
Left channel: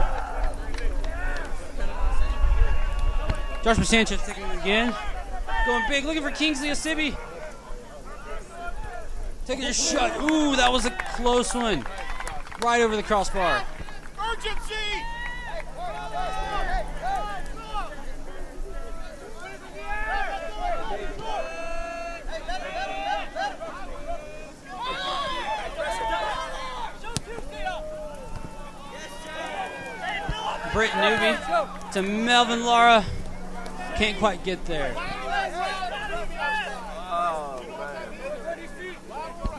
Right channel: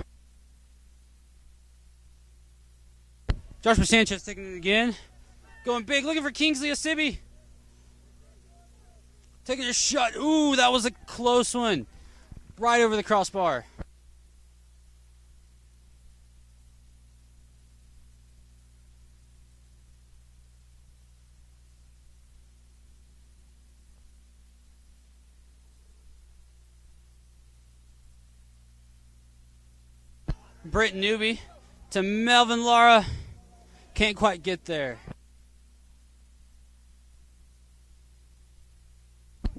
Joshua Sanchez taking it again. Going big, looking for Kingsley Osibi. Taking a shot. Ooh, that was a close one. Right over the crossbar. Urgency! Britton Newby to Melvin Lara. Can't quite get there.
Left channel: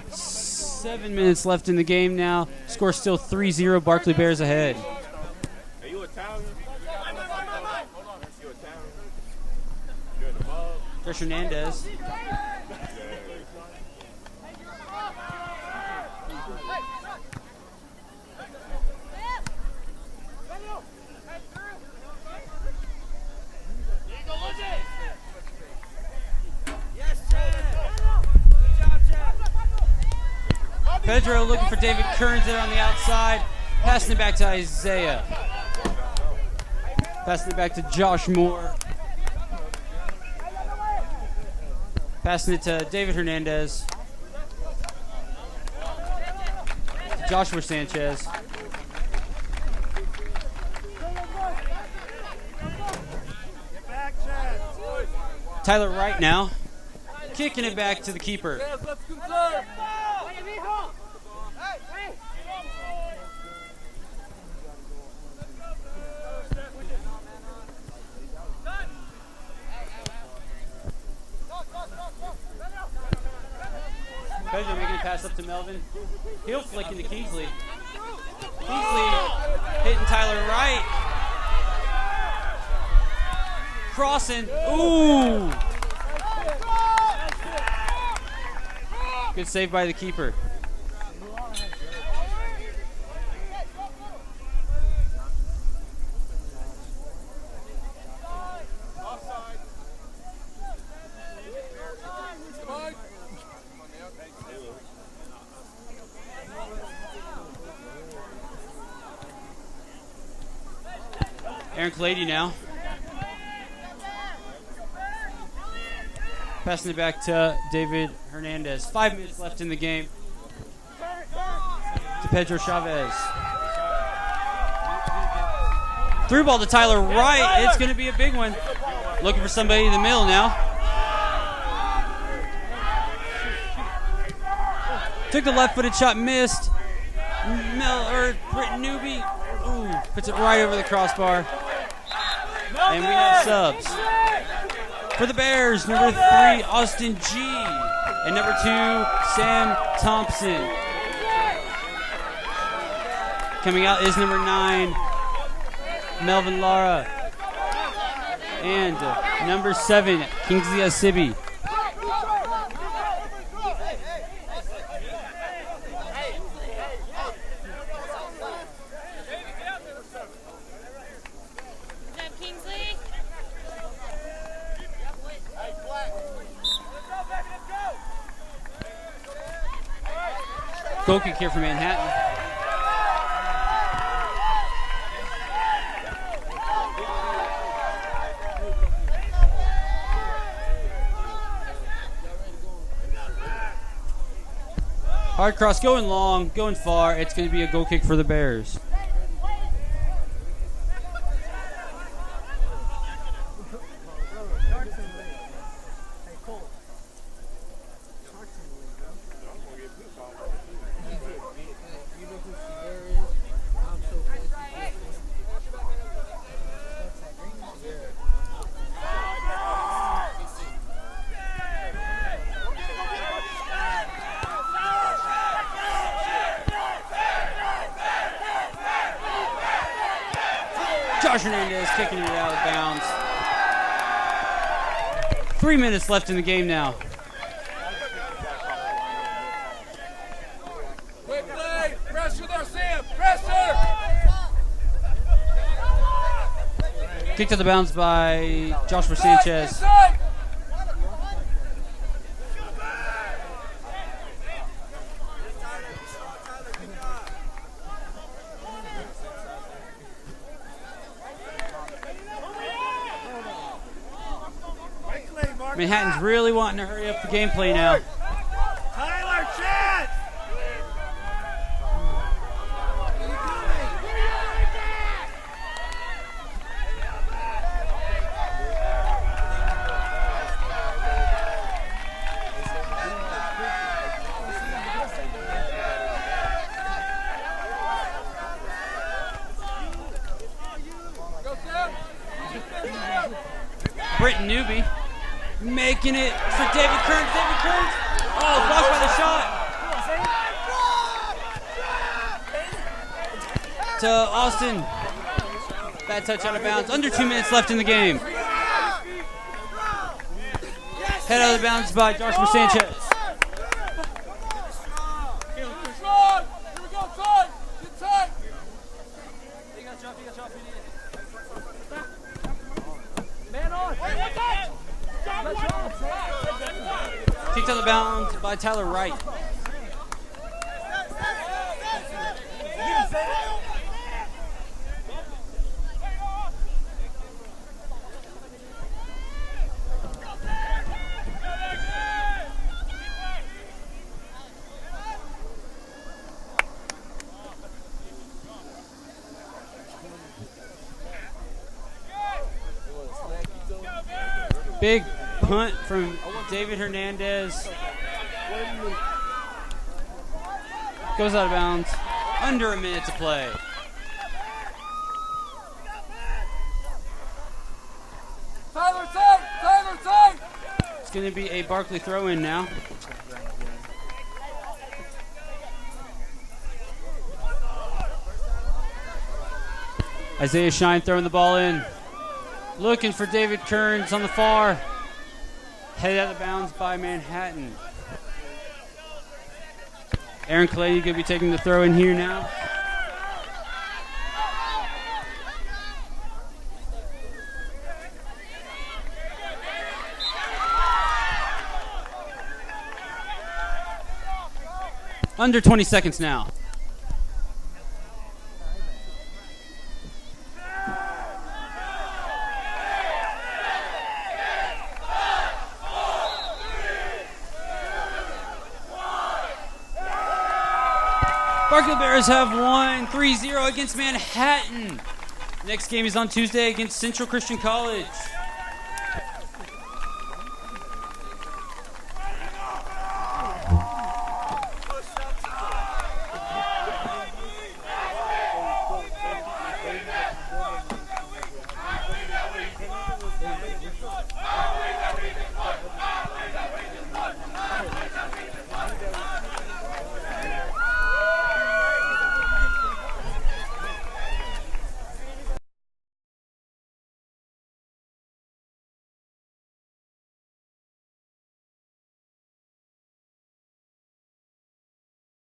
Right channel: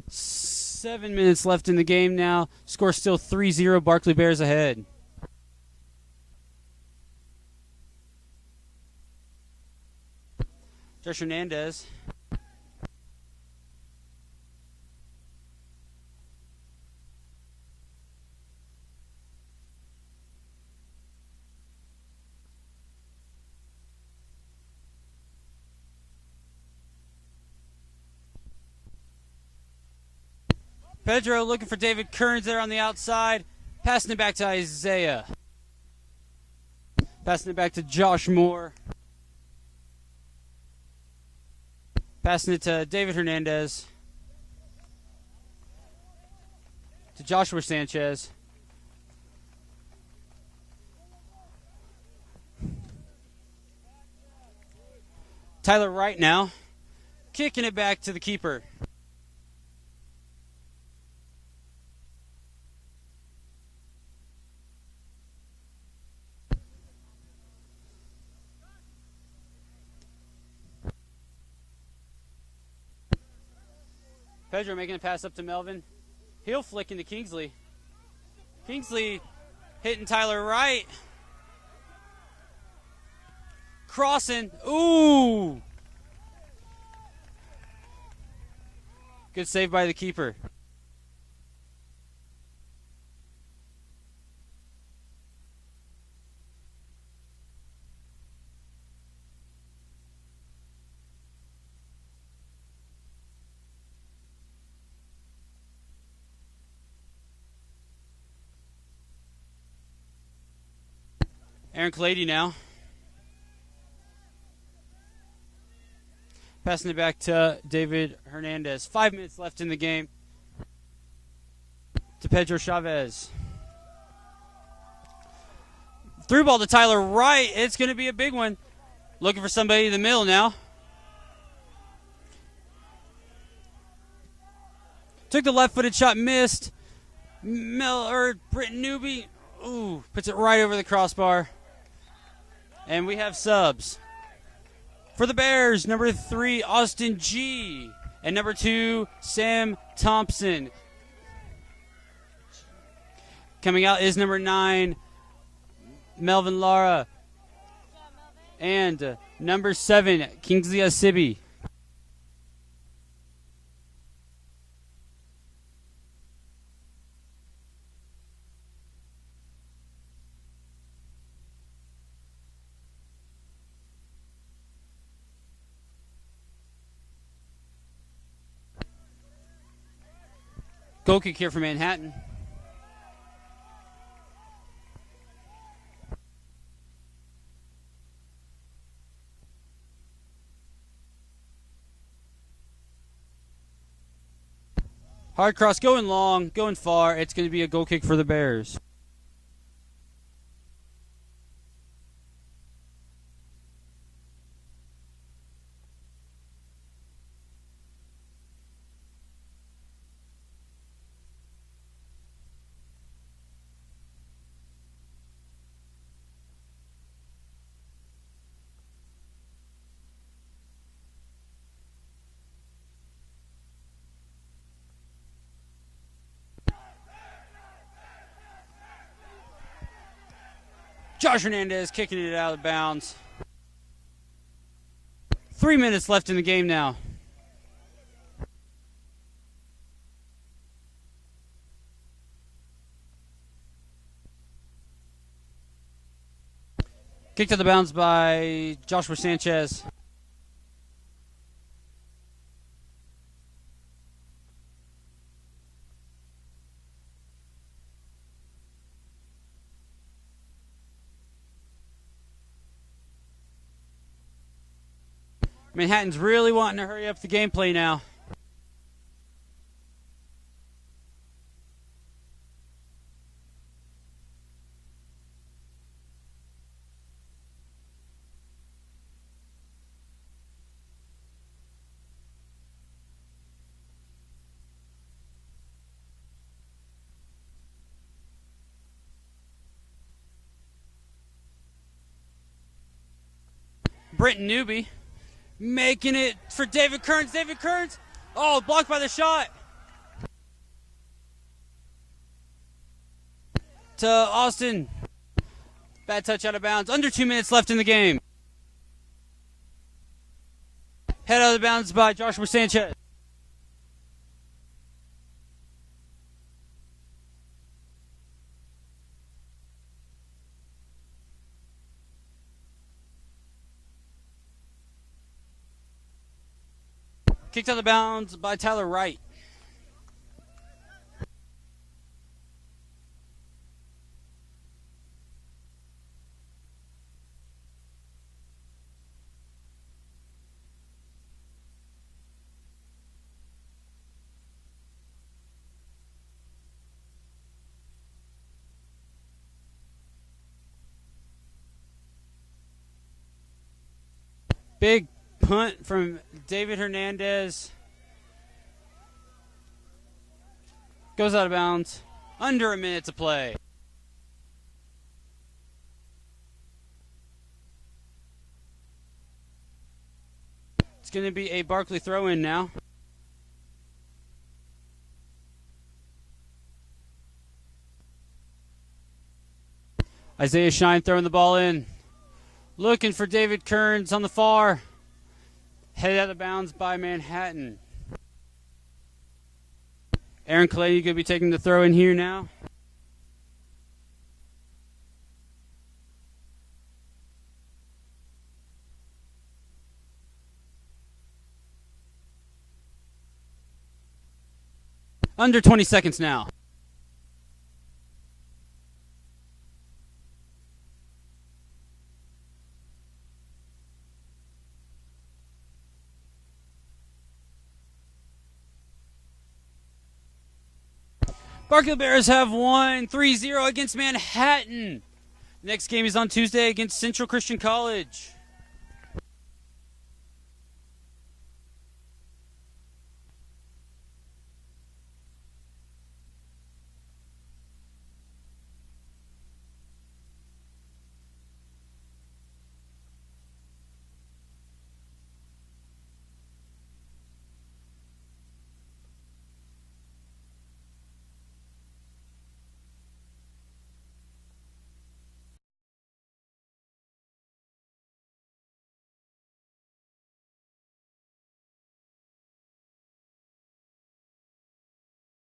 7 minutes left in the game now. Score still 3-0. Barclay Bears ahead. Josh Hernandez. Pedro looking for David Kearns there on the outside. Passing it back to Isaiah. Passing it back to Josh Moore. Passing it to David Hernandez. To Joshua Sanchez. Tyler Wright now. Kicking it back to the keeper. Let's conserve. Pedro making a pass up to Melvin. Heel flick into Kingsley. Kingsley hitting Tyler Wright. Crossing. Ooh! Good save by the keeper. Aaron Clady now. Passing it back to David Hernandez. 5 minutes left in the game. To Pedro Chavez. Through ball to Tyler Wright. It's going to be a big one. Looking for somebody in the middle now. Took the left-footed shot, missed. Britton Newby. Ooh, puts it right over the crossbar. And we have subs. For the Bears, number 3, Austin G. And number 2, Sam Thompson. Coming out is number 9, Melvin Lara. And number 7, Kingsley Asibi. Goal kick here for Manhattan. Hard cross going long, going far. It's going to be a goal kick for the Bears. Josh Hernandez kicking it out of bounds. 3 minutes left in the game now. Quick play. Pressure there, Sam. Pressure. Kicked out of bounds by Joshua Sanchez. Manhattan's really wanting to hurry up the gameplay now. Tyler, chance! Britton Newby making it for David Kearns. David Kearns. Oh, blocked by the shot. To Austin. Bad touch out of bounds. Under 2 minutes left in the game. Head out of the bounds by Joshua Sanchez. Kicked out of bounds by Tyler Wright. Big punt from David Hernandez goes out of bounds. Under a minute to play. Tyler, tight! Tyler, tight! It's going to be a Barclay throw-in now. Isaiah Shine throwing the ball in. Looking for David Kearns on the far. Headed out of bounds by Manhattan. Aaron Clady going to be taking the throw in here now. Under 20 seconds now. Barclay Bears have won 3-0 against Manhattan. Next game is on Tuesday against Central Christian College.